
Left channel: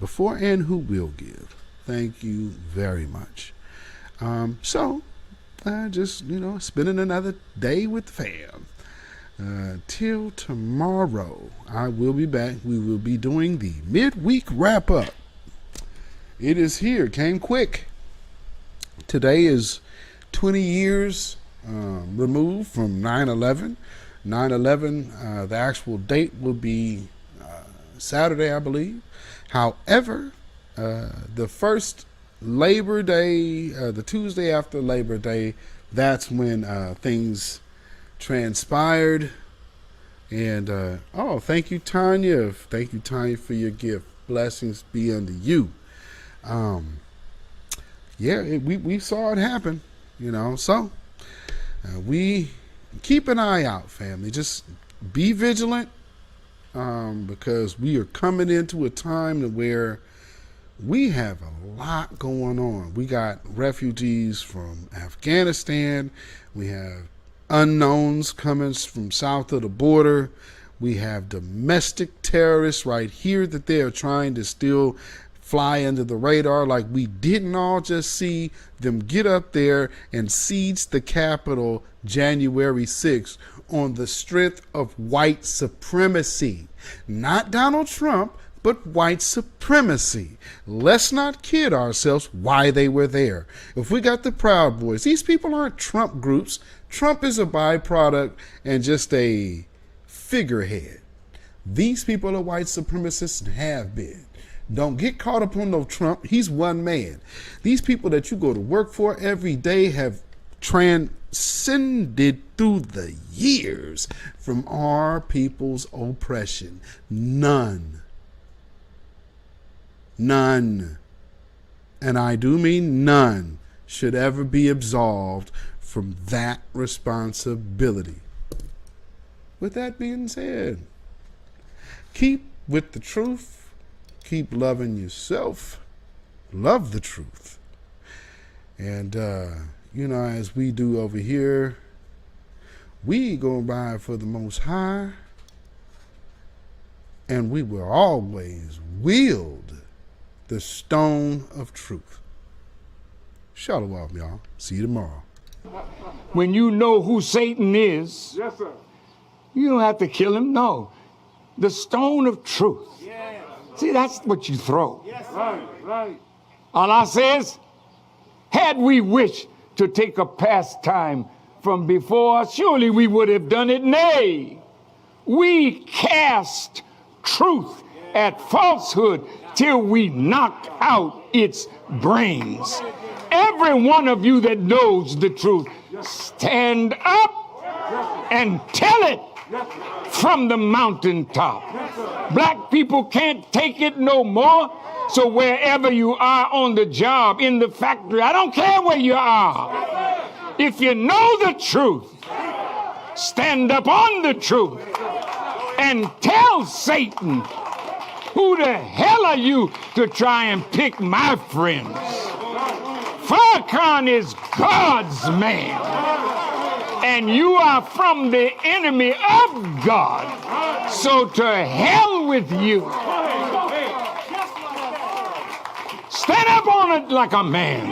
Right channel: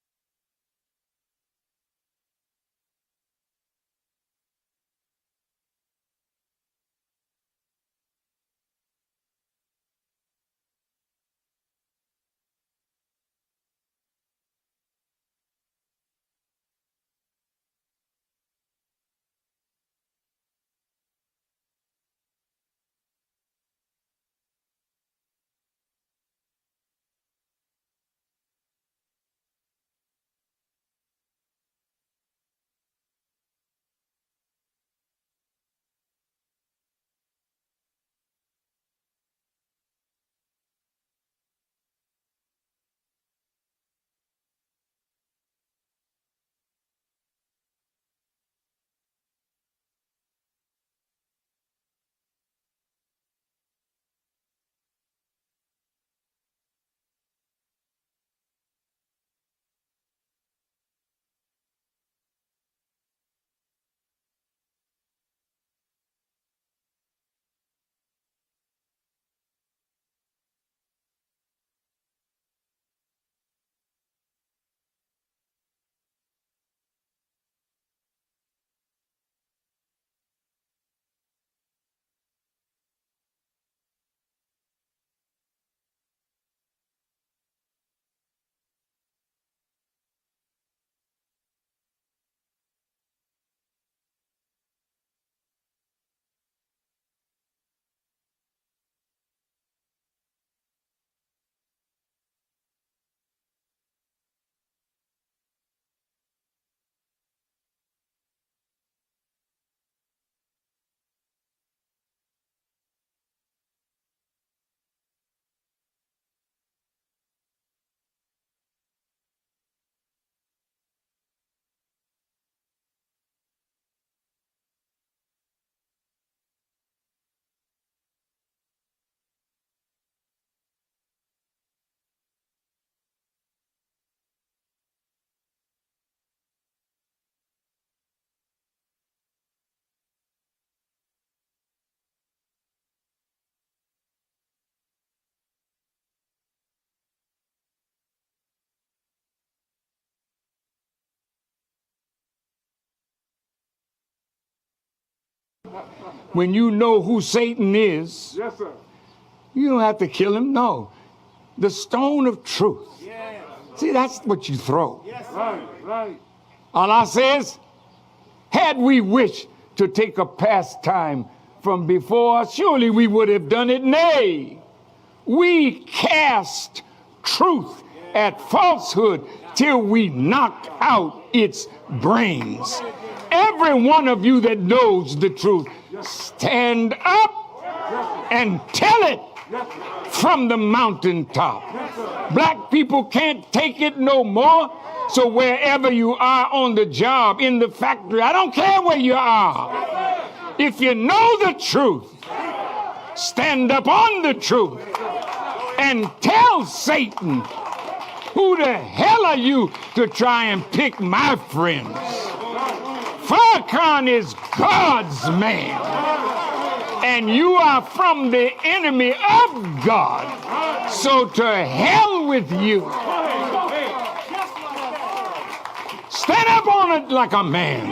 before and who will give. Thank you very much. So just spending another day with the fam. Till tomorrow, I will be back. We will be doing the midweek wrap up. It is here. Came quick. Today is 20 years removed from 9/11. 9/11, the actual date will be Saturday, I believe. However, the first Labor Day, the Tuesday after Labor Day, that's when things transpired. And thank you, Tanya. Thank you, Tanya, for your gift. Blessings be unto you. We saw it happen, so we keep an eye out, family. Just be vigilant, because we are coming into a time where we have a lot going on. We got refugees from Afghanistan. We have unknowns coming from south of the border. We have domestic terrorists right here that they are trying to still fly under the radar, like we didn't all just see them get up there and siege the Capitol January 6th on the strength of white supremacy. Not Donald Trump, but white supremacy. Let's not kid ourselves why they were there. If we got the Proud Boys, these people aren't Trump groups. Trump is a byproduct and just a figurehead. These people are white supremacists and have been. Don't get caught up on no Trump. He's one man. These people that you go to work for every day have transcended through the years from our people's oppression. None, and I do mean none, should ever be absolved from that responsibility. with that being said, keep with the truth. Keep loving yourself. Love the truth. And, as we do over here, we go by for the Most High, and we will always wield the stone of truth. Shalom, y'all. See you tomorrow. When you know who Satan is, yes, sir, you don't have to kill him. No. The stone of truth. Yes. See, that's what you throw. Yes, right. Allah says, had we wished to take a pastime from before, surely we would have done it. Nay, we cast truth at falsehood till we knock out its brains. Every one of you that knows the truth, stand up and tell it from the mountaintop. Black people can't take it no more. So wherever you are on the job, in the factory, I don't care where you are. If you know the truth, stand up on the truth and tell Satan, who the hell are you to try and pick my friends? Farrakhan is God's man, and you are from the enemy of God. So to hell with you. Stand up on it like a man.